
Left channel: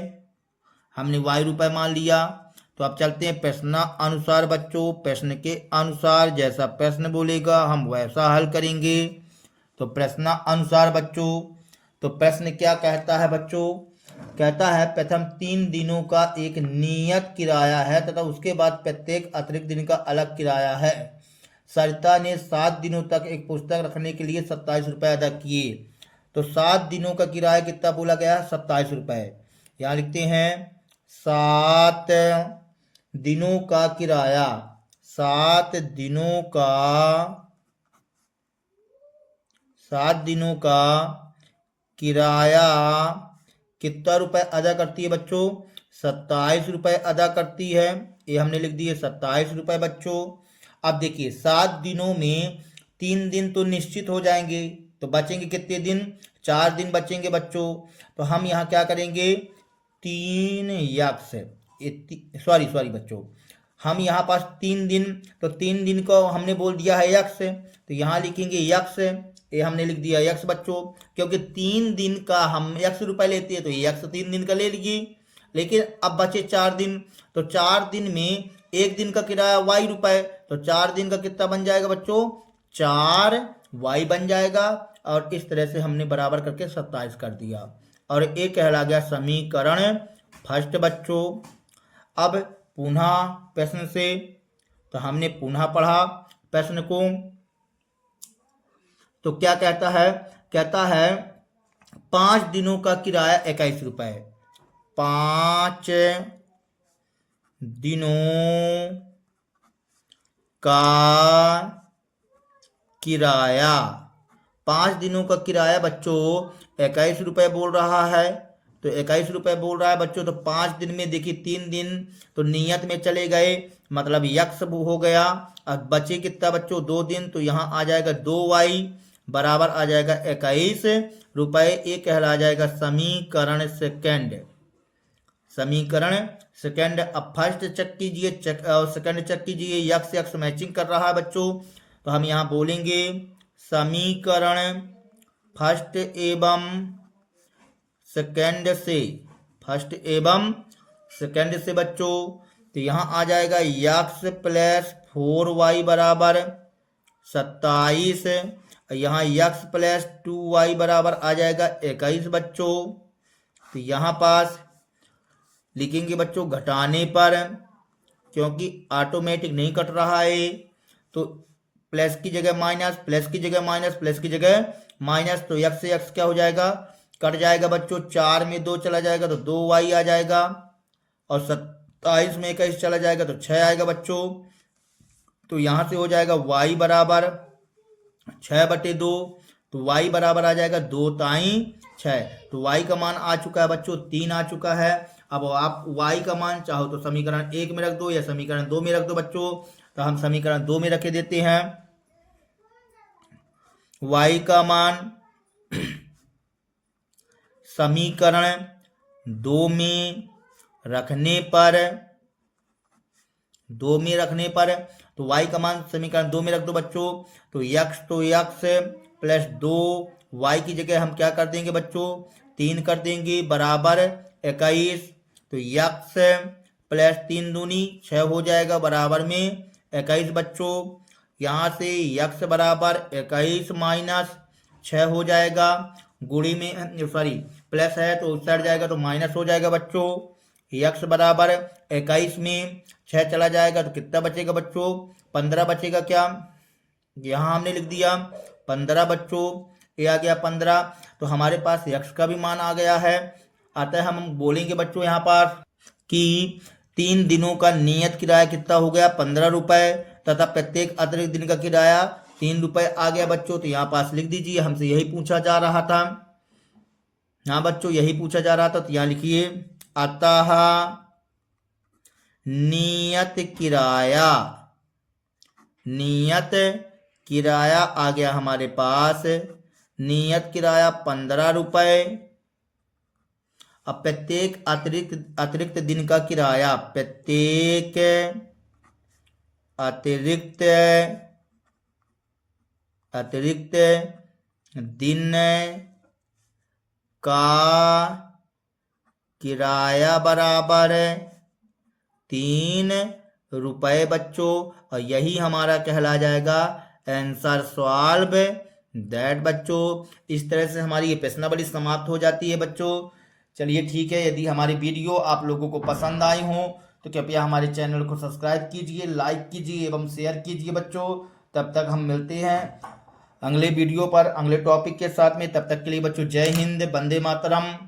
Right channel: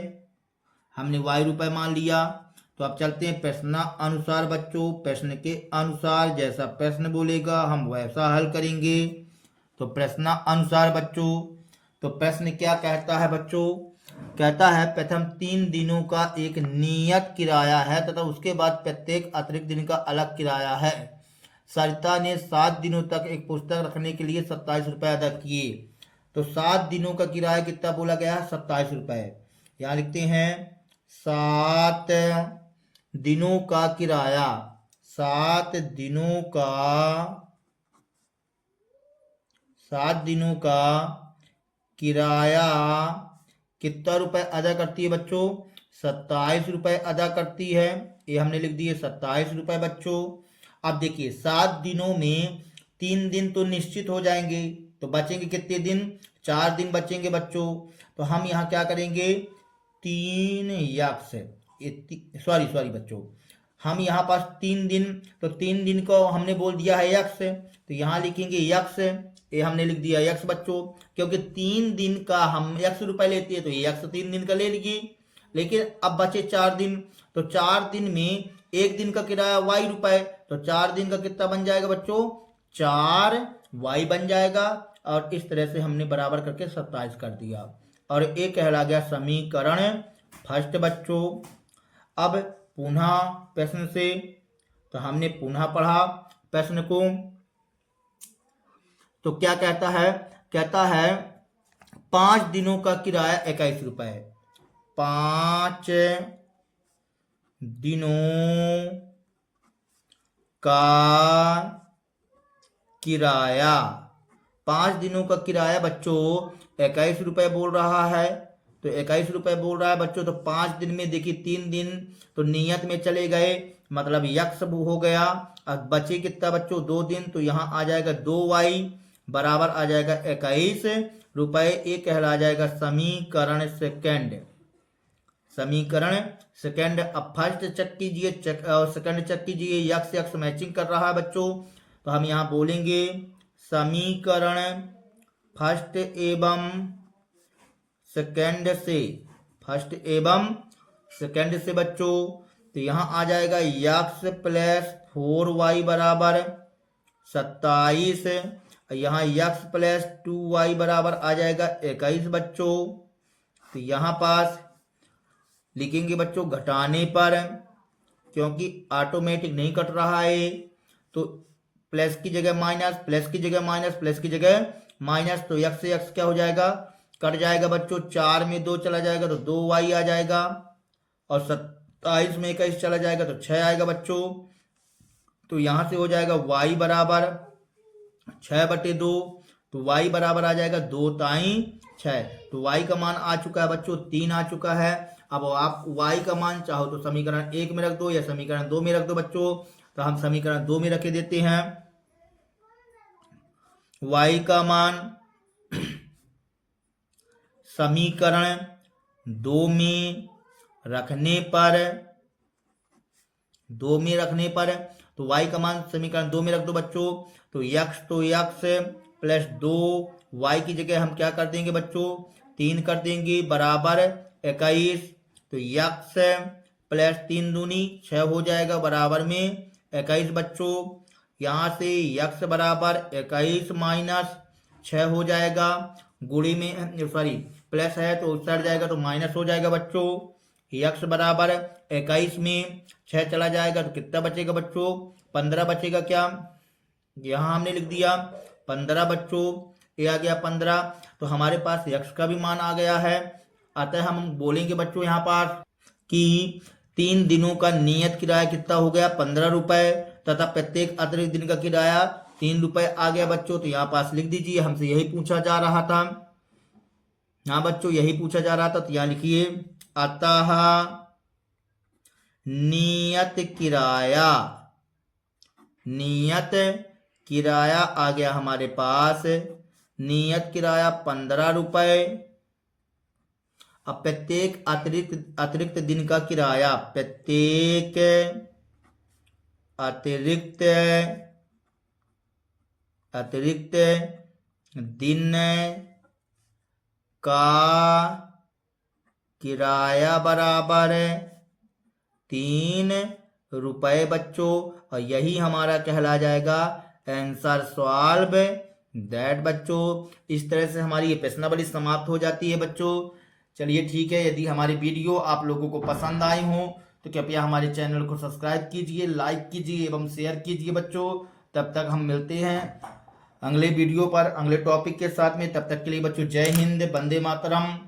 हमने y रुपये मान लिया। तो अब चलते हैं प्रश्न अनुसार बच्चों। प्रश्न के अनुसार जैसा प्रश्न बोलेगा हम वैसा हल करेंगे। तो प्रश्न अनुसार बच्चों, तो प्रश्न क्या कहता है बच्चों, कहता है प्रथम 3 दिनों का एक नियत किराया है तथा उसके बाद प्रत्येक अतिरिक्त दिन का अलग किराया है। सरिता ने 7 दिनों तक एक पुस्तक रखने के लिए 27 रुपये अदा किए। तो 7 दिनों का किराया कितना बोला गया है, 27 रुपये। यहाँ लिखते हैं 7 दिनों का किराया, 7 दिनों का किराया कितना रुपए अदा करती है बच्चों, 27 रुपये अदा करती है। ये हमने लिख दिए 27 रुपये बच्चों। अब देखिए 7 दिनों में 3 दिन तो निश्चित हो जाएंगे, तो बचेंगे कितने दिन, 4 दिन बचेंगे बच्चों। तो हम यहाँ क्या करेंगे, 3 बच्चों, हम यहाँ पास 3 दिन, तो 3 दिन को हमने बोल दिया है x, तो यहाँ लिखेंगे x, ये हमने लिख दिया x बच्चों, क्योंकि 3 दिन का हम x रुपये लेते हैं तो ये x 3 दिन का ले लीजिए। लेकिन अब बचे 4 दिन, तो 4 दिन में एक दिन का किराया y रुपये, तो 4 दिन का कितना बन जाएगा बच्चों, 4y बन जाएगा। और इस तरह से हमने बराबर करके 27 कर दिया, और ये कहला गया समीकरण फर्स्ट बच्चों। अब पुनः प्रश्न से, तो हमने पुनः पढ़ा प्रश्न को। तो क्या कहता है, कहता है 5 दिनों का किराया 21 रुपये, 5 दिनों का किराया, 5 दिनों का किराया बच्चों 21 रुपये बोल रहा है। तो 21 रुपये बोल रहा है बच्चों, तो 5 दिन में देखिए 3 दिन तो नियत में चले गए, मतलब यक्स हो गया। अब बचे कितना बच्चों, 2 दिन, तो यहाँ आ जाएगा 2y बराबर आ जाएगा 21 रुपये। ये कहला जाएगा समीकरण सेकंड, समीकरण सेकंड। अब फर्स्ट चेक कीजिए, सेकंड चेक कीजिए, यक्स यक्स मैचिंग कर रहा है बच्चों। तो हम यहाँ बोलेंगे समीकरण फर्स्ट एवं सेकंड से, फर्स्ट एवं सेकंड से बच्चों। तो यहाँ आ जाएगा x प्लस 4y बराबर 27। यहाँ x प्लस 2y बराबर आ जाएगा 21 बच्चों। तो यहाँ पास लिखेंगे बच्चों घटाने पर, क्योंकि ऑटोमेटिक नहीं कट रहा है, तो प्लस की जगह माइनस, प्लस की जगह माइनस, प्लस की जगह माइनस, तो x से x क्या हो जाएगा, कट जाएगा बच्चों। 4 में 2 चला जाएगा तो 2y आ जाएगा, और 27 में 21 चला जाएगा तो 6 आएगा बच्चों। तो यहाँ से हो जाएगा y बराबर 6/2, तो y बराबर आ जाएगा 2 ताई 6। तो y का मान आ चुका है बच्चों 3 आ चुका है। अब आप y का मान चाहो तो समीकरण 1 में रख दो या समीकरण 2 में रख दो बच्चों। तो हम समीकरण 2 में रखे देते हैं। y का मान समीकरण 2 में रखने पर, तो y का मान समीकरण 2 में रख दो बच्चों। तो x प्लस 2, y की जगह हम क्या कर देंगे बच्चों 3 कर देंगे, बराबर 21। तो x प्लस 3 दूनी 6 हो जाएगा, बराबर में 21 बच्चों। यहाँ से x बराबर 21 माइनस 6 हो जाएगा, गुणी में सॉरी प्लस है तो उस साइड जाएगा तो माइनस हो जाएगा बच्चों। x बराबर 21 में 6 चला जाएगा तो कितना बचेगा बच्चों 15 बचेगा। क्या यहाँ हमने लिख दिया 15 बच्चों, ये आ गया 15। तो हमारे पास x का भी मान आ गया है। अतः हम बोलेंगे बच्चों यहाँ पर कि 3 दिनों का नियत किराया कितना हो गया 15 रुपए, तथा प्रत्येक अतिरिक्त दिन का किराया 3 रुपए आ गया बच्चों। तो यहाँ पास लिख दीजिए, हमसे यही पूछा जा रहा था। हाँ बच्चों यही पूछा जा रहा था, तो यहाँ लिखिए अतः नियत किराया आ गया हमारे पास, नियत किराया 15 रुपए। अब प्रत्येक अतिरिक्त दिन का किराया, प्रत्येक अतिरिक्त दिन का किराया बराबर 3 रुपए बच्चों। और यही हमारा कहला जाएगा आंसर सॉल्व दैट बच्चों। इस तरह से हमारी ये प्रश्नावली समाप्त हो जाती है बच्चों। चलिए ठीक है, यदि हमारी वीडियो आप लोगों को पसंद आई हो तो कृपया हमारे चैनल को सब्सक्राइब कीजिए, लाइक कीजिए एवं शेयर कीजिए बच्चों। तब तक हम मिलते हैं अगले वीडियो पर अगले टॉपिक के साथ में। तब तक के लिए बच्चों जय हिंद, वंदे मातरम।